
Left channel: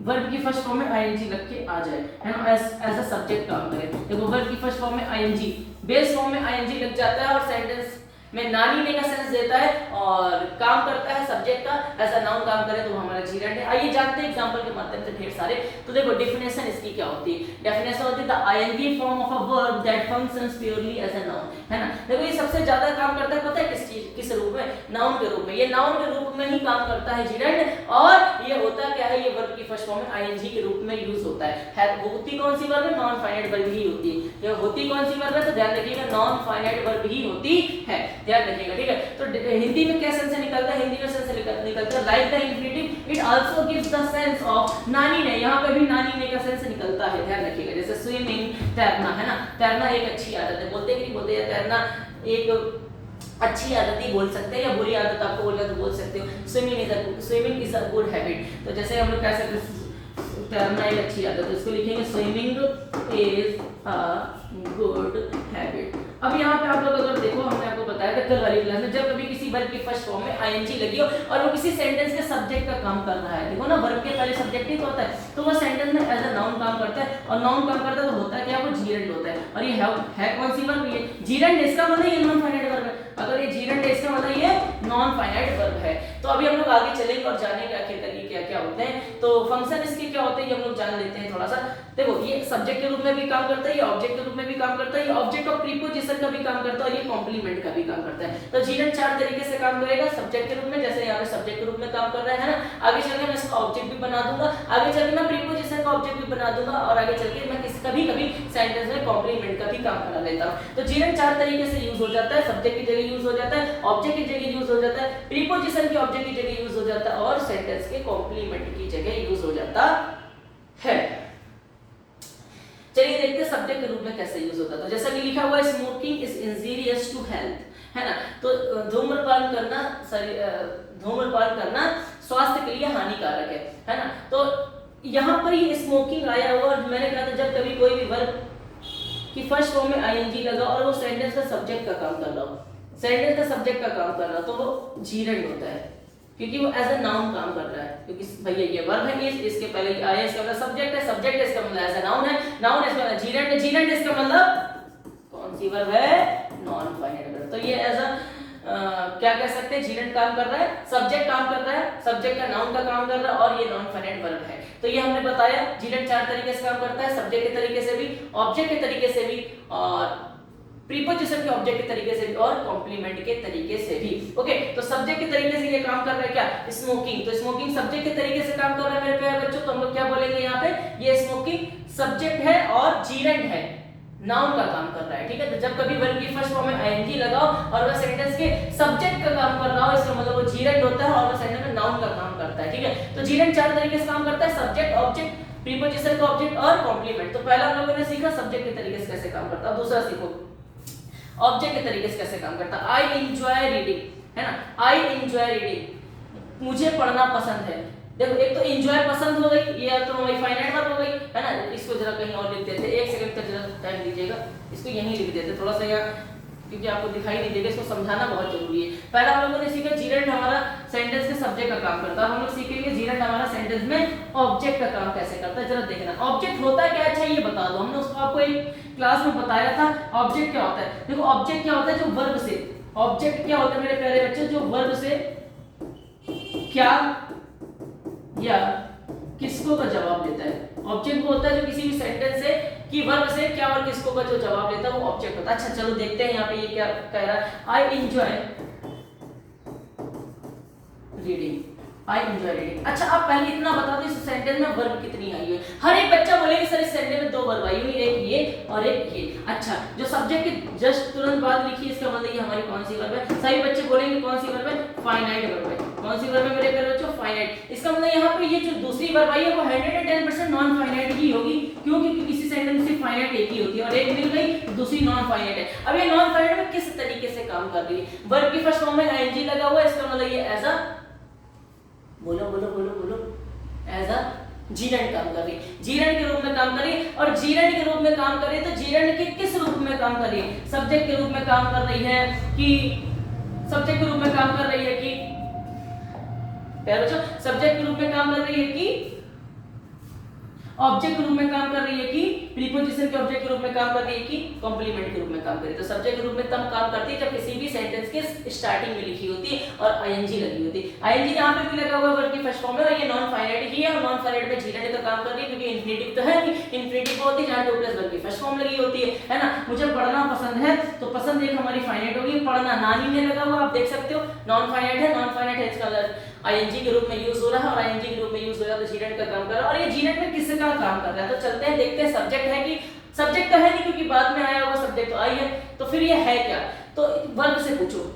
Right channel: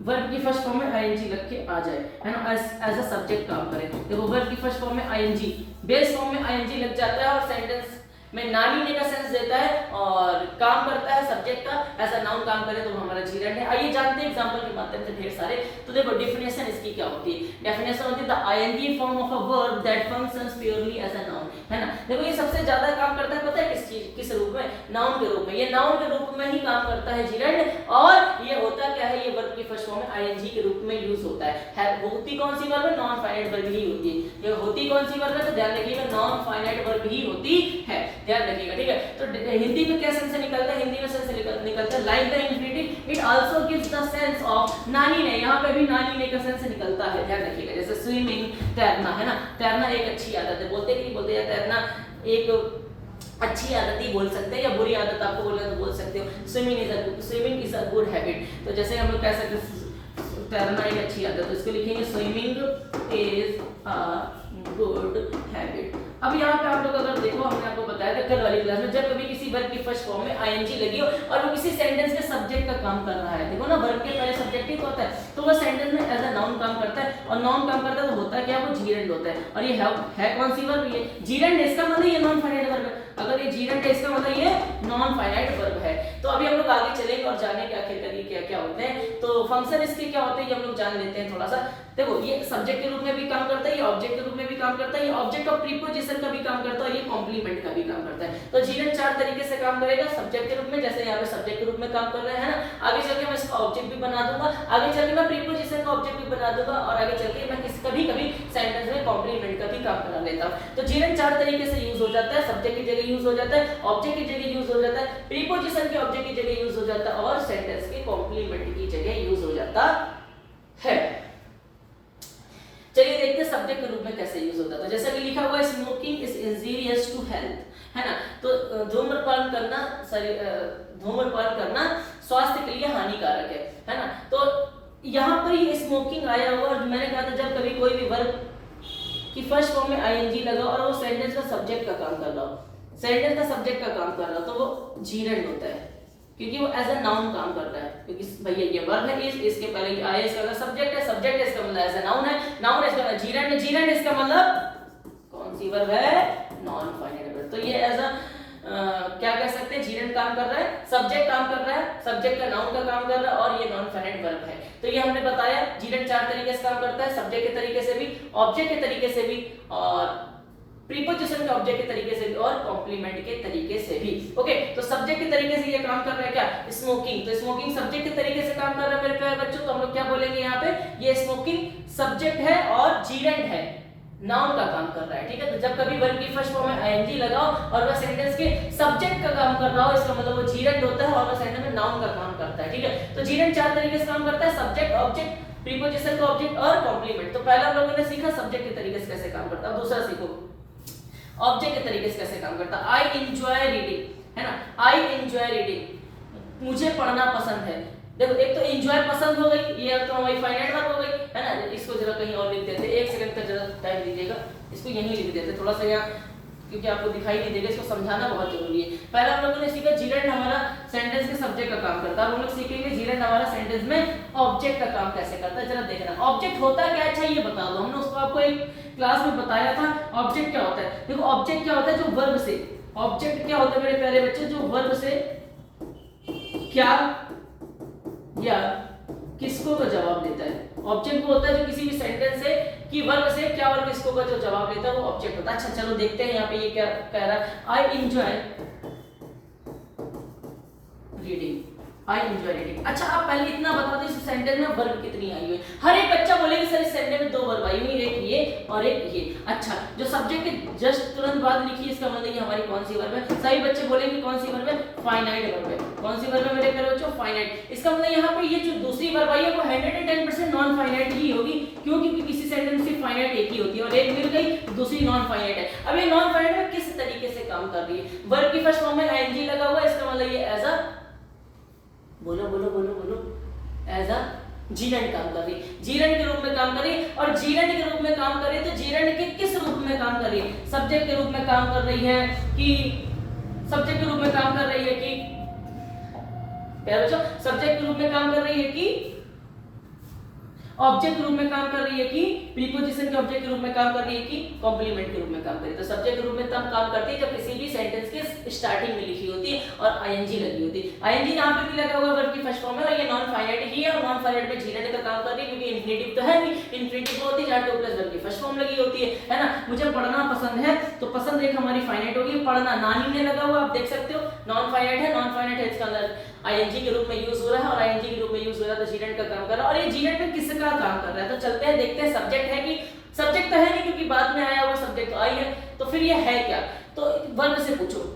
वर्ब की फर्स्ट फॉर्म में आईएनजी लग के आ जाए, है ना, एज अ सब्जेक्ट काम करे। देखो वर्ब की फर्स्ट फॉर्म में आईएनजी, बेस फॉर्म में आईएनजी लग जाता है और सेंटेंस में नानी ने का सेंस देता है और काम करता है सब्जेक्ट का, ऐसा नाउन काम करे तो हमारा जीरेंड है। आइए जानते हैं एग्जांपल के माध्यम से ढेर सारे। तो देखो डेफिनेशन इसकी क्या होती है? डेफिनेशन होती है the ING form of a verb that functions purely as a noun, है ना। देखो ये सबसे ज्यादा काम करता है, पता है किस चीज, किस रूप में? नाउन के रूप में। ये नाउन के रूप में ही काम करता है जीरेंड। और ये होता क्या है, ये वर्ब की फर्स्ट फॉर्म में आईएनजी के रूप में यूज होता है। होती कौन सी वर्ब है? नॉन फाइनाइट वर्ब ही होती है। ये होती कौन सी वर्ब है? तो ध्यान रखिएगा नॉन फाइनाइट वर्ब ही होती है, ध्यान रखिएगा, ठीक है। तो हिंदी में क्या सेंस से निकलता है? हिंदी में सेंस से निकलता है like the infinitive it also gives the sense of, नानी ने, यहाँ पे भी नानी ने का सेंस निकलता है, ध्यान रखिएगा। जैसे स्विमिंग, तैरना, है ना, तैरना एक अच्छी आदत है, बोलते कि नहीं बोलते, या तैरना एक अच्छी आदत ही बोल सकते हैं, या बुरी आदत आपको बोलना तो बोल सकते हो। Swimming is a good habit. तो जैसे हम लोग कह सकते हैं तैरना एक अच्छी आदत है, उसको लिखेंगे swimming is a good habit. अब यहाँ पे आप लोग अगर देखो, हमने आपको बताया था कल वाली क्लास में, जब कभी किसी वर्ब की फर्स्ट फॉर्म में आईएनजी लगी हो और वो किसी सेंटेंस के सब्जेक्ट का काम कर रहा है, देखो ना वर्ब के पहले सब्जेक्ट ही तो होता है, तो वो सेंटेंस में एज अ नाउन काम करता है। और नाउन काम करता है तो होता क्या, वो जीरेंड होता है। और ये है कौन सी वर्ब? ये जीरेंड। इसका मतलब ये नॉन फाइनाइट वर्ब है। अगर ये जीरेंड है इसका मतलब ये नॉन फाइनाइट वर्ब है। तो अभी हम लोग आगे चलेंगे और जानेंगे आखिरकार ये क्या क्या होते हैं। तो फंक्शन इसके क्या होते हैं ये हम लोग जान लेते हैं थोड़ा सा। देखो ये सब्जेक्ट के रूप में भी काम करता है, ये ऑब्जेक्ट के रूप में भी काम करता है, ये ऑब्जेक्ट ऑफ प्रीपोजिशन का भी काम करता है और ये कॉम्प्लीमेंट का भी काम करता है। तो जीरेंड चार तरीके से काम करेगा सब्जेक्ट के रूप में, जैसे यहाँ पे सब्जेक्ट के रूप में काम कर रहा है ना। आगे चल के मैं इसका ऑब्जेक्ट भी बना दूंगा, आगे चल के मैं प्रीपोजिशन का ऑब्जेक्ट भी बना दूंगा, और आगे चल के मैं कभी कभी सेंटेंस में कॉम्प्लीमेंट का भी काम करा लेता हूँ। तो जीरेंड चार तरीके से यूज हो जाता है, सब्जेक्ट की जगह यूज हो जाता है, ऑब्जेक्ट की जगह यूज हो जाता है, प्रीपोजिशन के ऑब्जेक्ट की जगह यूज हो जाता है, और सेंटेंस के कॉम्प्लीमेंट की जगह यूज हो जाता है। चलिए देखते हैं सब्जेक्ट के रूप में कैसे यूज होता है। जैसा कि लिखा हुआ है smoking is injurious to health, है ना। तो धूम्रपान करना स्वास्थ्य के लिए हानिकारक है ना। तो यहाँ पर ये स्मोकिंग आया हुआ, और मैंने कहा था जब कभी कोई भी वर्ब की फर्स्ट फॉर्म में आईएनजी लगा और वो सेंटेंस का सब्जेक्ट का काम कर रहा हो, सेंटेंस का सब्जेक्ट का काम कर रहा हो, तो वो जीरेंड होता है, क्योंकि वो एज अ नाउन काम कर रहा है। क्योंकि भैया ये वर्ब है, इसके पहले आया, इसका मतलब सब्जेक्ट है, सब्जेक्ट है, इसका मतलब एज अ नाउन है, नाउन इसका मतलब जीरेंड है, जीरेंड इसका मतलब कौन सी वर्ब है? Non finite verb. तो ये एज अ क्या कह सकते हैं, जीरेंड काम कर रहा है, सब्जेक्ट काम कर रहा है, सब्जेक्ट का नाउन का काम कर रहा है, और ये नॉन फाइनाइट वर्ब है। तो ये हमने बताया जीरेंड चार तरीके से काम करता है, सब्जेक्ट के तरीके से भी, ऑब्जेक्ट के तरीके से भी, और प्रीपोजिशन के ऑब्जेक्ट के तरीके से भी, और कॉम्प्लीमेंट के तरीके से भी। ओके, तो सब्जेक्ट के तरीके से ये काम कर रहा है क्या? स्मोकिंग। तो स्मोकिंग सब्जेक्ट के तरीके से काम कर रहा है मेरे प्यारे बच्चों। तो हम लोग क्या बोलेंगे यहाँ पे? ये स्मोकिंग सब्जेक्ट है और जीरेंड है, नाउन का काम कर रहा है, ठीक है। तो जब कभी वर्ब की फर्स्ट फॉर्म में आईएनजी लगाओ और वह सेंटेंस के सब्जेक्ट का काम कर रहा हो, इसका मतलब वो जीरेंड होता है और वह सेंटेंस में नाउन का काम करता है, ठीक है। तो जीरेंड चार तरीके से काम करता है, सब्जेक्ट, ऑब्जेक्ट, प्रीपोजिशन का ऑब्जेक्ट और कॉम्प्लीमेंट। तो पहला हम लोगों ने सीखा सब्जेक्ट के तरीके से कैसे काम करता है। अब दूसरा सीखो ऑब्जेक्ट के तरीके से कैसे काम करता है। आई एंजॉय रीडिंग, है ना, आई एंजॉय रीडिंग, मुझे पढ़ना पसंद है। देखो एक तो एंजॉय पसंद हो गई, ये तो हमारी फाइनाइट वर्ब हो गई, है ना। इसको जरा कहीं और लिख देते, एक सेकंड तक जरा टाइम दीजिएगा, इसको यहीं लिख देते थोड़ा सा यहाँ, क्योंकि आपको दिखाई नहीं देगा, इसको समझाना बहुत जरूरी है। पहला हम लोगों ने सीखा जीरेंड हमारा सेंटेंस के सब्जेक्ट का काम करता है। हम लोग सीखेंगे जीरेंड हमारा सेंटेंस में ऑब्जेक्ट का काम कैसे करता है। जरा देखना ऑब्जेक्ट होता क्या है, अच्छा ये बता दो। हमने उसको आपको एक क्लास में बताया था ऑब्जेक्ट क्या होता है। देखो ऑब्जेक्ट क्या होता है, जो वर्ब से, ऑब्जेक्ट क्या होता है मेरे प्यारे बच्चों, जो वर्ब से क्या या किसको का जवाब देता है। ऑब्जेक्ट वो होता है जो किसी भी सेंटेंस से कि वर्ब से क्या और किसको का जो जवाब देता है वो ऑब्जेक्ट होता है। अच्छा चलो देखते हैं यहाँ पे ये क्या कह रहा है। I enjoy reading, I enjoy reading. अच्छा आप पहले इतना बता दो इस सेंटेंस में वर्ब कितनी आई है। हर एक बच्चा बोलेगा सर इस सेंटेंस में 2 वर्ब आई हुई, एक ये और एक ये। अच्छा जो सब्जेक्ट के जस्ट तुरंत बाद लिखी इसका मतलब ये हमारी कौन सी वर्ब है। सभी बच्चे बोलेंगे कौन सी वर्ब है, फाइनाइट वर्ब है। कौन सी वर्ब है मेरे प्यारे बच्चों, फाइनाइट। इसका मतलब यहाँ पे ये जो दूसरी वर्ब आई है वो 110% नॉन फाइनाइट ही होगी। क्यों, क्योंकि किसी सेंटेंस में फाइनाइट एक ही होती है और एक मिल गई दूसरी नॉन फाइनाइट है। अब ये नॉन फाइनाइट में किस तरीके से काम कर रही है, वर्ब की फर्स्ट फॉर्म में आईएनजी लगा हुआ है, इसका मतलब ये एज अ बोलो बोलो बोलो बोलो एज अ जीरंड काम कर रही है, जीरंड के रूप में काम कर रही है। और जीरंड के रूप में काम कर रही है तो जीरंड के किस रूप में काम कर रही है, सब्जेक्ट के रूप में काम कर रही है कि सब्जेक्ट के रूप में काम कर रही है कि प्यारे बच्चों सब्जेक्ट के रूप में काम कर रही है कि ऑब्जेक्ट के रूप में काम कर रही है कि प्रीपोजिशन के ऑब्जेक्ट के रूप में काम कर रही है कि कॉम्प्लीमेंट के रूप में काम कर रही है। तो सब्जेक्ट के रूप में तब काम करती है जब किसी भी सेंटेंस के स्टार्टिंग में लिखी होती है और आईएनजी लगी होती है। आईएनजी यहां पे भी लगा हुआ है वर्ब की फर्स्ट फॉर्म में और ये नॉन फाइनाइट ही है और नॉन फाइनाइट में जीरंड का काम कर रही है क्योंकि इंफिनिटिव तो है नहीं, इंफिनिटिव होती है जहां 2 + 1 की फर्स्ट फॉर्म लगी होती है ना। मुझे पढ़ना पसंद है तो पसंद एक हमारी फाइनाइट होगी, पढ़ना नानी ने लगा हुआ आप देख सकते हो नॉन फाइनाइट है, नॉन फाइनाइट है इसका आईएनजी के रूप में यूज हो रहा है और आईएनजी के रूप में यूज हो रहा है तो जीरंड का काम कर रहा है। और ये जीरंड में किसका काम कर रहा है तो चलते हैं देखते हैं। सब्जेक्ट है कि सब्जेक्ट तो है नहीं क्योंकि बाद में आया हुआ सब्जेक्ट तो आई है, तो फिर ये है क्या, तो वर्ब से पूछो।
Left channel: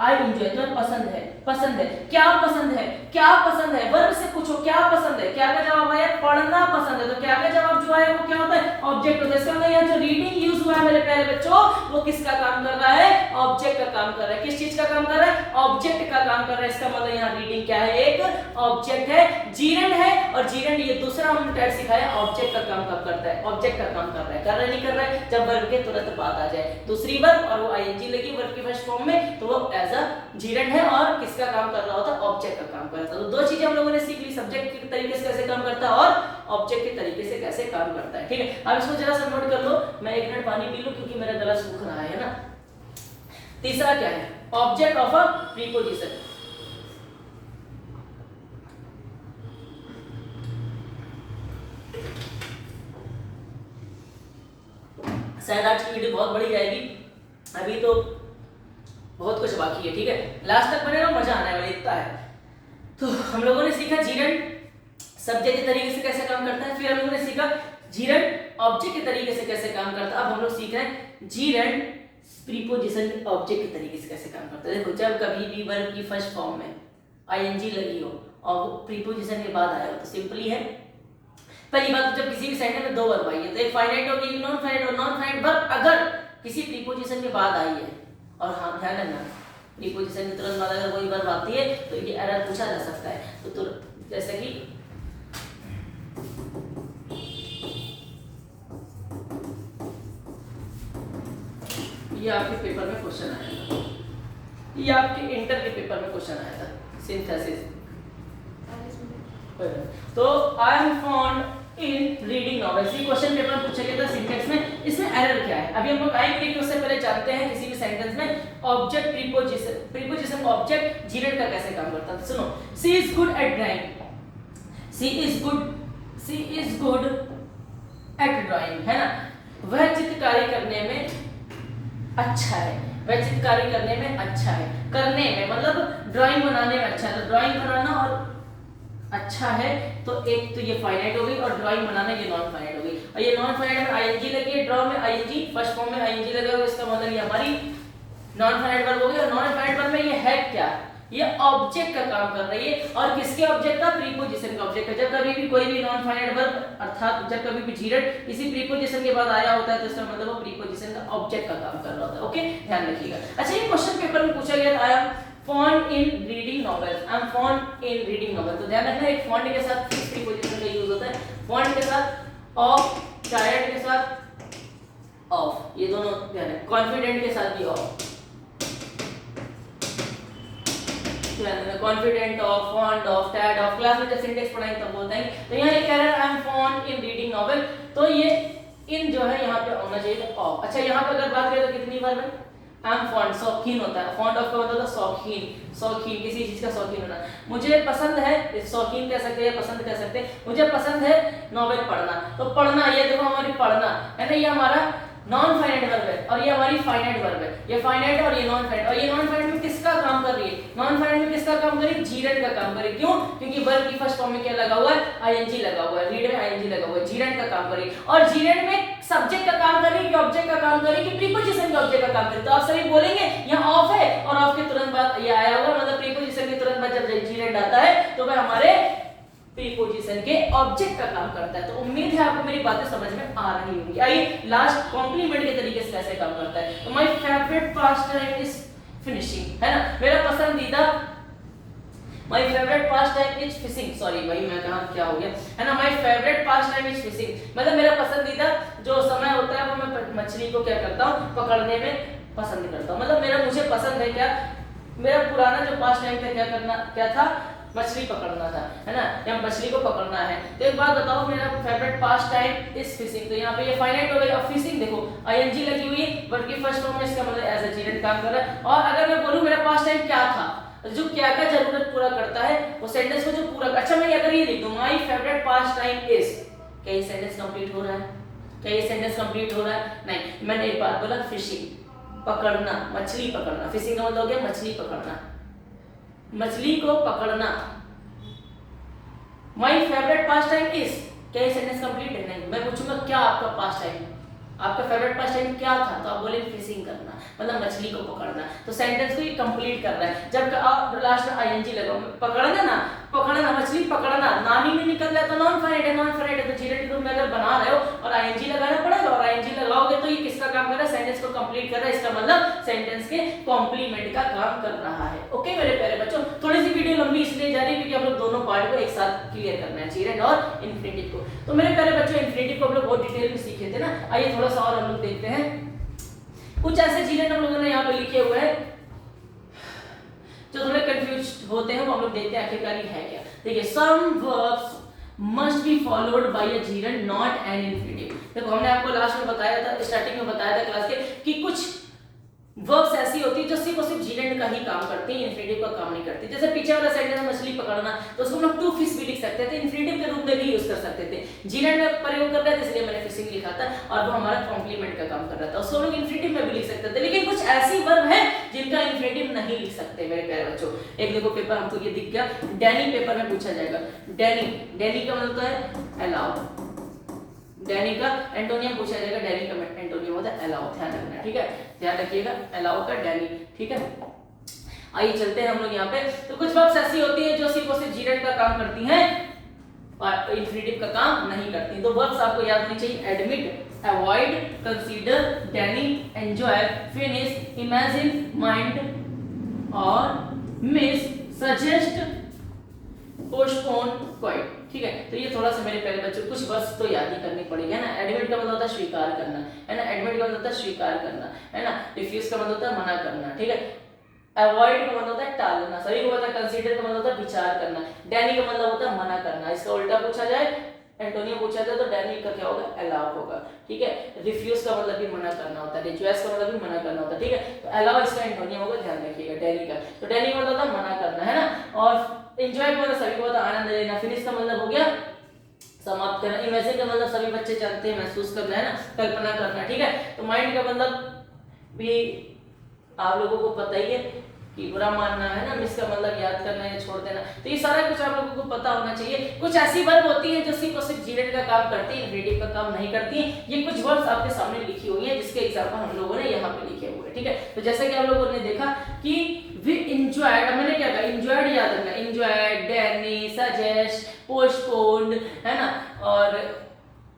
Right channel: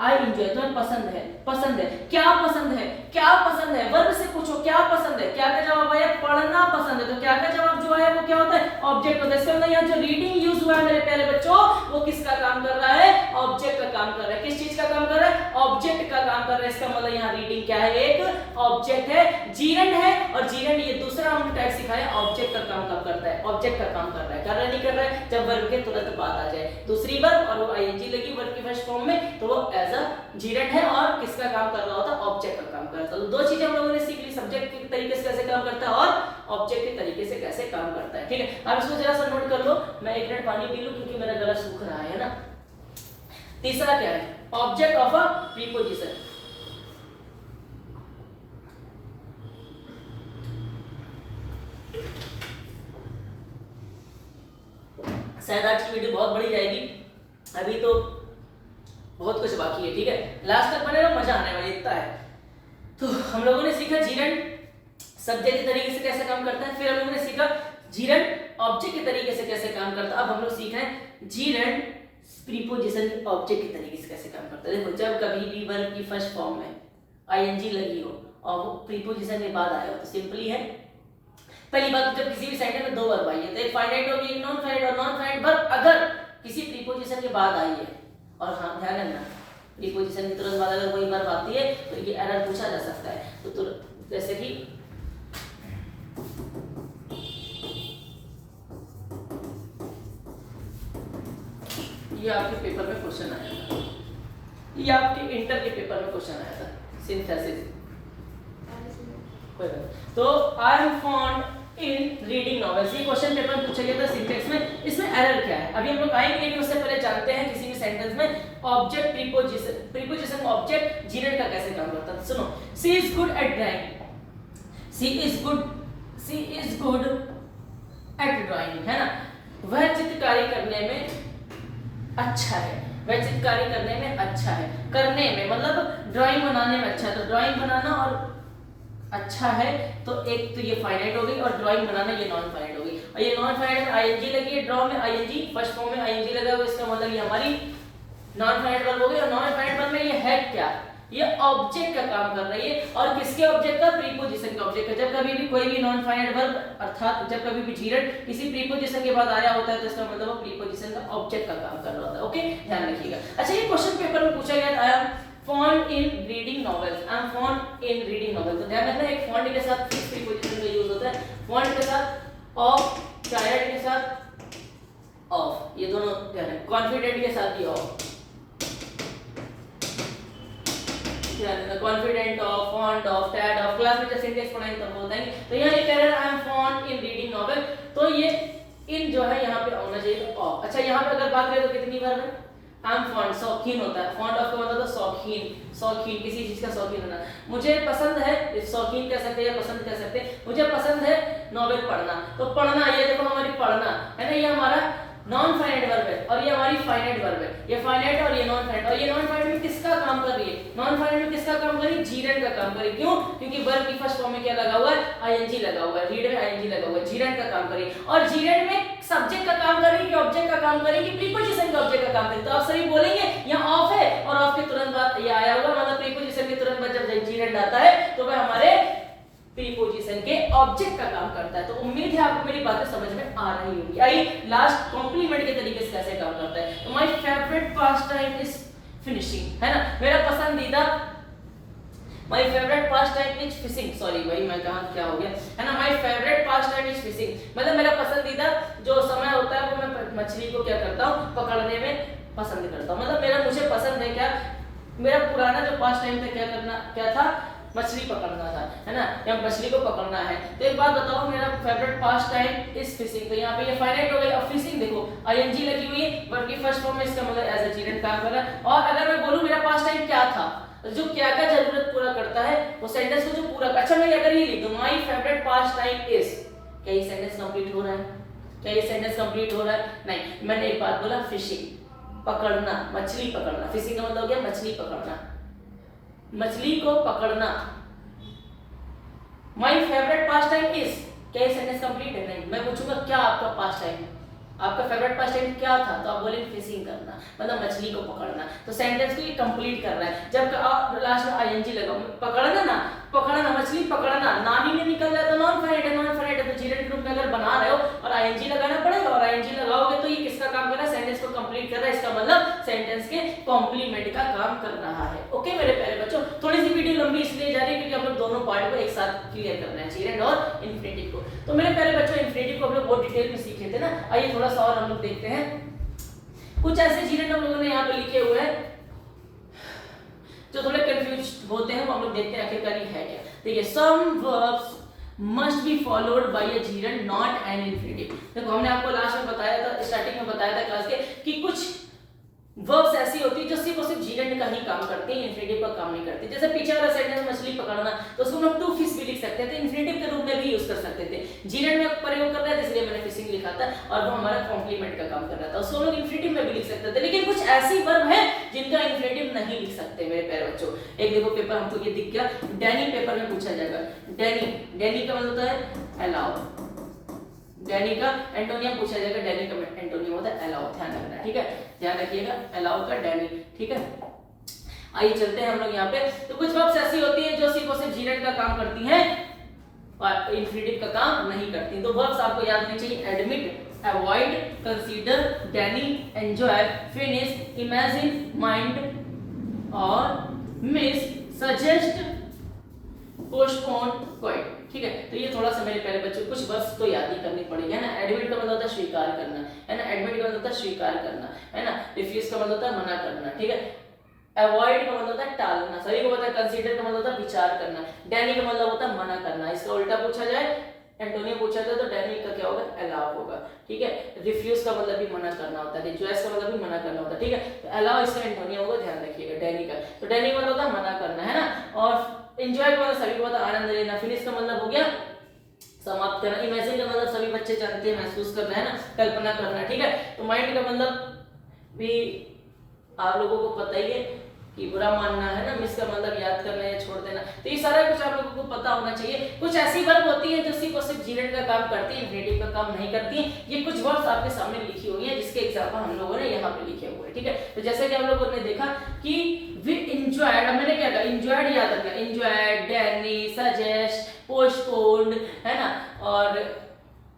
आई एंजॉय तो पसंद है, पसंद है क्या पसंद है, क्या पसंद है, वर्ब से पूछो क्या पसंद है, क्या का जवाब आया पढ़ना पसंद है, तो क्या का जवाब जो आया वो क्या होता है ऑब्जेक्ट होता है। इसका मतलब यहाँ जो रीडिंग यूज हुआ है मेरे प्यारे बच्चों वो किसका काम कर रहा है, ऑब्जेक्ट का काम कर रहा है। किस चीज का काम कर रहा है, ऑब्जेक्ट का काम कर रहा है। इसका मतलब यहाँ रीडिंग क्या है, एक ऑब्जेक्ट है, जीरंड है। और जीरंड ये दूसरा हमने टाइप सिखाया ऑब्जेक्ट का काम कब करता है, ऑब्जेक्ट का काम कर रहा है, कर रहा है नहीं कर रहा है, जब वर्ब के तुरंत बाद आ जाए दूसरी वर्ब और वो आईएनजी लगी वर्ब की फर्स्ट फॉर्म में तो वो एज अ जीरंड है और किसका काम कर रहा होता है, ऑब्जेक्ट का काम करता है। तो 2 चीजें हम लोगों ने सीख ली, सब्जेक्ट के तरीके से कैसे काम करता है और ऑब्जेक्ट के तरीके से कैसे काम करता है। ठीक है अब इसको जरा सा नोट कर लो, मैं 1 मिनट पानी पी लूं क्योंकि मेरा गला सूख रहा है ना। तीसरा क्या है, ऑब्जेक्ट ऑफ अ प्रीपोजिशन। शायद आज की वीडियो बहुत बड़ी जाएगी, अभी तो बहुत कुछ बाकी है। ठीक है लास्ट तक बने रहो, मजा आने वाला इतना है। तो हम लोगों ने सीखा जीरंड सब्जेक्ट के तरीके से कैसे काम करता है, फिर हम लोगों ने सीखा जीरंड ऑब्जेक्ट के तरीके से कैसे काम करता है। अब हम लोग सीख रहे हैं जीरंड प्रीपोजिशन ऑब्जेक्ट के तरीके से कैसे काम करता है। देखो जब कभी भी वर्ब की फर्स्ट फॉर्म में आईएनजी लगी हो और वो प्रीपोजिशन के बाद आया हो तो सिंपली है। पहली बात जब किसी भी सेंटेंस में 2 वर्ब आई है तो एक फाइनाइट होगी एक नॉन फाइनाइट, और नॉन फाइनाइट वर्ब अगर किसी प्रीपोजिशन के बाद आई है और हाँ ध्यान रखना प्रीपोजिशन के तुरंत बाद अगर कोई वर्ब आती है तो ये एरर पूछा जा सकता है। तो जैसे कि ये आपके पेपर में क्वेश्चन आया था, ये आपके इंटर के पेपर में क्वेश्चन आया था सिंथेसिस। तो I am fond in reading novels, ये क्वेश्चन पेपर में पूछा गया था सिंटेक्स में। इसमें एरर क्या है अभी हम लोग आएंगे, लेकिन उससे पहले जानते हैं किसी भी सेंटेंस में ऑब्जेक्ट प्रीपोजिशन ऑब्जेक्ट जीरंड का कैसे काम करता है। सुनो, she is good at drawing, she is good at drawing है ना, वह चित्रकारी करने में अच्छा है, वह चित्रकारी करने में अच्छा है। करने में मतलब ड्राइंग बनाने में अच्छा है, तो ड्राइंग बनाना और अच्छा है तो एक तो ये फाइनाइट हो गई और ड्राइंग बनाना ये नॉन फाइनाइट हो गई। और ये नॉन फाइनाइट में आईएनजी लगी है, ड्रॉ में आईएनजी फर्स्ट फॉर्म में आईएनजी लगा हुआ, इसका मतलब ये हमारी नॉन फाइनाइट वर्ब हो गई। और नॉन फाइनाइट वर्ब में ये है क्या, ये ऑब्जेक्ट का काम कर रही है और किसके ऑब्जेक्ट का, प्रीपोजिशन का ऑब्जेक्ट का। जब कभी भी कोई भी नॉन फाइनाइट वर्ब अर्थात जब कभी भी जीरंड किसी प्रीपोजिशन के बाद आया होता है तो इसका मतलब वो प्रीपोजिशन का ऑब्जेक्ट का काम कर रहा होता है। ओके ध्यान रखिएगा। अच्छा ये क्वेश्चन पेपर में पूछा गया था font in reading novels, I am font in reading novels. तो ध्यान रखना एक फॉन्ट के साथ किस प्रीपोजिशन का यूज होता है, फॉन्ट के साथ ऑफ, टायर्ड के साथ ऑफ, ये दोनों ध्यान रखना, कॉन्फिडेंट के साथ भी ऑफ, ध्यान रखना confident of, font of, tired of. Class में जब सिंटेक्स पढ़ाएंगे तब बोलते हैं। तो यहाँ ये कह रहा है I M font in reading novel, तो ये इन जो है यहाँ पे होना चाहिए तो ऑफ। अच्छा यहाँ पे अगर बात करें तो कितनी वर्ब है, आई एम फॉन्ड, शौकीन होता है, फॉन्ड ऑफ का मतलब होता है शौकीन, शौकीन किसी चीज का शौकीन होना। मुझे पसंद है, शौकीन कह सकते हैं, पसंद कह सकते हैं, मुझे पसंद है नॉवेल पढ़ना। तो पढ़ना, ये देखो हमारी पढ़ना है ना, ये हमारा नॉन फाइनाइट वर्ब है और ये हमारी फाइनाइट वर्ब है। ये फाइनाइट और ये नॉन फाइनाइट, और ये नॉन फाइनाइट में किसका काम कर रही है? नॉन फाइनाइट में किसका काम कर रही है? जीरेंड का काम कर रही है। क्यों? क्योंकि वर्ब की फर्स्ट फॉर्म में क्या लगा हुआ है? आईएनजी लगा हुआ है, रीड में आईएनजी लगा हुआ है, जीरेंड का काम कर रही है। और जीरेंड में सब्जेक्ट का काम कर रही है कि ऑब्जेक्ट का काम कर रही है कि प्रीपोजिशन के ऑब्जेक्ट का काम कर रही है? तो आप सभी बोलेंगे यहाँ ऑफ है और ऑफ के तुरंत बाद ये आया हुआ, मतलब प्रीपोजिशन के तुरंत बाद जब जीरेंड आता है तो वह हमारे प्रीपोजिशन के ऑब्जेक्ट का काम करता है। तो उम्मीद है आपको मेरी बातें समझ में आ रही होगी। आइए लास्ट कॉम्प्लीमेंट के तरीके से कैसे काम करता है। तो my favourite past time is finishing, है ना, मेरा पसंदीदा, my favourite past time is fishing, sorry भाई मैं कहां क्या हो गया, है ना, my favourite past time is fishing, मतलब मेरा पसंदीदा जो समय होता है वो मैं मछली को क्या करता हूं, पकड़ने में पसंद करता हूं। मतलब मेरा, मुझे पसंद है क्या, मेरा पुराना जो पास्ट टाइम था क्या करना, क्या था, मछली पकड़ना था, है ना, या मछली को पकड़ना है। तो एक बात बताओ, मेरा favourite past time is fishing, तो यहाँ पे ये फाइनाइट हो गई। अब फिशिंग देखो आईएनजी लगी हुई है, वर्ब की फर्स्ट फॉर्म में, इसका मतलब एज अ जीरेंड काम कर रहा है। और अगर मैं बोलूं मेरा पास्ट टाइम क्या था, जो क्या क्या जरूरत पूरा करता है वो सेंटेंस को जो पूरा, अच्छा मैं अगर ये लिख दूं my favourite past time is, क्या ये सेंटेंस कंप्लीट हो रहा है? क्या ये सेंटेंस कंप्लीट हो रहा है? नहीं, मैंने एक बात बोला, फिशिंग, पकड़ना, मछली पकड़ना, फिशिंग का मतलब हो गया मछली पकड़ना, मछली को पकड़ना। My favourite past time is, क्या ये सेंटेंस कंप्लीट है? नहीं, मैं पूछूंगा क्या आपका पास्ट टाइम, आपका फेवरेट पास्ट टाइम क्या था, तो आप बोले फिशिंग करना, मतलब मछली को पकड़ना। तो सेंटेंस को ये कंप्लीट कर रहा है। जब आप लास्ट में आईएनजी लगाओ, पकड़ना ना, पकड़ना, मछली पकड़ना, नानी ने निकल गया तो नॉन फाइनाइट है, नॉन फाइनाइट है तो जीरेंड रूप में अगर बना रहे हो और आईएनजी लगाना पड़ेगा, और आईएनजी लगाओगे तो ये किसका काम कर रहा है? सेंटेंस को कंप्लीट कर रहा है। इसका मतलब सेंटेंस के कॉम्प्लीमेंट का काम कर रहा है। ओके मेरे प्यारे बच्चों, थोड़ी सी वीडियो लंबी इसलिए जा रही है क्योंकि हम लोग दोनों पार्ट को एक साथ क्लियर करना है, जीरेंड और इन्फिनिटिव को। तो मेरे प्यारे बच्चों, इन्फिनिटिव को हम लोग बहुत डिटेल में सीखे थे ना, आइए थोड़ा सा और हम लोग देखते हैं। कुछ ऐसे जीरेंड हम लोगों ने यहाँ पे लिखे हुए हैं जो थोड़े कंफ्यूज होते हैं, वो हम लोग देखते हैं आखिरकार ये है क्या। देखिए, some verbs must be followed by a gerund not an infinitive. देखो हमने आपको लास्ट में बताया था, स्टार्टिंग में बताया था क्लास के, कि कुछ वर्ब्स ऐसी होती है जो सिर्फ और सिर्फ जीरेंड का ही काम करती है, इन्फिनिटिव का काम नहीं करती। जैसे पीछे वाला सेंटेंस में मछली पकड़ना, तो उसको हम टू फिश भी लिख सकते थे, इन्फिनिटिव के रूप में भी यूज कर सकते थे। जीरेंड में प्रयोग कर रहा है इसलिए मैंने फिशिंग लिखा था, और वो हमारा कॉम्प्लीमेंट का काम कर रहा था, उसको लोग इन्फिनिटिव में भी लिख सकते थे। लेकिन कुछ ऐसी वर्ब है जिनका इन्फिनिटिव नहीं लिख सकते मेरे प्यारे बच्चों। एक देखो पेपर हमको ये दिख गया, डैनी पेपर में पूछा जाएगा। डैनी, डैनी का मतलब है अलाउ, डैनी का एंटोनियम पूछा जाएगा, डैनी का एंटोनियम होता है अलाउ, ध्यान रखना, ठीक है, ध्यान रखिएगा, अलाउ का डैनी, ठीक है। आइए चलते हैं हम लोग यहाँ पे। तो कुछ वर्ब्स ऐसी होती है जो सिर्फ और सिर्फ जीरेंड का काम करती हैं और इन्फिनिटिव का काम नहीं करती। तो वर्ब्स आपको याद होनी चाहिए, admit, avoid, consider, Danny, enjoy, finish, imagine, mind और मिस, सजेस्ट, पोस्टपोन, क्वाइट, ठीक है। तो ये थोड़ा सा मेरे प्यारे बच्चों कुछ वर्ड्स तो याद ही करनी पड़ेगी, है ना। एडमिट का मतलब होता है स्वीकार करना, है ना, एडमिट का मतलब होता है स्वीकार करना, है ना। रिफ्यूज का मतलब होता है मना करना, ठीक है। अवॉइड का मतलब होता है टालना, सभी को पता है। कंसीडर का मतलब होता है विचार करना। डैनी का मतलब होता है मना करना। इसका उल्टा पूछा जाए, एंटोनियम पूछा जाए तो डैनी का क्या होगा? अलाउ होगा, ठीक है। रिफ्यूज का मतलब भी मना करना होता है, रिज्वेस्ट का मतलब भी मना करना होता है, ठीक है। तो अलाउ इसका एंटोनियम होगा, ध्यान रखिएगा, डैनी का। तो डैनी का मतलब होता है मना करना, है ना। और एंजॉय का मतलब सभी को पता आनंद लेना। फिनिश का मतलब हो गया समाप्त करना। इमेजिन का मतलब सभी बच्चे जानते हैं, महसूस करना, है ना, कल्पना करना, ठीक है। तो माइंड का मतलब भी आप लोगों को पता ही है कि बुरा मानना, है ना। मिस का मतलब याद करना या छोड़ देना। तो ये सारा कुछ आप लोगों को पता होना चाहिए। कुछ ऐसी वर्ब होती है जो सिर्फ और सिर्फ जीरेंड का काम करती है, इन्फिनिटिव का काम नहीं करती है। ये कुछ वर्ड्स आपके सामने लिखी हुई है जिसके एग्जांपल हम लोगों ने यहाँ पे लिखे हुए हैं, ठीक है। तो जैसे कि आप लोगों ने देखा कि वी एंजॉयड, मैंने क्या कहा, एंजॉयड याद रखना, एंजॉयड, डैनी, सजेस्ट, पोस्टपोन्ड, है ना, और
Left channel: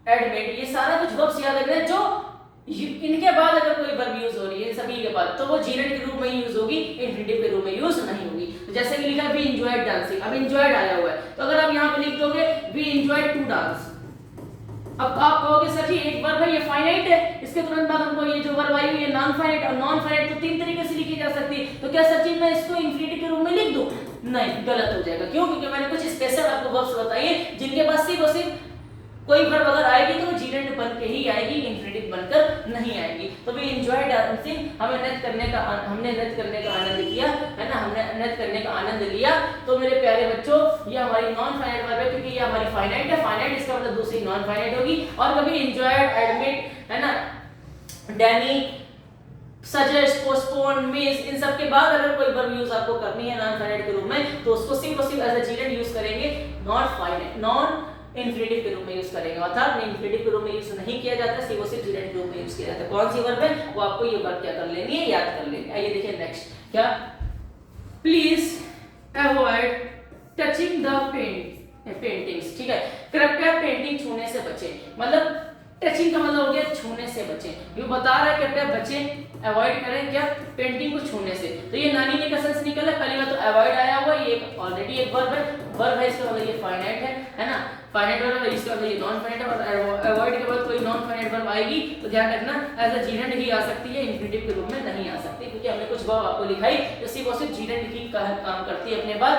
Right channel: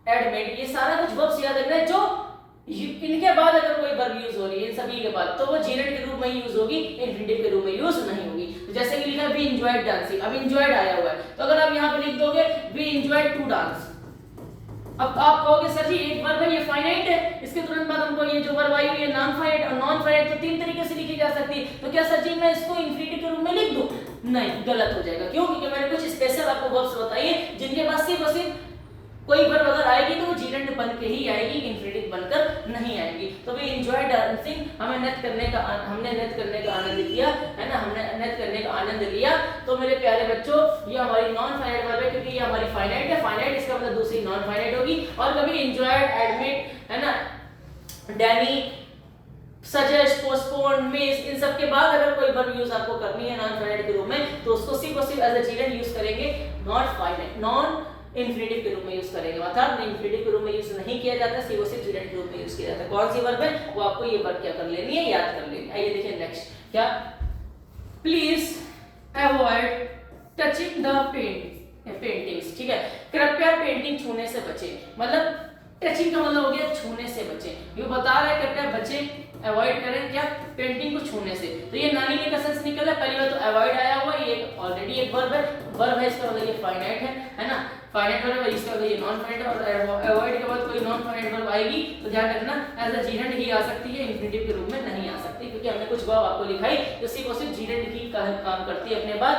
एडमिट, ये सारा कुछ वर्ब्स याद रखना है जो इनके बाद अगर कोई वर्ब यूज हो रही है सभी के बाद, तो वो जीरेंड के रूप में ही यूज होगी, इन्फिनिटिव के रूप में यूज नहीं होगी। जैसे कि लिखा वी एंजॉयड डांसिंग, अब एंजॉयड आया हुआ है तो अगर आप यहाँ पे लिख दोगे वी एंजॉयड टू डांस, अब आप कहोगे सर जी एक वर्ब है ये फाइनाइट है, इसके तुरंत बाद हमको ये जो वर्ब आई हुई है नॉन फाइनाइट, और नॉन फाइनाइट तो तीन तरीके से लिखी जा सकती है, तो क्या सर जी मैं इसको इन्फिनिटिव के रूप में लिख दूं? नहीं, गलत हो जाएगा। क्यों? क्योंकि मैंने कुछ स्पेशल आपको वर्ब्स बताइए जिनके पास सिर्फ और सिर्फ कोई वर्ब अगर आएगी तो वो जीरेंड बन के ही आएगी, इन्फिनिटिव बनकर नहीं आएगी। तो वी एंजॉय डांसिंग, हमने नृत्य करने का आनंद लिया, है ना, हमने नृत्य करने का आनंद लिया। तो मेरे प्यारे बच्चों, ये हमारी नॉन फाइनाइट वर्ब है, क्योंकि ये हमारी फाइनाइट है, फाइनाइट इसका मतलब दूसरी नॉन फाइनाइट होगी। और कभी एंजॉयड, एडमिट, है ना, डैनी, सजेस्ट, पोस्टपोन, मिस, इन सब के बाद अगर कोई वर्ब यूज आपको करनी है नॉन फाइनाइट के रूप में, तो उसको सिर्फ और सिर्फ एज अ जीरेंड यूज करेंगे, नॉन इन्फिनिटिव के रूप में यूज करेंगे। अर्थात इन्फिनिटिव के रूप में यूज नहीं किया जाता, सिर्फ और सिर्फ जीरेंड के रूप में यूज किया जाता है। कौन सी वर्ब है वो आपको ये वर्ब क्या कर लेनी है, याद कर लेनी है। आइए देखिए नेक्स्ट, क्या, please avoid touching the paintings, ठीक है, कृपया पेंटिंग छूने से बचें। मतलब टचिंग का मतलब हो गया छूने से बचें, ये बता रहा है कृपया बचें, अवॉइड करें क्या, पेंटिंग को छूने से। तो ये नानी ने का सेंस निकला, पहली बात तो अवॉइड आया हुआ, ये ऑलरेडी एक वर्ब है, इसका मतलब ये फाइनाइट है ना, फाइनाइट वर्ब है, इसका मतलब ये नॉन फाइनाइट वर्ब। अवॉइड के बाद कोई नॉन फाइनाइट वर्ब आएगी तो ध्यान रखना एज अ जीरेंड ही आ सकती है, इन्फिनिटिव के रूप में नहीं आ सकती, क्योंकि हमने कुछ वर्ब आपको लिखाई जो सिर्फ और सिर्फ जीरेंड ही काम करती है अपने बाद,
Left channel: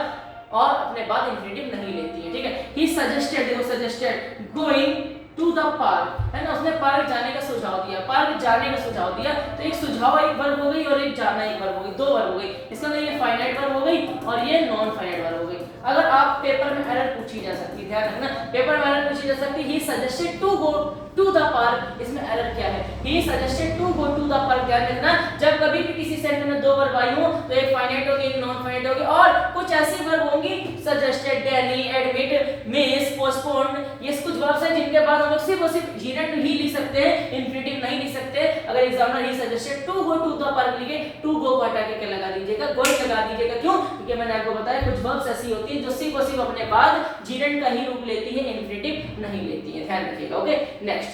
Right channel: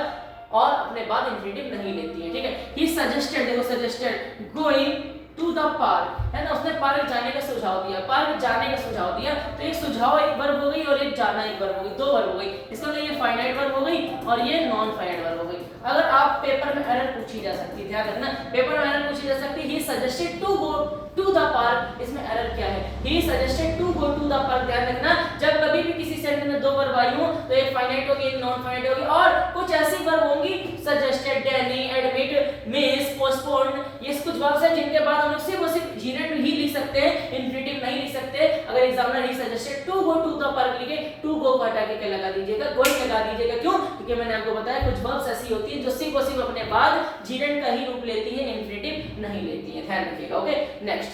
और अपने बाद इन्फिनिटिव नहीं लेती है, ठीक है। ही सजेस्टेड, देखो suggested, going to the park, है ना, उसने पार्क जाने का सुझाव दिया, पार्क जाने का सुझाव दिया। तो एक सुझाव एक वर्ब हो गई और एक जाना एक वर्ब हो गई, दो वर्ब हो गई। इसका मतलब ये फाइनाइट वर्ब हो गई और ये नॉन फाइनाइट वर्ब हो गई। अगर आप पेपर में एरर पूछी जा सकती है, ध्यान रखना, पेपर में एरर पूछी जा सकती है, he suggested to go to the park, इसमें एरर क्या है, he suggested to go to the park. ध्यान रखना, जब कभी भी किसी सेंटेंस में दो वर्ब आई हो तो एक फाइनाइट होगी, एक नॉन फाइनाइट होगी, और कुछ ऐसी वर्ब होंगी suggested, daily, admit, miss, postpone, ये कुछ वर्ब्स हैं जिनके बाद हम लोग सिर्फ और सिर्फ जीरेंड ही लिख सकते हैं, इन्फिनिटिव नहीं लिख सकते। अगर examiner he suggested to go to the park लिखे, टू गो को हटा के क्या लगा दीजिएगा, गोइंग लगा दीजिएगा। क्यों? क्योंकि मैंने आपको बताया कुछ वर्ब्स ऐसी होती हैं जो सिर्फ और सिर्फ अपने बाद जीरेंड का ही रूप लेती है, इन्फिनिटिव नहीं लेती है, ध्यान रखिएगा। Okay, next.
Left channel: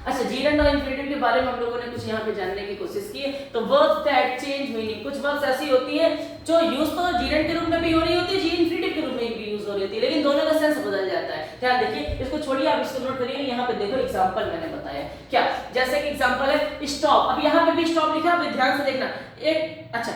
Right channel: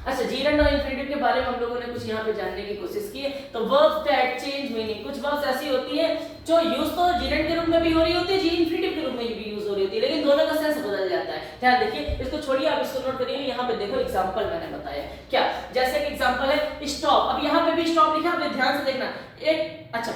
अच्छा, जीरेंड और इन्फिनिटिव के बारे में हम लोगों ने कुछ यहाँ पे जानने की कोशिश की है। तो वर्ब्स दैट चेंज मीनिंग, कुछ वर्ब्स ऐसी होती है जो यूज तो जीरेंड के रूप में भी हो रही होती है, इन्फिनिटिव के रूप में भी यूज हो रही होती है, लेकिन दोनों का सेंस बदल जाता है। ध्यान देखिए, इसको छोड़िए, आप इसको नोट करिए, यहाँ पे देखो एग्जांपल मैंने बताया क्या, जैसे कि एग्जांपल है स्टॉप। अब यहाँ पे भी स्टॉप लिखा है, ध्यान से देखना। एक अच्छा,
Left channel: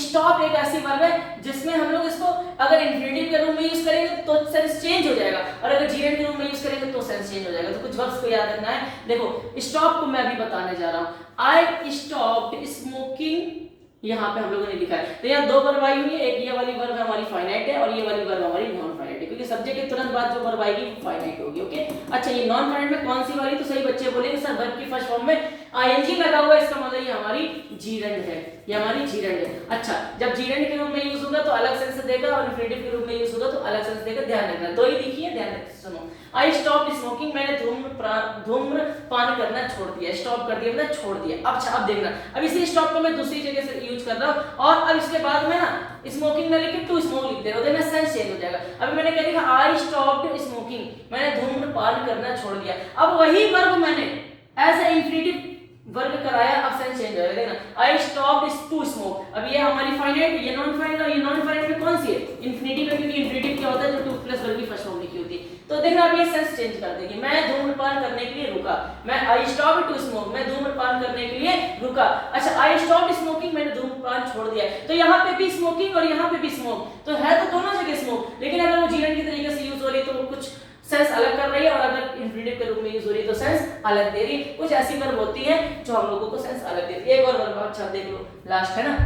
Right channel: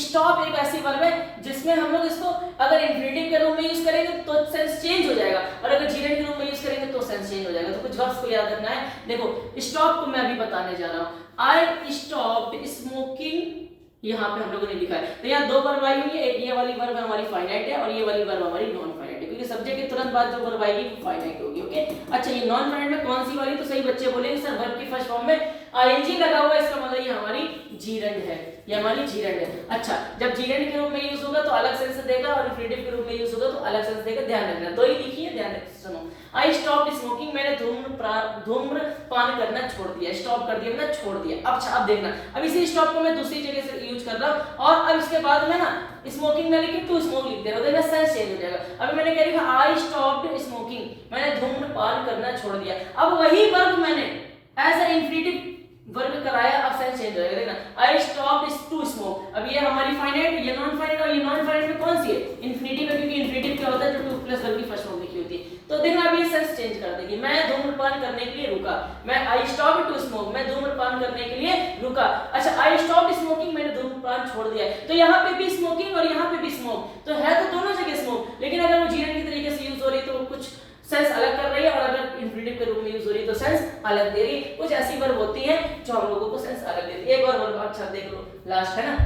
स्टॉप एक ऐसी वर्ब है जिसमें हम लोग इसको अगर इन्फिनिटिव के रूप में यूज करेंगे तो सेंस चेंज हो जाएगा, और अगर जीरेंड के रूप में यूज करेंगे तो सेंस चेंज हो जाएगा। तो कुछ वर्ब्स को याद रखना है। देखो, स्टॉप को मैं अभी बताने जा रहा हूँ, आई स्टॉप्ड स्मोकिंग, यहाँ पे हम लोगों ने लिखा है। तो यहाँ दो वर्ब आई हुई है, एक ये वाली वर्ब हमारी फाइनाइट है और ये वाली वर्ब हमारी नॉन फाइनाइट है, क्योंकि सब्जेक्ट के तुरंत बाद जो वर्ब आएगी वो फाइनाइट होगी। ओके, अच्छा, ये नॉन फाइनाइट में कौन सी वाली, तो सही बच्चे बोलेंगे सर वर्ब की फर्स्ट फॉर्म में आईएनजी लगा हुआ है, इसका मतलब ये हमारी जीरेंड है, ये हमारी जीरेंड है। अच्छा, जब जीरेंड के रूप में यूज होगा तो अलग सेंस देगा, और इन्फिनिटिव के रूप में यूज होगा तो अलग सेंस देगा। ध्यान रखना, दो ही लिखिए, ध्यान रखिए, सुनो। आई स्टॉप स्मोकिंग, मैंने धूम्रपान करना छोड़ दिया, स्टॉप कर दिया, मैंने छोड़ दिया। अच्छा, अब देखना, अब इसी स्टॉप को मैं दूसरी जगह से यूज कर रहा हूँ, और अब इसके बाद में ना स्मोकिंग में लिखी टू स्मोक लिख देगा, देखना सेंस चेंज हो जाएगा। अभी मैंने क्या लिखा, आई स्टॉप्ड स्मोकिंग, मैंने धूम्रपान करना छोड़ दिया। अब वही वर्ब मैंने एज ए इन्फिनिटिव वर्ब कराया, अब सेंस चेंज हो जाएगा। देखना, आई स्टॉप्ड टू स्मोक, अब ये हमारी फाइनाइट, ये नॉन फाइनाइट, और ये नॉन फाइनाइट में कौन सी है, इन्फिनिटिव है, क्योंकि इन्फिनिटिव क्या होता है जो टू प्लस वर्ब की फर्स्ट फॉर्म लिखी होती है। तो देखना, अब ये सेंस चेंज कर देगी, मैं धूम्रपान करने के लिए रुका, मैं आई स्टॉप्ड टू स्मोक, मैं धूम्रपान करने के लिए रुका। अच्छा, आई स्टॉप्ड स्मोकिंग, मैंने धूम्रपान छोड़ दिया। तो यहाँ पे भी स्मोकिंग और यहाँ पे भी स्मोक, तो है तो दोनों जगह स्मोक, लेकिन अगर वो जीरेंड के तरीके से यूज हो रही है तो वो कुछ सेंस अलग कर रही है, और अगर इन्फिनिटिव के रूप में यूज हो रही है तो सेंस अलग दे रही है। कुछ ऐसी वर्ब होती है जो हम लोगों को सेंस अलग देती है। एक और वर्ब, अच्छा देख लो, लास्ट है ना,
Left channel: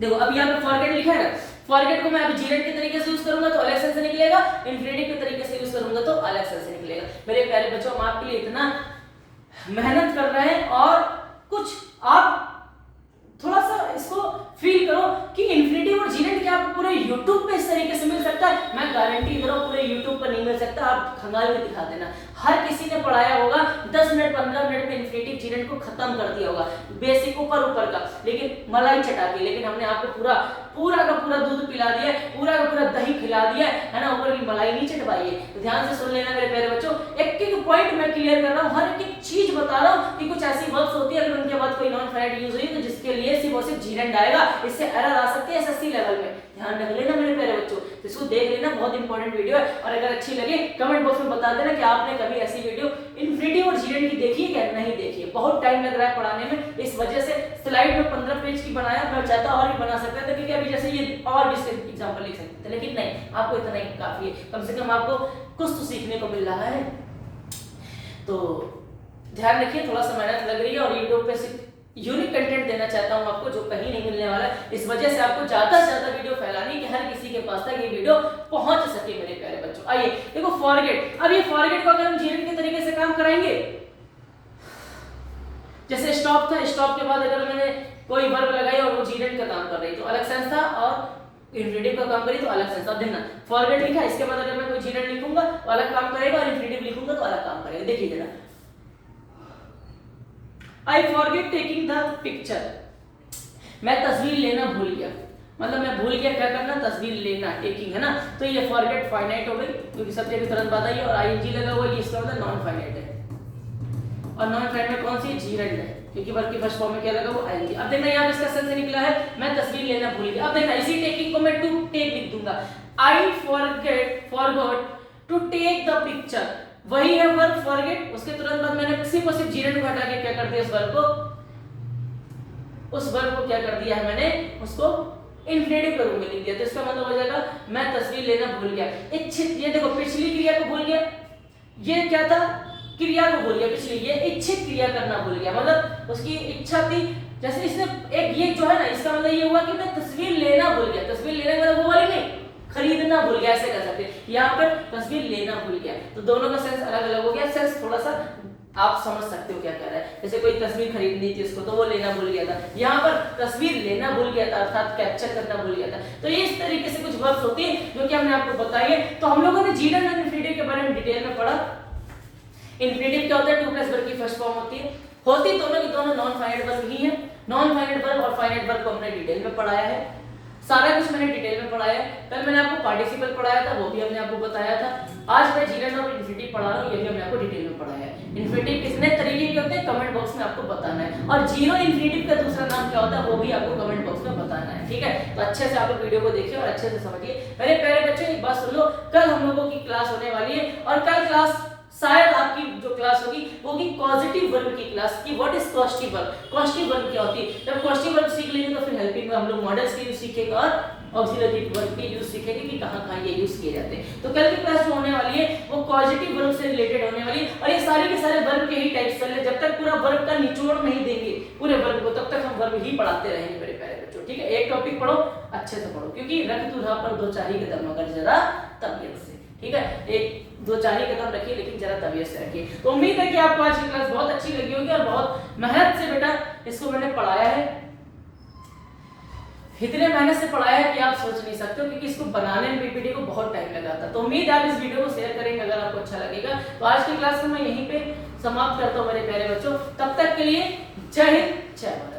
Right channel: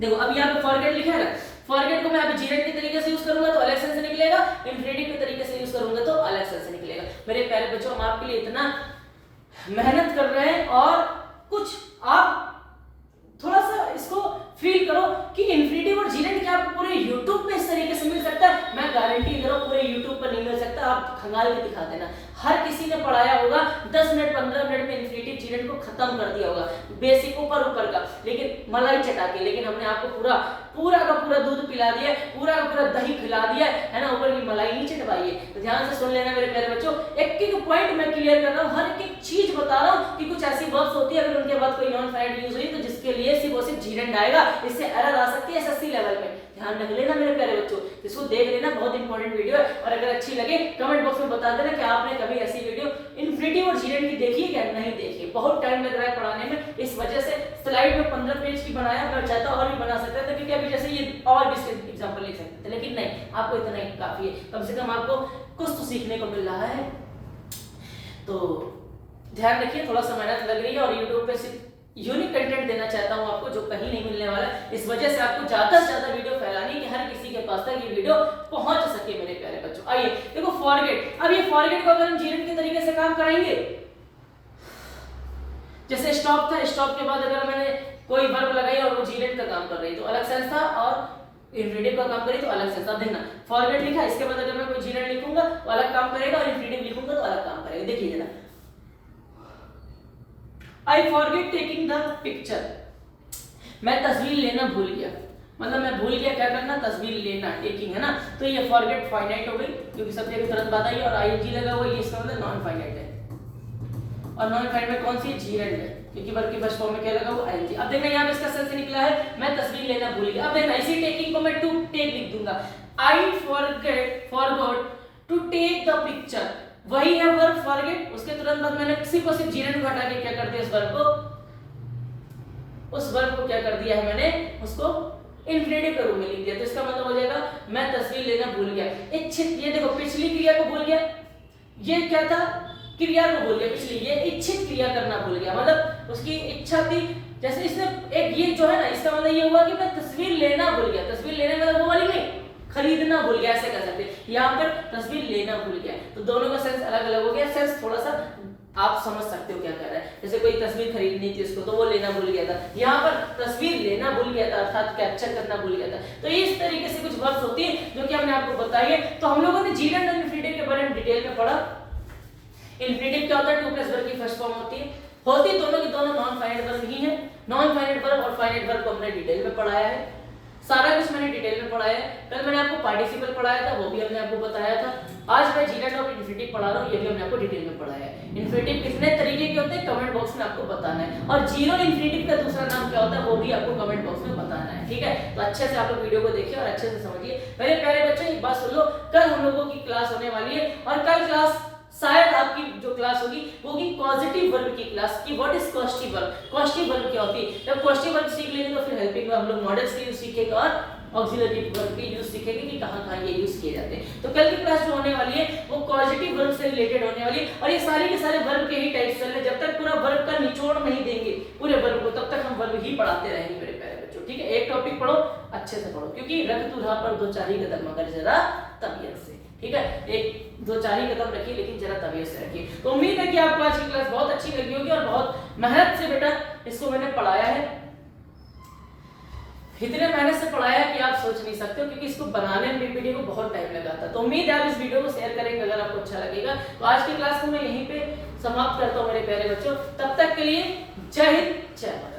देखो अब यहाँ पे फॉरगेट लिखा है ना, फॉरगेट को मैं अभी जीरेंड के तरीके से यूज करूंगा तो अलग सेंस निकलेगा, इन्फिनिटिव के तरीके से यूज करूंगा तो अलग सेंस निकलेगा। मेरे प्यारे बच्चों, हम आपके लिए इतना मेहनत कर रहे हैं, और कुछ आप थोड़ा सा इसको फील करो कि इन्फिनिटिव और जीरेंड क्या आपको पूरे YouTube पे इस तरीके से मिल सकता है। मैं गारंटी दे रहा हूँ पूरे YouTube पर नहीं मिल सकता, आप खंगाल के दिखा देना। हर किसी ने पढ़ाया होगा 10 मिनट 15 मिनट में इन्फिनिटिव जीरेंड को खत्म कर दिया होगा, बेसिक ऊपर का, लेकिन मलाई चटा के। लेकिन हमने आपको पूरा का पूरा दूध पिला दिया है, पूरा का पूरा दही खिला दिया है ना, ऊपर की मलाई नहीं चटवाई है। तो ध्यान से सुन लेना मेरे प्यारे बच्चों, एक एक पॉइंट मैं क्लियर कर रहा हूँ, हर एक चीज बता रहा हूँ कि कुछ ऐसी वर्ब्स होती है अगर उनके बाद कोई नॉन फाइनाइट यूज हुई तो जिसके लिए सिर्फ और सिर्फ जीरेंड आएगा, इससे एरर आ सकती है एसएससी लेवल में। ध्यान रख लेना मेरे प्यारे बच्चों, इसको देख लेना, बहुत इंपॉर्टेंट वीडियो है। और अगर अच्छी लगे कमेंट बॉक्स में बता देना कि आपने कभी ऐसी वीडियो इन्फिनिटिव और जीरेंड की देखी है क्या, नहीं देखी है। बहुत टाइम लग रहा है पढ़ाने में, इस वजह से स्लाइड में 15 पेज की बनाया, मैं चाहता और भी बना सकता था, क्योंकि अभी जैसे ये और भी एग्जांपल लिख सकते थे, लेकिन नहीं, आपको इतना ही काफी है, कम से कम आपको कुछ तो सीखने को मिल रहा है। तो ध्यान रखिए, थोड़ा सा मेहनत लग रही है और यूट्यूब पे सिर्फ यूनिक कंटेंट देना चाहता हूं आपको, जो कहीं नहीं मिलने वाला है। इस वजह से आपको ज्यादा से ज्यादा वीडियो फैलानी कि हर किसी के पास तक ये वीडियो पहुंच सके मेरे प्यारे बच्चों। आइए देखो फॉरगेट, अब ये फॉरगेट को अगर हम जीरन के तरीके से काम कराएंगे, जैसे स्टॉप था, स्टॉप के बाद अगर मैंने कोई वर्ब लगाई और वो जीरन का काम कर रही तो अलग सेंस था, और इंफ्initive का काम करी तो अलग सेंस। अब देखना फॉरगेट लिखा, इसके बाद अगर मैं कोई जीरन लिखूंगा तो अलग काम करेगा, और इंफ्initive लिखूंगा तो अलग काम करेगा। देखिए जरा, I forget taking the picture, मैं तस्वीर लेना भूल गया, मतलब मैं भूल गया क्या करना, तस्वीर लेना, टेकिंग, है ना। तो ये फॉरगेट फाइनाइट हो गई, क्योंकि सब्जेक्ट की तुरंत बात आई और आईएनजी लगा हुआ है, इसका मतलब नॉन फाइनाइट है। और नॉन फाइनाइट में कौन सी, जीरंड है, क्योंकि वर्ब की फर्स्ट फॉर्म में क्या लगा हुआ, आईएनजी। अब देखना यहाँ इसका सेंस निकला है, मैं तस्वीर लेना भूल गया। अब देखना इसी टेकिंग को मैं टू टेक लिख दूंगा, I forgot to take the picture, वही है वर्ब फॉरगेट। उसके तुरंत बाद मैंने सिर्फ और सिर्फ जीरन को हटा के क्या कर दिया, उस वर्ब को क्या कर दिया है मैंने, उसको इंफ्initive के रूप में लिख दिया। तो इसका मतलब हो जाएगा मैं तस्वीर लेना भूल गया। इच्छित, ये देखो पिछली क्रिया को भूल गया, ये क्या था, क्रिया को भूल गया पिछली, ये इच्छित क्रिया करना भूल गया, मतलब उसकी इच्छा थी। जैसे इसने एक ये जो है ना, इसका मतलब ये हुआ कि मैं तस्वीर लेना भूल गया, तस्वीर लेने मतलब वो वाली नहीं, खरीदना भूल गया, ऐसे कर सकते हैं। यहाँ पर तस्वीर लेना भूल गया, तो दोनों का सेंस अलग अलग हो गया। सेंस थोड़ा सा आप समझ सकते हो क्या कह रहा है। जैसे कोई तस्वीर खरीदनी थी उसको, तो वो लेना भूल गया था, यहाँ पर तस्वीर लेना भूल गया था, अर्थात कैप्चर करना भूल गया था। तो ये इस तरीके से कुछ वर्ब्स होती है जो कि हमने आपको बताई है। तो हम लोगों ने जीरन और इंफ्initive के बारे में डिटेल में पढ़ा। इंफ्initive क्या होता है, टू प्लस वर्ब की फर्स्ट फॉर्म होती है, दोनों की दोनों नॉन फाइनाइट वर्ब ही है। नॉन फाइनाइट वर्ब और फाइनाइट वर्ब को हमने डिटेल में पढ़ाया है, सारा कुछ मैंने डिटेल में पढ़ाया है। कल मैंने आपको पार्टिसिपल पढ़ाया था, वो भी हमने आपको बताया था। आज मैं जीरन और इंफ्initive पढ़ा रहा हूँ, ये भी हमने आपको डिटेल में पढ़ाया है। इंफ्initive कितने तरीके के होते हैं कमेंट बॉक्स में आपको बताना है, और जीरो इंफ्initive का दूसरा नाम क्या होता है वो भी आपको कमेंट बॉक्स में बताना है, ठीक है। तो अच्छे से आप लोग वीडियो को देखिए और अच्छे से समझिए। मेरे प्यारे बच्चों एक बात सुन लो, कल हम लोगों की क्लास होने वाली है, और कल क्लास शायद आपकी जो क्लास होगी वो होगी पॉजिटिव वर्ब की क्लास की। What is causative verb, causative verb क्या होती है। जब कॉस्टिव वर्ब सीख लेंगे तो फिर हेल्पिंग में हम लोग मॉडल्स की यूज सीखेंगे और ऑक्सिलरी वर्ब की यूज सीखेंगे कि कहां-कहां ये यूज किए जाते हैं। तो कल की क्लास जो होने वाली है वो पॉजिटिव वर्ब से रिलेटेड होने वाली है, और ये सारे के सारे वर्ब के ही टाइप्स चल रहे। जब तक पूरा वर्ब का निचोड़ नहीं देंगे पूरे वर्ब को, तब तक हम वर्ब ही पढ़ाते रहेंगे मेरे प्यारे बच्चों, ठीक है। एक टॉपिक पढ़ो, अच्छे से पढ़ो, क्योंकि रख तुझा पर दो चारी कदम मगर जरा तबीयत से, ठीक है। एक दो चार ही कदम रखिए, लेकिन जरा तबीयत से रखिए। तो उम्मीद है कि आपको आज की क्लास बहुत अच्छी लगी होगी, और बहुत मेहनत से बेटा इसको मैंने पढ़ाया है। इतने मेहनत से पढ़ाया है कि आप सोच नहीं सकते हो, क्योंकि इसको बनाने में पीपीटी को बहुत टाइम लगा था। तो उम्मीद है आप इस वीडियो को शेयर करेंगे अगर आपको अच्छा लगेगा। तो आज की क्लास को मैं यहीं पे समाप्त करता हूँ मेरे प्यारे बच्चों। तब तक के लिए जय हिंद, जय भारत।